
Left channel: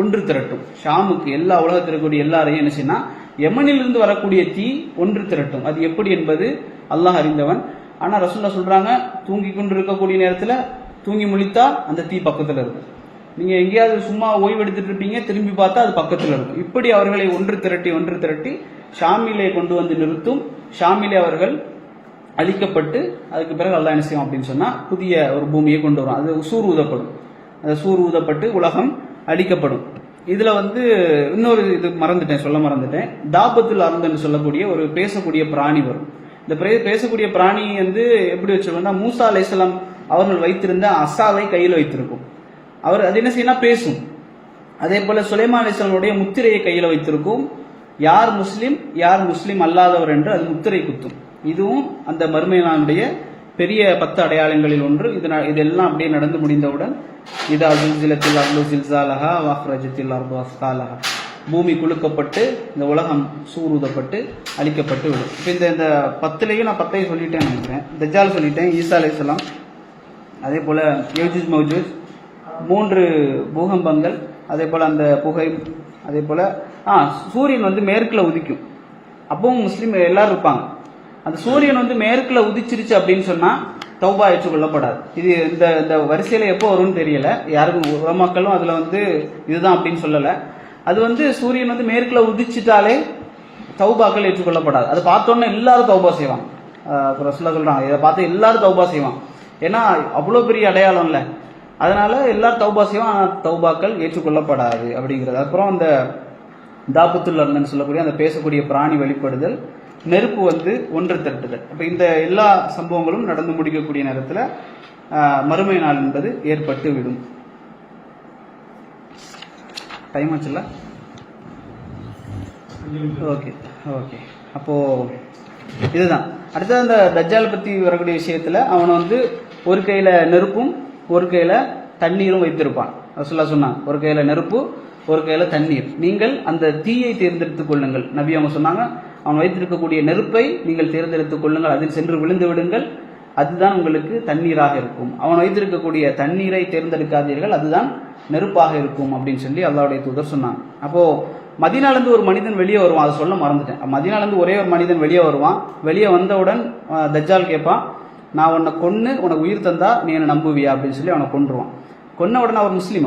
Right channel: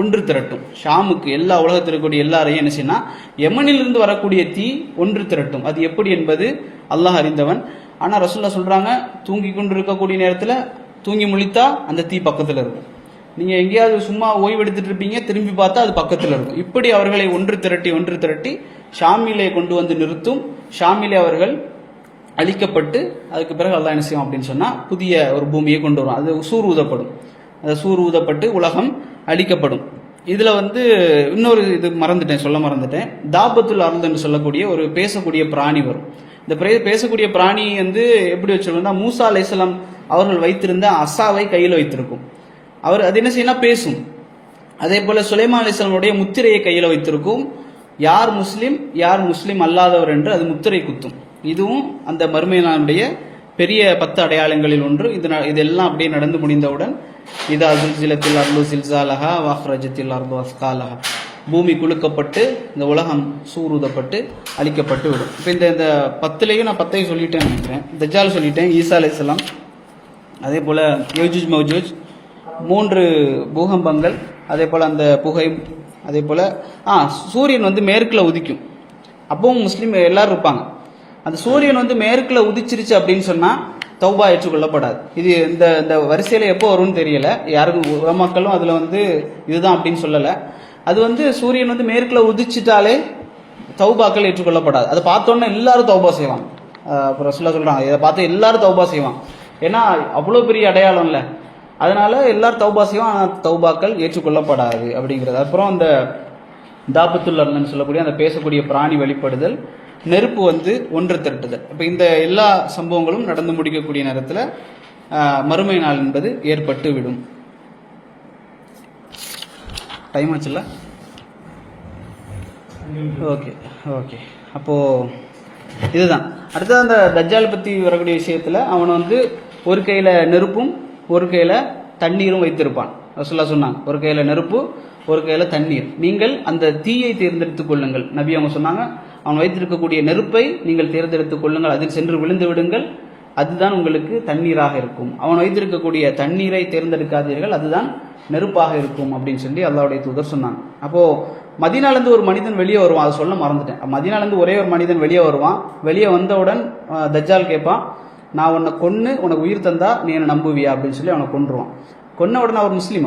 ஒன்று திரட்டும். ஷாமுக்கு எல்லா உலகத்தில் இருக்கக்கூடிய எல்லாரையும் என்ன செய்யணும், யமனில் இருந்து வரக்கூடிய தீ ஒன்று திரட்டும். அது எப்படி என்பது அல்லாஹ் அறிந்தவன். ஆனா ரசூலுல்லாஹ் சொல்றாங்க, தூங்கி கொண்டு இருக்கக்கூடிய நேரத்துல தூங்கி முழித்தா அந்த தீ பக்கத்துல இருக்கும். நீங்க எங்கேயாவது சும்மா ஓய்வெடுத்துட்டு இருப்பீங்க, திரும்பி பார்த்தா அது பக்கத்துல இருக்கும். இப்படி அவர்களை ஒன்று திரட்டி ஷாமிலே கொண்டு வந்து நிறுத்தும். ஷாமிலே அவர்கள் அழிக்கப்பட்டு அதுக்கு பிறகு அல்லாஹ் என்ன செய்யும் அப்படின்னு சொன்னா, புதிய ஒரு பூமியை கொண்டு வரும். அது சூர் ஊதப்படும். அது சூர் ஊதப்பட்டு உலகம் அழிக்கப்படும். இதுல வந்து இன்னொரு இது சொல்ல மறந்துட்டேன். தாபத்துல் அர்த் என்று சொல்லக்கூடிய ஒரு பேசக்கூடிய பிராணி வரும். இந்த பேசக்கூடிய பிராணி வந்து எப்படி வச்சிருக்கோம்னா, மூசா அலைஹிஸ்ஸலாம் அவர்கள் வைத்திருந்த அசாவை கையில் வைத்திருக்கும். அவர் அது என்ன செய்யணும், பேசும். அதே போல சுலைமான் அலைஹிஸ்ஸலாமுடைய முத்திரையை கையில் வைத்திருக்கும். யார் முஸ்லிம் யார் முஸ்லிம் அல்லாதவர் என்று அது முத்திரை குத்தும். இதுவும் அந்த மறுமை நாளுடைய பெரிய 10 அடையாளங்களில் ஒன்று. இதெல்லாம் அப்படியே நடந்து முடிந்தவுடன் இதா ஜுல்சிலத்தில் அர்து ஜில்சாலஹா வஅக்ரஜத்தில் அர்து அஸ்காலஹா, பூமி குலுக்கப்பட்டு இந்த உலகம் சூருதப்பட்டு அழிக்கப்பட்டு விடும். இப்போ இந்த 10லையும் நான் 10ஐயும் சொல்லிட்டேன்னு நினைக்கிறேன். தஜ்ஜால் சொல்லிட்டேன், ஈசா அலைஹிஸ்ஸலாம், அதே போல் யஜூஜ் மௌஜூஜ், 3 பூகம்பங்கள், அதே போல் அந்த புகை, அதே போல் சூரியன் வந்து மேற்கில் உதிக்கும். அப்பவும் முஸ்லீம் எல்லாரும் இருப்பாங்க. அந்த சூரியன் வந்து மேற்கில் உதிச்சிருச்சு அப்படின்னு சொன்னால் தௌபா ஏற்றுக்கொள்ளப்படாது. இது இந்த வரிசையில் எப்போ வரும்னு தெரியல, யாருக்கும் உலமாக்களும் அதில் வந்து இதுதான் அப்படின்னு சொல்லலை. அது வந்து சூரியன் வந்து மேற்கில் உதிச்சிட்டாலே தௌபாக்கள் ஏற்றுக்கொள்ளப்படாது. அதை பார்த்தோன்னே எல்லாரும் தௌபா செய்வாங்க. அப்புறம் சொல்கிறாங்க, இதை பார்த்து எல்லாரும் தௌபா செய்வாங்க. ஏன்னா அவ்வளோ பெரிய அடையாளம் இல்லை, அதனால எல்லாரும் தௌபா செய்வாங்க. ஆனால் தௌபாக்கள் ஏற்றுக்கொள்ளப்படாது அப்படிங்கிறது. அப்புறம் அந்த தாபத்துல் அர்ணன் சொல்லக்கூடிய அந்த பேசக்கூடிய பிராணி வெளிப்படுதல், நெருப்பு வந்து ஒன்று திரட்டுதல். இப்போ இந்த எல்லா சம்பவங்களும் நடந்து முடிக்கக்கூடிய நேரத்தில் மறுமை நாள் என்பது ஏற்பட்டு விடும். டைம் ஆச்சுல்ல? Okay okay. அப்போது இதுதான் அடுத்தது. அந்த தஜ்ஜால் பற்றி வரக்கூடிய விஷயத்தில் அவனை வந்து ஒரு கையில் நெருப்பும் ஒரு கையில் தண்ணீரும் வைத்திருப்பான். ரசூலுல்லாஹ் சொன்னாங்க, ஒரு கையில் நெருப்பு ஒரு கையில் தண்ணீர், நீங்கள் அந்த தீயை தேர்ந்தெடுத்துக் கொள்ளுங்கள். நபி அவங்க சொன்னாங்க, அவன் வைத்திருக்கக்கூடிய நெருப்பை நீங்கள் தேர்ந்தெடுத்துக் கொள்ளுங்கள், அதில் சென்று விழுந்து விடுங்கள், அதுதான் உங்களுக்கு தண்ணீராக இருக்கும். அவன் வைத்திருக்கக்கூடிய தண்ணீரை தேர்ந்தெடுக்காதீர்கள், அதுதான் நெருப்பாக இருக்கும் அப்படின்னு சொல்லி அல்லாஹ்வுடைய தூதர் சொன்னாங்க. அப்போது மதீனாலேருந்து ஒரு மனிதன் வெளியே வருவான், அதை சொல்ல மறந்துட்டேன். மதீனாலேருந்து ஒரே ஒரு மனிதன் வெளியே வருவான். வெளியே வந்தவுடன் தஜ்ஜால் கேட்பான், நான் உன்னை கொன்று உனக்கு உயிர் தந்தா நீ என்னை நம்புவியா அப்படின்னு சொல்லி அவனை கொன்றுவான். கொன்ன உடனே அவர் முஸ்லீம்,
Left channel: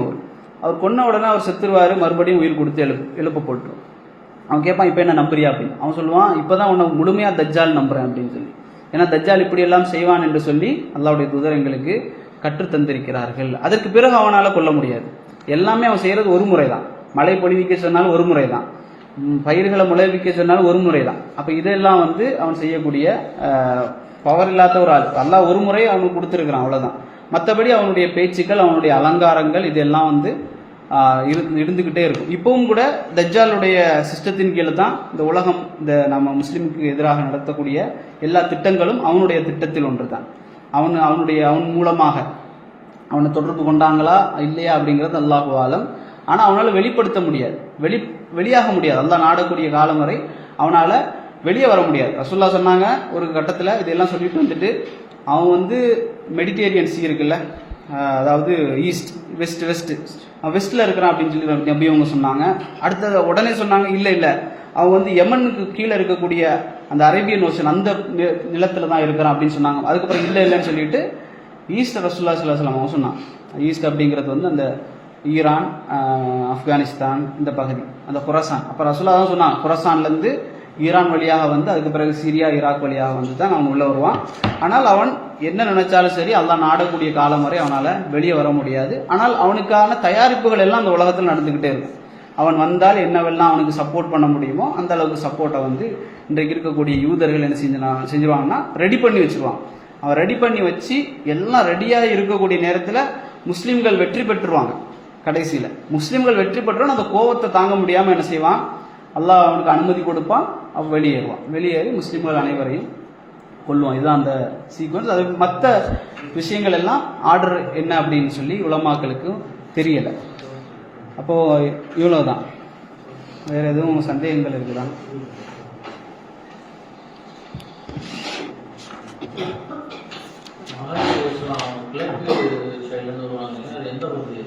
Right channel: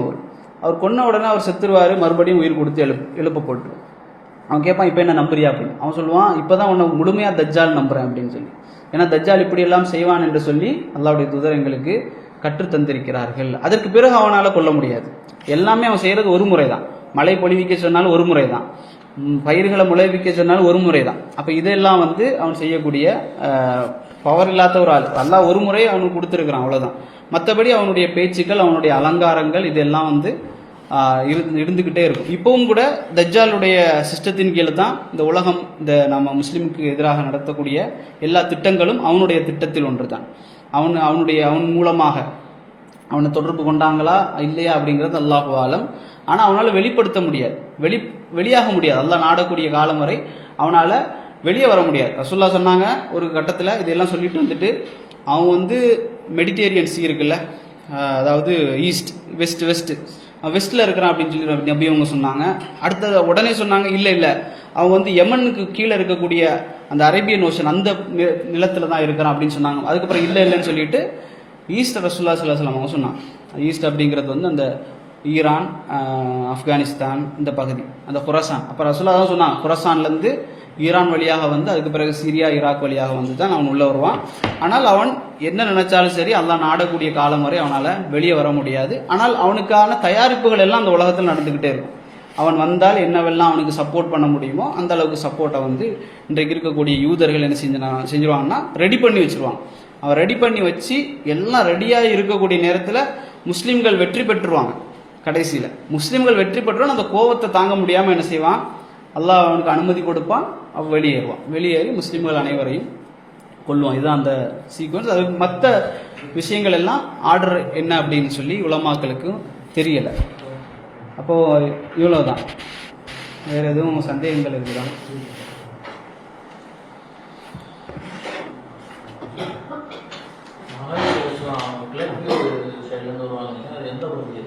அவர் கொன்ன உடனே அவர் செத்துருவார், மறுபடியும் உயிர் கொடுத்து எழுப்ப போட்டுருவான். அவன் கேட்பான், இப்போ என்ன நம்புறியா அப்படின்னு. அவன் சொல்லுவான், இப்போ தான் உன்னை முழுமையாக தஜ்ஜால் நம்புறேன் அப்படின்னு சொல்லி. ஏன்னா தஜ்ஜால் இப்படியெல்லாம் செய்வான் என்று சொல்லி அல்லாஹ்வுடைய தூதர் எங்களுக்கு கற்றுத்தந்திருக்கிறார்கள். அதற்கு பிறகு அவனால் கொல்ல முடியாது. எல்லாமே அவன் செய்கிறது ஒரு முறை தான். மழை பொழிவிக்க சொன்னாலும் ஒரு முறை தான், பயிர்களை முளைவிக்க சொன்னாலும் ஒரு முறை தான். அப்போ இதெல்லாம் வந்து அவன் செய்யக்கூடிய பவர் இல்லாத ஒரு ஆள். அல்லாஹ் ஒரு முறை அவனுக்கு கொடுத்துருக்கிறான், அவ்வளோதான். மற்றபடி அவனுடைய பேச்சுக்கள், அவனுடைய அலங்காரங்கள், இதெல்லாம் வந்து இருந்துக்கிட்டே இருக்கும். இப்பவும் கூட தஜ்ஜாலுடைய சிஸ்டத்தின் கீழே தான் இந்த உலகம், இந்த நம்ம முஸ்லீமுக்கு எதிராக நடத்தக்கூடிய எல்லா திட்டங்களும் அவனுடைய திட்டத்தில் ஒன்று தான். அவன் மூலமாக அவனை தொடர்பு கொண்டாங்களா இல்லையா அப்படிங்கிறது அல்லாஹு ஆலம். ஆனால் அவனால் வெளிப்படுத்த முடியாது, வெளியாக முடியாது. அல்லாஹ் நாடக்கூடிய காலம் வரை அவனால் வெளியே வர முடியாது. ரசூலுல்லாஹ் சொன்னாங்க ஒரு கட்டத்தில், இதெல்லாம் சொல்லிட்டு வந்துட்டு, அவன் வந்து மெடிடேரியன் சி இருக்குல்ல, அதாவது ஈஸ்ட் வெஸ்ட்டில் இருக்கிறான் அப்படின்னு சொல்லி நபி அவங்க சொன்னாங்க. அடுத்தது உடனே சொன்னாங்க, இல்லை அவன் வந்து யமனுக்கு கீழே இருக்கக்கூடிய அந்த அரேபியன் ஓஷன் அந்த நிலத்தில் தான் இருக்கிறான் அப்படின்னு சொன்னாங்க. அதுக்கப்புறம் இல்லைன்னு சொல்லிட்டு ஈஸ்ட் ரசூலுல்லாஹ் ஸல்லல்லாஹு அலைஹி வஸல்லம் சொன்னான். ஈஸ்ட் அப்படிங்கிறது வந்து அந்த ஈரான், ஆப்கானிஸ்தான் இந்த பகுதி, அந்த குராசான். அப்போ ரசூலுல்லாஹ் தான் சொன்னான், குராசான்லேருந்து ஈரான் வழியாக வந்து அதுக்கு பிறகு சிரியா ஈராக் வழியாக வந்து தான் அவன் உள்ளே வருவான். ஆனால் அவன் என்ன நினைச்சாலும் சரி, அல்லாஹ் நாடக்கூடிய காலம் வரை அவனால் வெளியே வர முடியாது. ஆனால் அவனுக்கான தயாரிப்புகள் எல்லாம் அந்த உலகத்தில் நடந்துக்கிட்டே இருக்கும். அவன் வந்தால் என்னவெல்லாம் அவனுக்கு சப்போர்ட் பண்ண முடியுமோ அந்த அளவுக்கு சப்போர்ட்டை வந்து இன்றைக்கு இருக்கக்கூடிய யூதர்கள் என்ன செஞ்சுருவாங்கன்னா ரெடி பண்ணி வச்சுருவான். அவன் ரெடி பண்ணி வச்சு எல்லாம் ரெடியாக இருக்கக்கூடிய நேரத்தில் முஸ்லீம்கள் வெற்றி பெற்றுருவாங்க. கடைசியில் முஸ்லீம்கள் வெற்றி பெற்றுவான். அந்த கோபத்தை தாங்க முடியாமல் என்ன செய்வான், அல்லாஹ் அவனுக்கு அனுமதி கொடுப்பான், அவன் வெளியேறி முஸ்லீம்கள் அனைவரையும் கொள்வான். இதுதான் அந்த சீக்வன்ஸ். அதுக்கு மற்ற விஷயங்கள் எல்லாம் ஆர்டர் என்ன அப்படின்னு சொல்லி உலமாக்களுக்கு தெரியலை. அப்போது இவ்வளோதான். வேறு எதுவும் சந்தேகங்கள் இருக்குதா? கிழக்கு சைட்லேருந்து வருவாங்க, அது எந்த பகுதி?